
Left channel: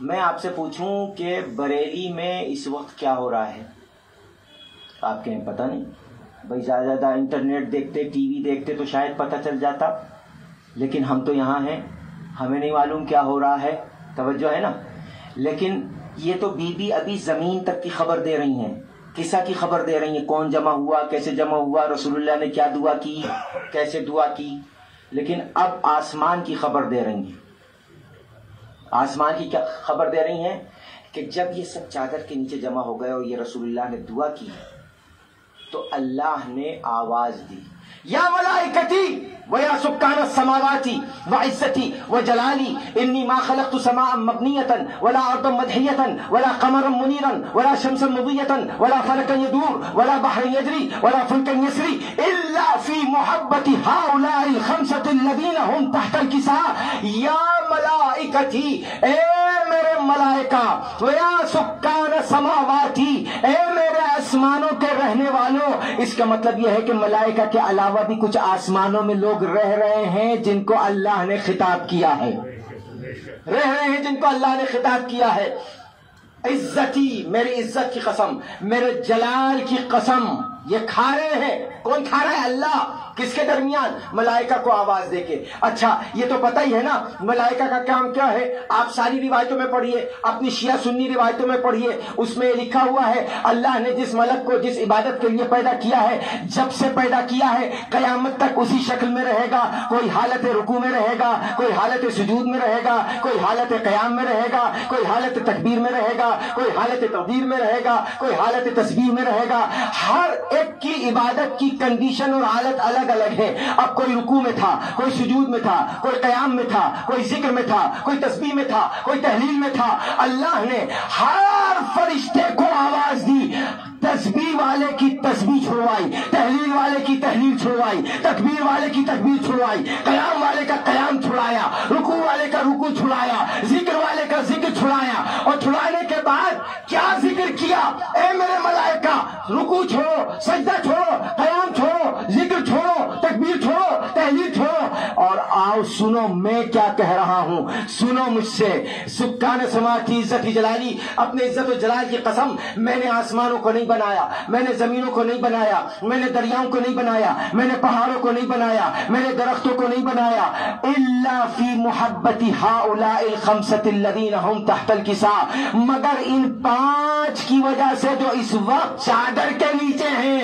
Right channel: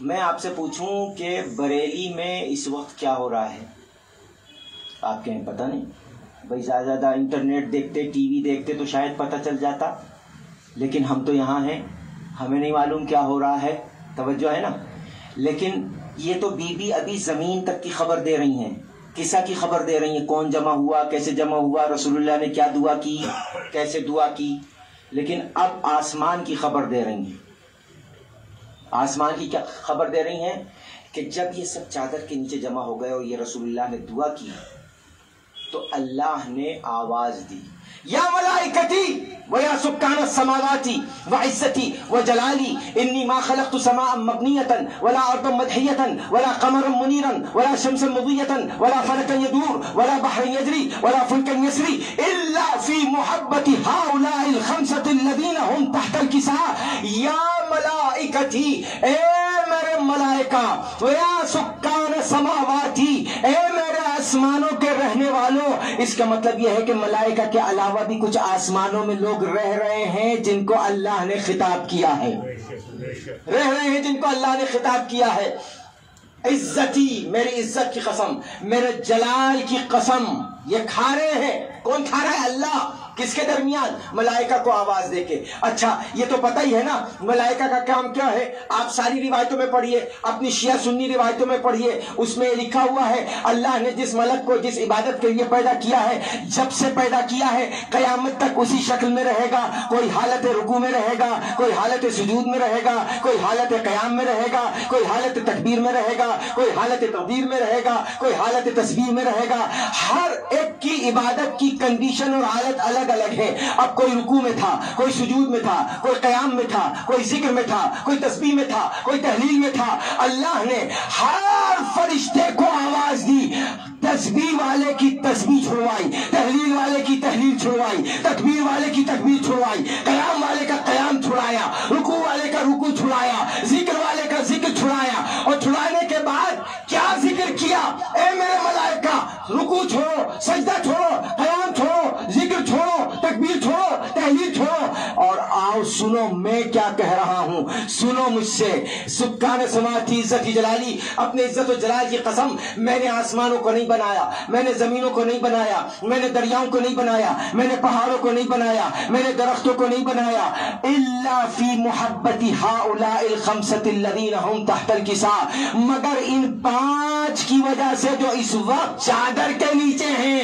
میں آپ سے پوچھوں کہ بریلی میں اس وقت کیا ہو رہا ہے, آپ کے پتہ نہیں بھائی. زیادہ انٹرنیٹ دیکھتے, ٹی وی دیکھتے تو شاید پتہ چل جاتا, لیکن ہم تو یہاں ہیں, ہمیں نہیں معلوم کیا ہو رہا ہے. توجہ ہے نا. لیکن یہ تو بی بی ابھی زمین تک کی خبر دے رہی ہیں, قصہ کی خبر دے رہی ہیں, کون جمع ہوا, کیسے جمع ہوا, رسول اللہ نے کیا دعا کی, کیسے دعا کی. لیکن اب آسمان کی خبر دے رہی ہیں. آسمان کی کیا خبر دے رہی ہیں کہ جب یہ سب چادر کے نیچے جمع ہو گئے اور یہ رسول اللہ نے دعا کی تو اللہ نے آواز دی, یا ملائکتی ویا سکان السماواتی وعزتی وجلالی انی ما خلقت سماء مبنیتا ولا ارضا مدحیتا ولا قمرا منیرا ولا شمسا مضیتا ولا فلکا یدور ولا بحر یجری ولا فلکا یسری الا فی محبت هؤلاء الخمسة الذین هم تحت الکساء. یا ملائکتی, اے میرے ملائکہ, ویا سکان السماواتی, اے میرے آسمانوں کے رہنے والوں. اس کا مطلب یہ ہے کہ ملائکہ کے علاوہ بھی کچھ آسمانوں میں لوگ رہ رہے ہیں جن کو اللہ نے خطاب کیا ہے, رہ رہے ہیں جن کو اللہ نے خطاب کیا ہے. عزتی, میری عزت کی قسم, میرے جلال کی قسم, یہ کھا رہے ہیں. کون کھا رہا ہے؟ اللہ. کس کے درمیان؟ ملائکہ کو آواز دے کے. اچھا یہ تو پتہ ہی ہے نا ملائکہ کا کام کیا ہے. آپ ساری روایتوں میں پڑھیے, اپنی شیعہ سنی روایتوں میں پڑھیے, اس میں یہ لکھا ہوا ہے اللہ نے جس ملک کو جس عبادت کے لیے پیدا کیا ہے, جب سے پیدا کیا ہے قیامت تک اسی شکل میں رہے گا. کوئی حالت رکوع میں رہے گا, کوئی حالت سجود میں رہے گا, کوئی حالت قیام میں رہے گا, کوئی حالت تکبیر میں رہے گا, کوئی حالت تقدیر میں رہے گا, کوئی حالت تسبیح میں رہے گا. ہر ایک کی عبادت کی کنڈیشن اور حالت الگ الگ ہے. اب کوئی رکوع میں تھا, کوئی سجود میں تھا, کوئی قیام میں تھا, کوئی ذکر میں تھا, کوئی تسبیح میں تھا, کوئی تحلیل میں تھا. اللہ نے ہر فرشتے کو آواز دی, تسبیح والے کی تسبیح چھڑوائی, تحلیل والے کی تحلیل چھڑوائی, تکبیر والے کی تکبیر چھڑوائی, قیام والے کا قیام چھڑایا, رکوع والے کا رکوع چھڑایا, ذکر والے کا ذکر چھڑایا. اور چھڑانے کے بعد کیا ذکر کیا؟ اے میرے ملائکہ, رکوع چھوڑو, سجدہ چھوڑو, قیام چھوڑو, ذکر چھوڑو, تکبیر چھوڑو, تحلیل چھوڑو, اور آؤ سنو میں کیا کہہ رہا ہوں. سنو مجھ سے. سکان سماواتی عزت جلالی, اپنے عزت و جلال کی قسم, میں نے آسمانوں کو نہیں بنایا, میں نے زمینوں کو نہیں بنایا, میں نے دریاؤں کو نہیں بنایا, میں نے پہاڑوں کو نہیں بنایا, میں نے درختوں کو نہیں بنایا. الا فی محبت ہؤلاء الخمسۃ الذین هم تحت الکساء, مگر ان 5 کی وجہ سے جو اس وقت چادر کے نیچے ہیں.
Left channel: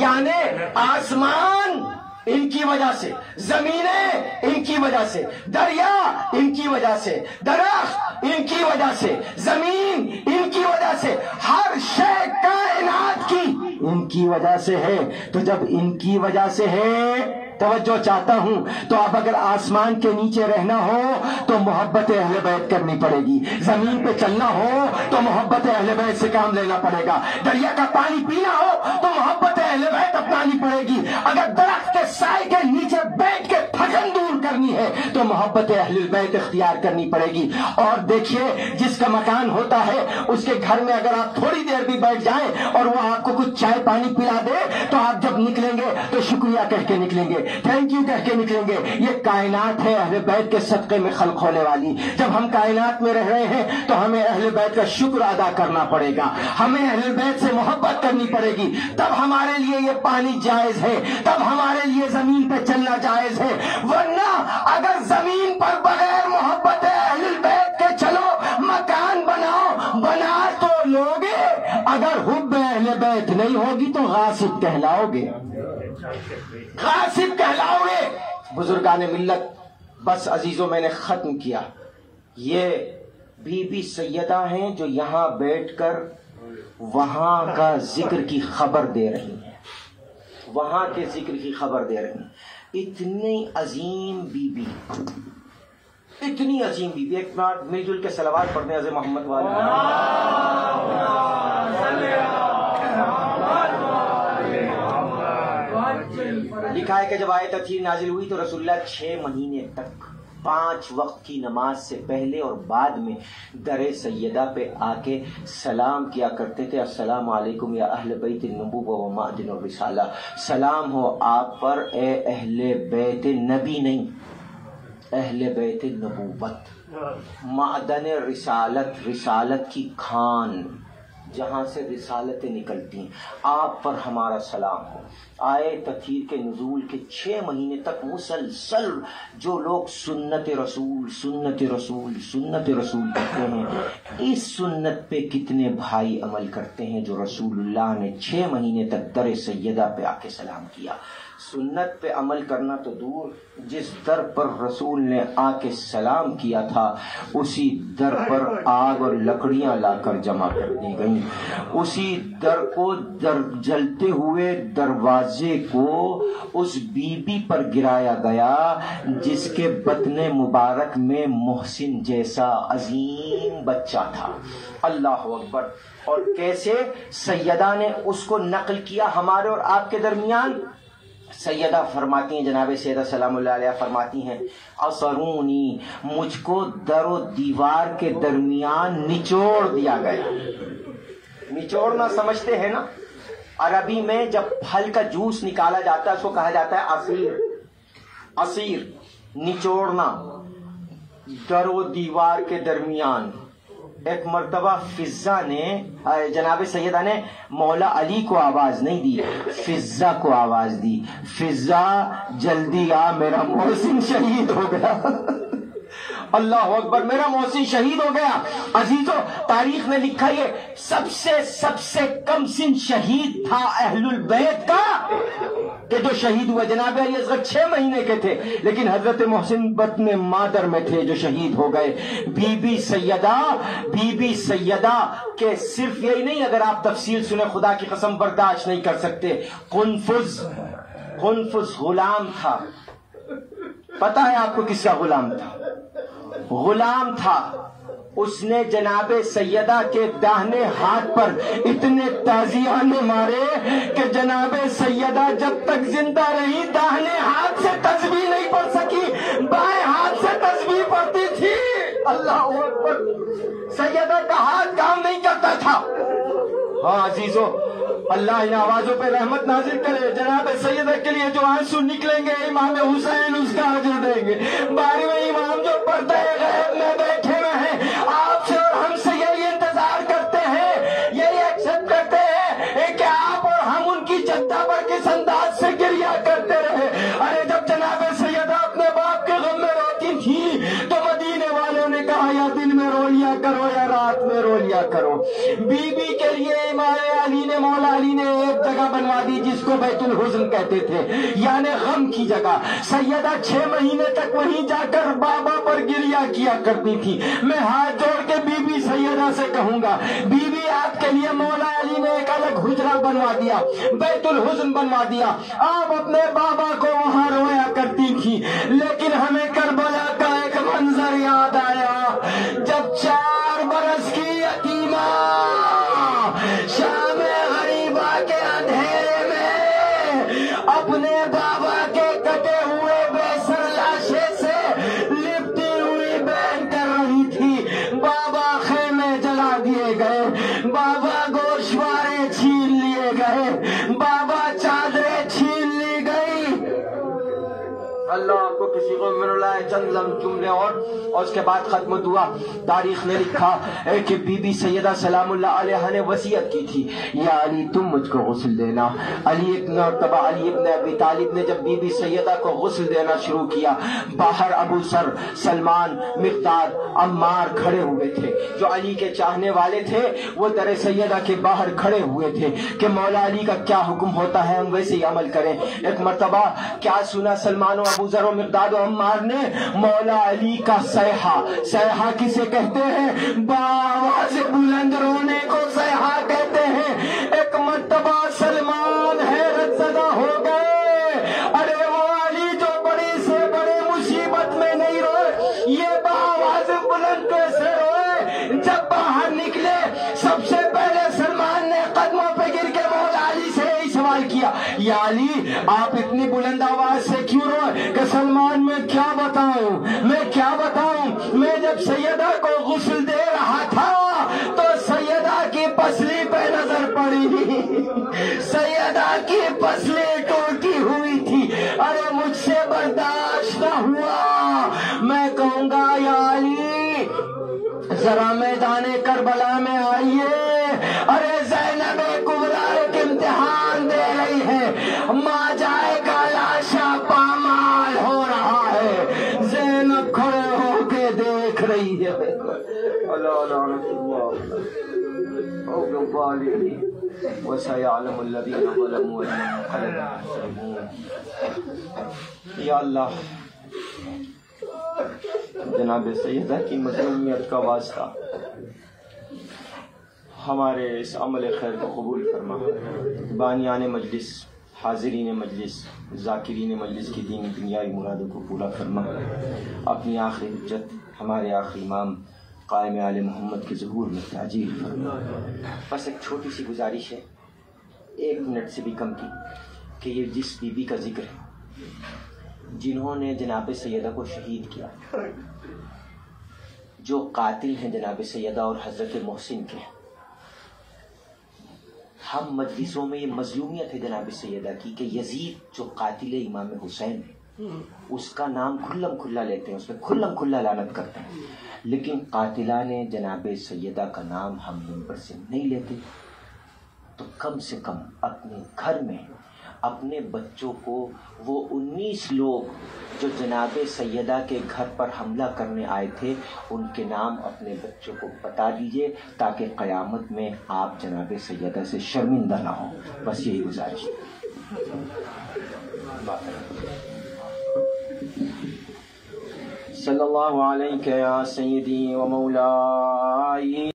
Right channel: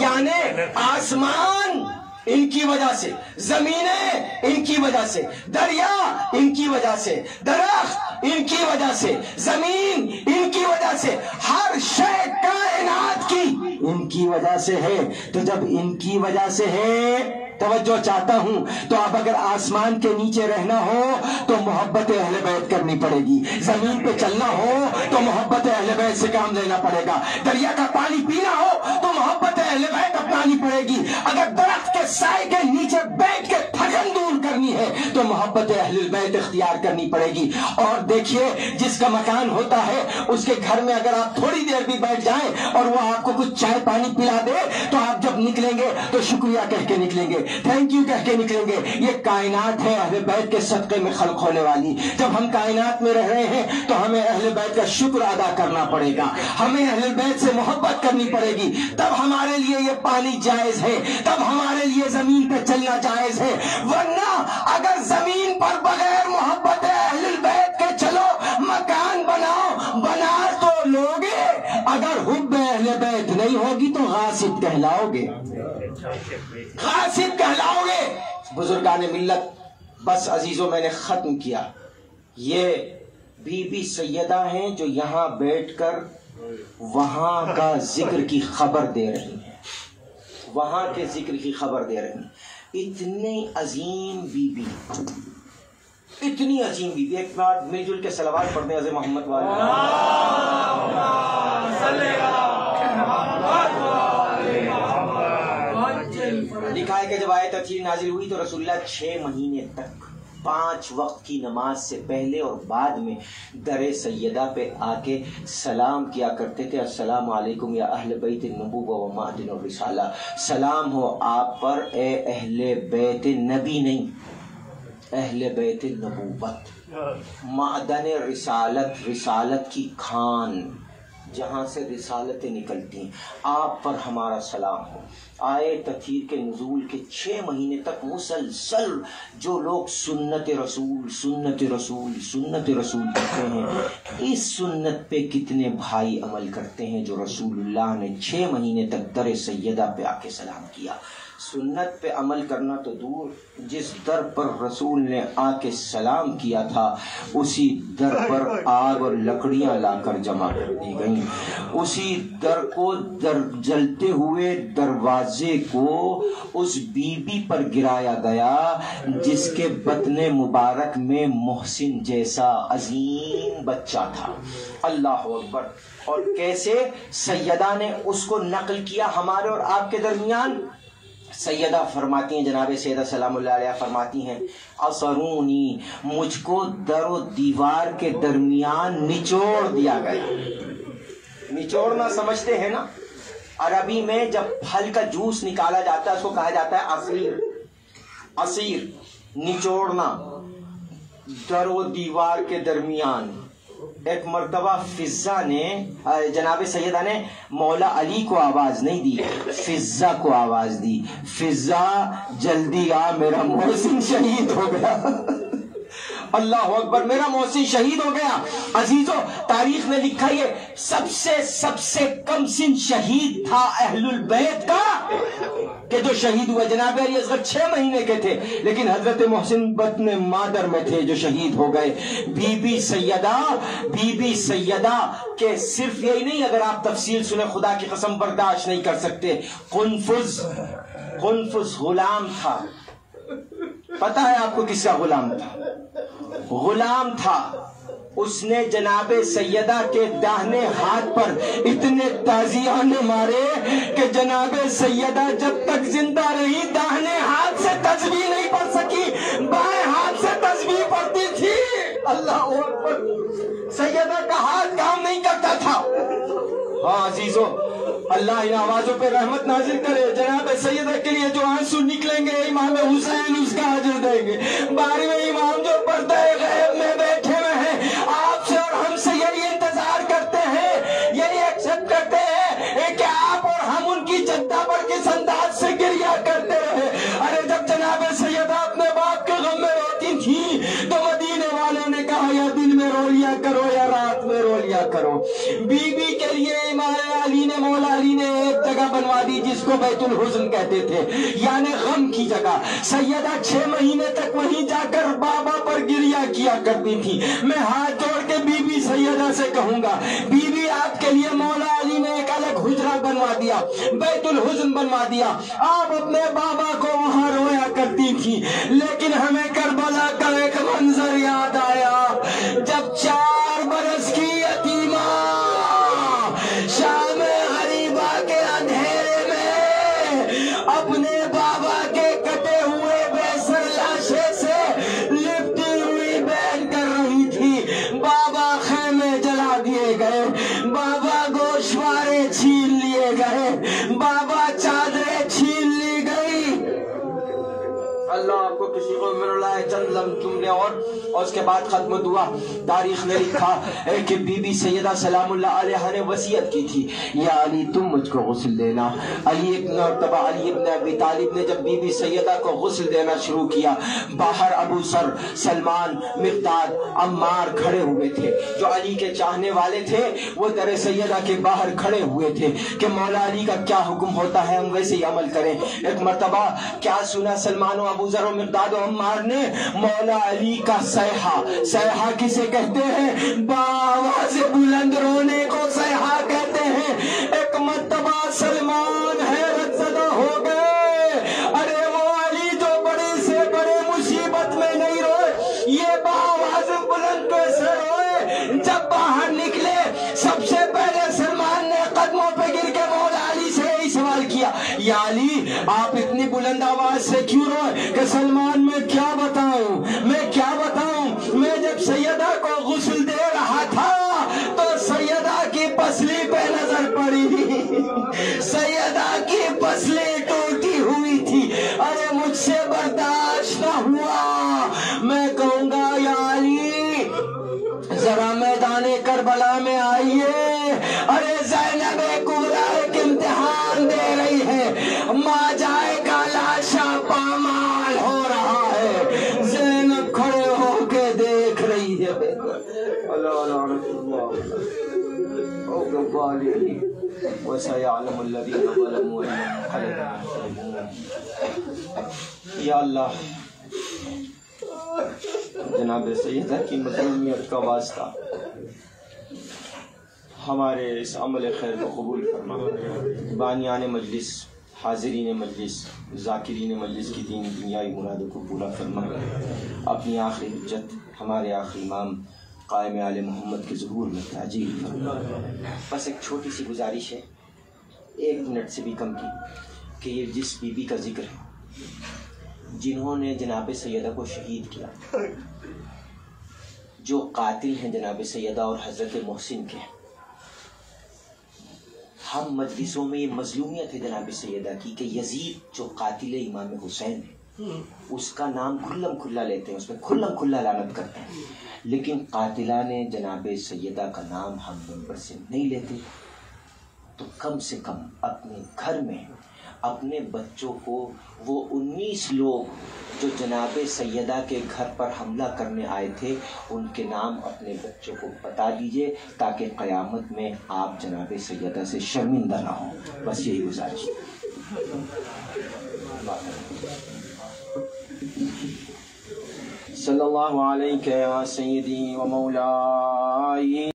یعنی آسمان ان کی وجہ سے, زمینیں ان کی وجہ سے, دریا ان کی وجہ سے, درخت ان کی وجہ سے, زمین ان کی وجہ سے, ہر شے کائنات کی ان کی وجہ سے ہے. تو جب ان کی وجہ سے ہے, توجہ چاہتا ہوں, تو اب اگر آسمان کے نیچے رہنا ہو تو محبت اہل بیت کرنی پڑے گی, زمین پہ چلنا ہو تو محبت اہل بیت سے کام لینا پڑے گا, دریا کا پانی پینا ہو تو محبت اہل بیت اپنانی پڑے گی, اگر درخت کے سائے کے نیچے بیٹھ کے تھکن دور کرنی ہے تو محبت اہل بیت اختیار کرنی پڑے گی. اور دیکھیے جس کا مکان ہوتا ہے اس کے گھر میں اگر آپ تھوڑی دیر بھی بیٹھ جائیں اور وہ آپ کو کچھ چائے پانی پلا دے تو آپ جب نکلیں گے تو شکریہ کہہ کے نکلیں گے, تھینک یو کہہ کے نکلیں گے. یہ کائنات ہے اہل بیت کے صدقے میں خلق ہونے والی. جب ہم کائنات میں رہ رہے ہیں تو ہمیں اہل بیت کا شکر ادا کرنا پڑے گا, ہمیں اہل بیت سے محبت کرنی پڑے گی. تب ہمارے لیے یہ پانی جائز ہے, تب ہمارے لیے زمین پہ چلنا جائز ہے. ورنہ اگر زمین پر بغیر محبت اہل بیت کے چلو, مکان بناؤ, بنا تو لوگے, اگر حب اہل بیت نہیں ہوگی تو غاصب کہلاؤ گے, غاصب کہلاؤ گے. بزرگان ملت, بس عزیزوں میں نے ختم کیا. یہ بی بی سیدہ ہیں جو یہاں بیٹھ کر وہاں کا ذکر کی خبر دے رہی ہیں, وہاں کے ذکر کی خبر دے رہی ہیں. اتنی عظیم بی بی, اتنی عظیم بی بی. ایک بار مل جل کے صلوات پڑھتے ہیں حضرت محمد والے. لکھا ہے کہ جب آیت تطہیر نازل ہوئی تو رسول اللہ 6 مہینے تک 5 وقت کی نماز سے پہلے اور بعد میں در سیدہ پہ آ کے سلام کیا کرتے تھے. السلام علیکم یا اہل بیت النبوہ و معدن الرسالہ, سلام ہو آپ پر اے اہل بیت نبی نہیں, اہل بیت النبوت, معدن رسالت, رسالت کی کھان جہاں سے رسالتیں نکلتی ہیں, آپ پر ہمارا سلام ہو. آئے تطہیر کے نزول کے 6 مہینے تک مسلسل جو لوگ سنت رسول سنت رسول سنت رسول کہتے ہیں, اس سنت پہ کتنے بھائی عمل کرتے ہیں جو رسول اللہ نے 6 مہینے تک در سیدہ پہ آ کے سلام کیا. سنت پہ عمل کرنا تو دور, جس در پر رسول نے آ کے سلام کیا تھا اسی در پر آگ اور لکڑیاں لا کر جمع کر دی گئیں. اسی در کو جلتے ہوئے دروازے کو اس بی بی پر گرایا گیا جس کے بطن مبارک میں محسن جیسا عظیم بچہ تھا. اللہ اکبر. اور کیسے سیدہ نے اس کو نقل کیا ہمارے اور آپ کے درمیان. سیدہ فرماتی ہیں, جناب سیدہ سلام اللہ علیہ فرماتی ہیں, اثرونی, مجھ کو در و دیوار کے درمیان نچوڑ دیا گیا. نچوڑنا سمجھتے ہیں نا, عربی میں جب پھل کا جوس نکالا جاتا ہے اس کو کہا جاتا ہے عصیر. عصیر نچوڑنا, در و دیوار کے درمیان. ایک مرتبہ فضا نے, جناب سیدہ نے مولا علی کو آواز نہیں دی, فضا کو آواز دی, فضا جلدی آ, میرا محسن شہید ہو گیا. اللہ اکبر, میرا محسن شہید ہو گیا. عزیزو, تاریخ میں لکھا یہ سب سے کم سن شہید تھا اہل البیت کا کہ جو شہید ہوئے. جناب علی اصغر 6 مہینے کے تھے, لیکن حضرت محسن بطن مادر میں تھے جو شہید ہو گئے. بی بی سیدہ کہ صرف یہی نہیں, اگر آپ تفصیل سنیں خدا کی قسم برداشت نہیں کر سکتے. قنفذ غلام تھا. پتہ ہے آپ کو کس کا غلام تھا؟ غلام تھا. اس نے جناب سیدہ کے داہنے ہاتھ پر اتنے تازیانے مارے کہ جناب سیدہ جب تک زندہ رہی داہنے ہاتھ سے تسبیح نہیں پڑھ سکی, بائیں ہاتھ سے تسبیح پڑھتی تھی. اللہ اکبر. سیدہ کا ہاتھ کام نہیں کرتا تھا. ہاں عزیزو, اللہ ان آوازوں پہ رحمت نازل کرے. جناب سیدہ کے لیے جو آنسو نکلیں گے امام حسین اس کا اجر دیں گے. 12ویں امام جو پردہ غیب میں بیٹھے ہوئے ہیں, آپ سے اور ہم سے یہی انتظار کرتے ہیں, یہی ایکسپٹ کرتے ہیں کہ آپ اور ہم ان کی جدہ پر کس انداز سے گریہ کرتے رہے. ارے جب جناب سیدہ اپنے باپ کے غم میں روتی تھی تو مدینے والوں نے کہا یا دن میں رو لیا کرو یا رات میں رو لیا کرو. بی بی کے لیے امام علی نے, مولا علی نے ایک جگہ بنوا دی جس کو بیت الحزن کہتے تھے, یعنی غم کی جگہ. سیدہ 6 مہینے تک وہیں جا کر بابا پر گریہ کیا کرتی تھی. میں ہاتھ جوڑ کے بی بی سیدہ سے کہوں گا, بی بی آپ کے لیے مولا علی نے ایک الگ حجرہ بنوا دیا, بیت الحزن بنوا دیا. آپ اپنے بابا کو وہاں رویا کرتی تھی, لیکن ہمیں کربلا کا ایک منظر یاد آیا جب 4 برس کی یتیمہ شام غریبہ کے اندھیرے میں اپنے بابا کے کٹے ہوئے بے سر لاشے سے اللہ آپ کو کسی کو مل رہا ہے چند لمحے تم نے اور اس کے بعد ختم دعا. تاریخ نے لکھا کہ بی بی سیدہ سلام اللہ علیہ نے وصیت کی تھی یا علی تم مجھ کو غسل دینا. علی ابن ابی طالب نے جب بی بی سیدہ کو غسل دینا شروع کیا باہر ابو سر سلمان مقداد عمار کھڑے ہوئے تھے جو علی کے چاہنے والے تھے. وہ در سیدہ کے باہر کھڑے ہوئے تھے کہ مولا علی کا کیا حکم ہوتا ہے ہم ویسے ہی عمل کریں. ایک مرتبہ کیا سنا سلمان و ابو ذر و مقداد و عمار نے مولا علی کا صیحہ کسے کہتے ہیں بآواز بلند رونے کو صیحہ کہتے ہیں. ایک مرتبہ سلمان حیرت زدہ ہو گئے ارے وہ علی جو بڑی سے بڑے مصیبت میں نہیں روئے یہ بآواز بلند کیسے روئے. جب باہر نکلے سب سے پہلے سلمان نے قدموں پہ گر کے مولا علی سے یہی سوال کیا یا علی آپ اتنی بلند آواز سے کیوں روئے کہ سلمان میں کیا بتاؤں میں جب سیدہ کو غسل دے رہا تھا تو سیدہ کی پسلی پہ نظر پڑی سیدہ کی پسلی ٹوٹی ہوئی تھی. ارے مجھ سے برداشت نہ ہوا میں کہوں گا یا علی ذرا میدان کربلا میں آئیے. ارے زینب کبریٰ ایک امتحان دے رہی ہے ماں جائے کا لاشا پامال ہو رہا ہے. زینب کھڑے ہو کے دیکھ رہی ہے. یا اللہ جناب سیدہ کی مظلومیت کا واسطہ ہمارے اس عمل خیر کو قبول کرنا. بانیان مجلس حاضرین مجلس ذاکرین مجلس کی دین دنیائی مرادوں کو پورا فرما. اپنی آخری حجت ہمارے آخری امام قائم آل محمد کے ظہور میں تعجیل فرما. بس ایک چھوٹی سی گزارش ہے 1 منٹ سے بھی کم کی کہ یہ جس بی بی کا ذکر ہے جنہوں نے جناب سیدہ کو شہید کیا جو قاتل ہیں جناب سیدہ اور حضرت محسن کے ہم مجلسوں میں یہ مظلومیت ہے جناب سیدہ کی کہ یزید جو قاتل امام حسین ہے اس کا نام کھلم کھلا لیتے ہیں اس میں کھلم کھلا لعنت کرتے ہیں لیکن قاتلان جناب سیدہ کا نام ہم منبر سے نہیں لیتے. تو کم سے کم اپنے گھر میں اپنے بچوں کو وہ 19 لوگ جو جناب سیدہ کے گھر پر حملہ کرنے آئے تھے ان کے نام اپنے بچوں کو بتا دیجئے تاکہ قیامت میں آپ جناب سیدہ سے شرمندہ نہ ہوں. بس یہی گزارش. صلی اللہ علیہ یا سیدی و مولائی.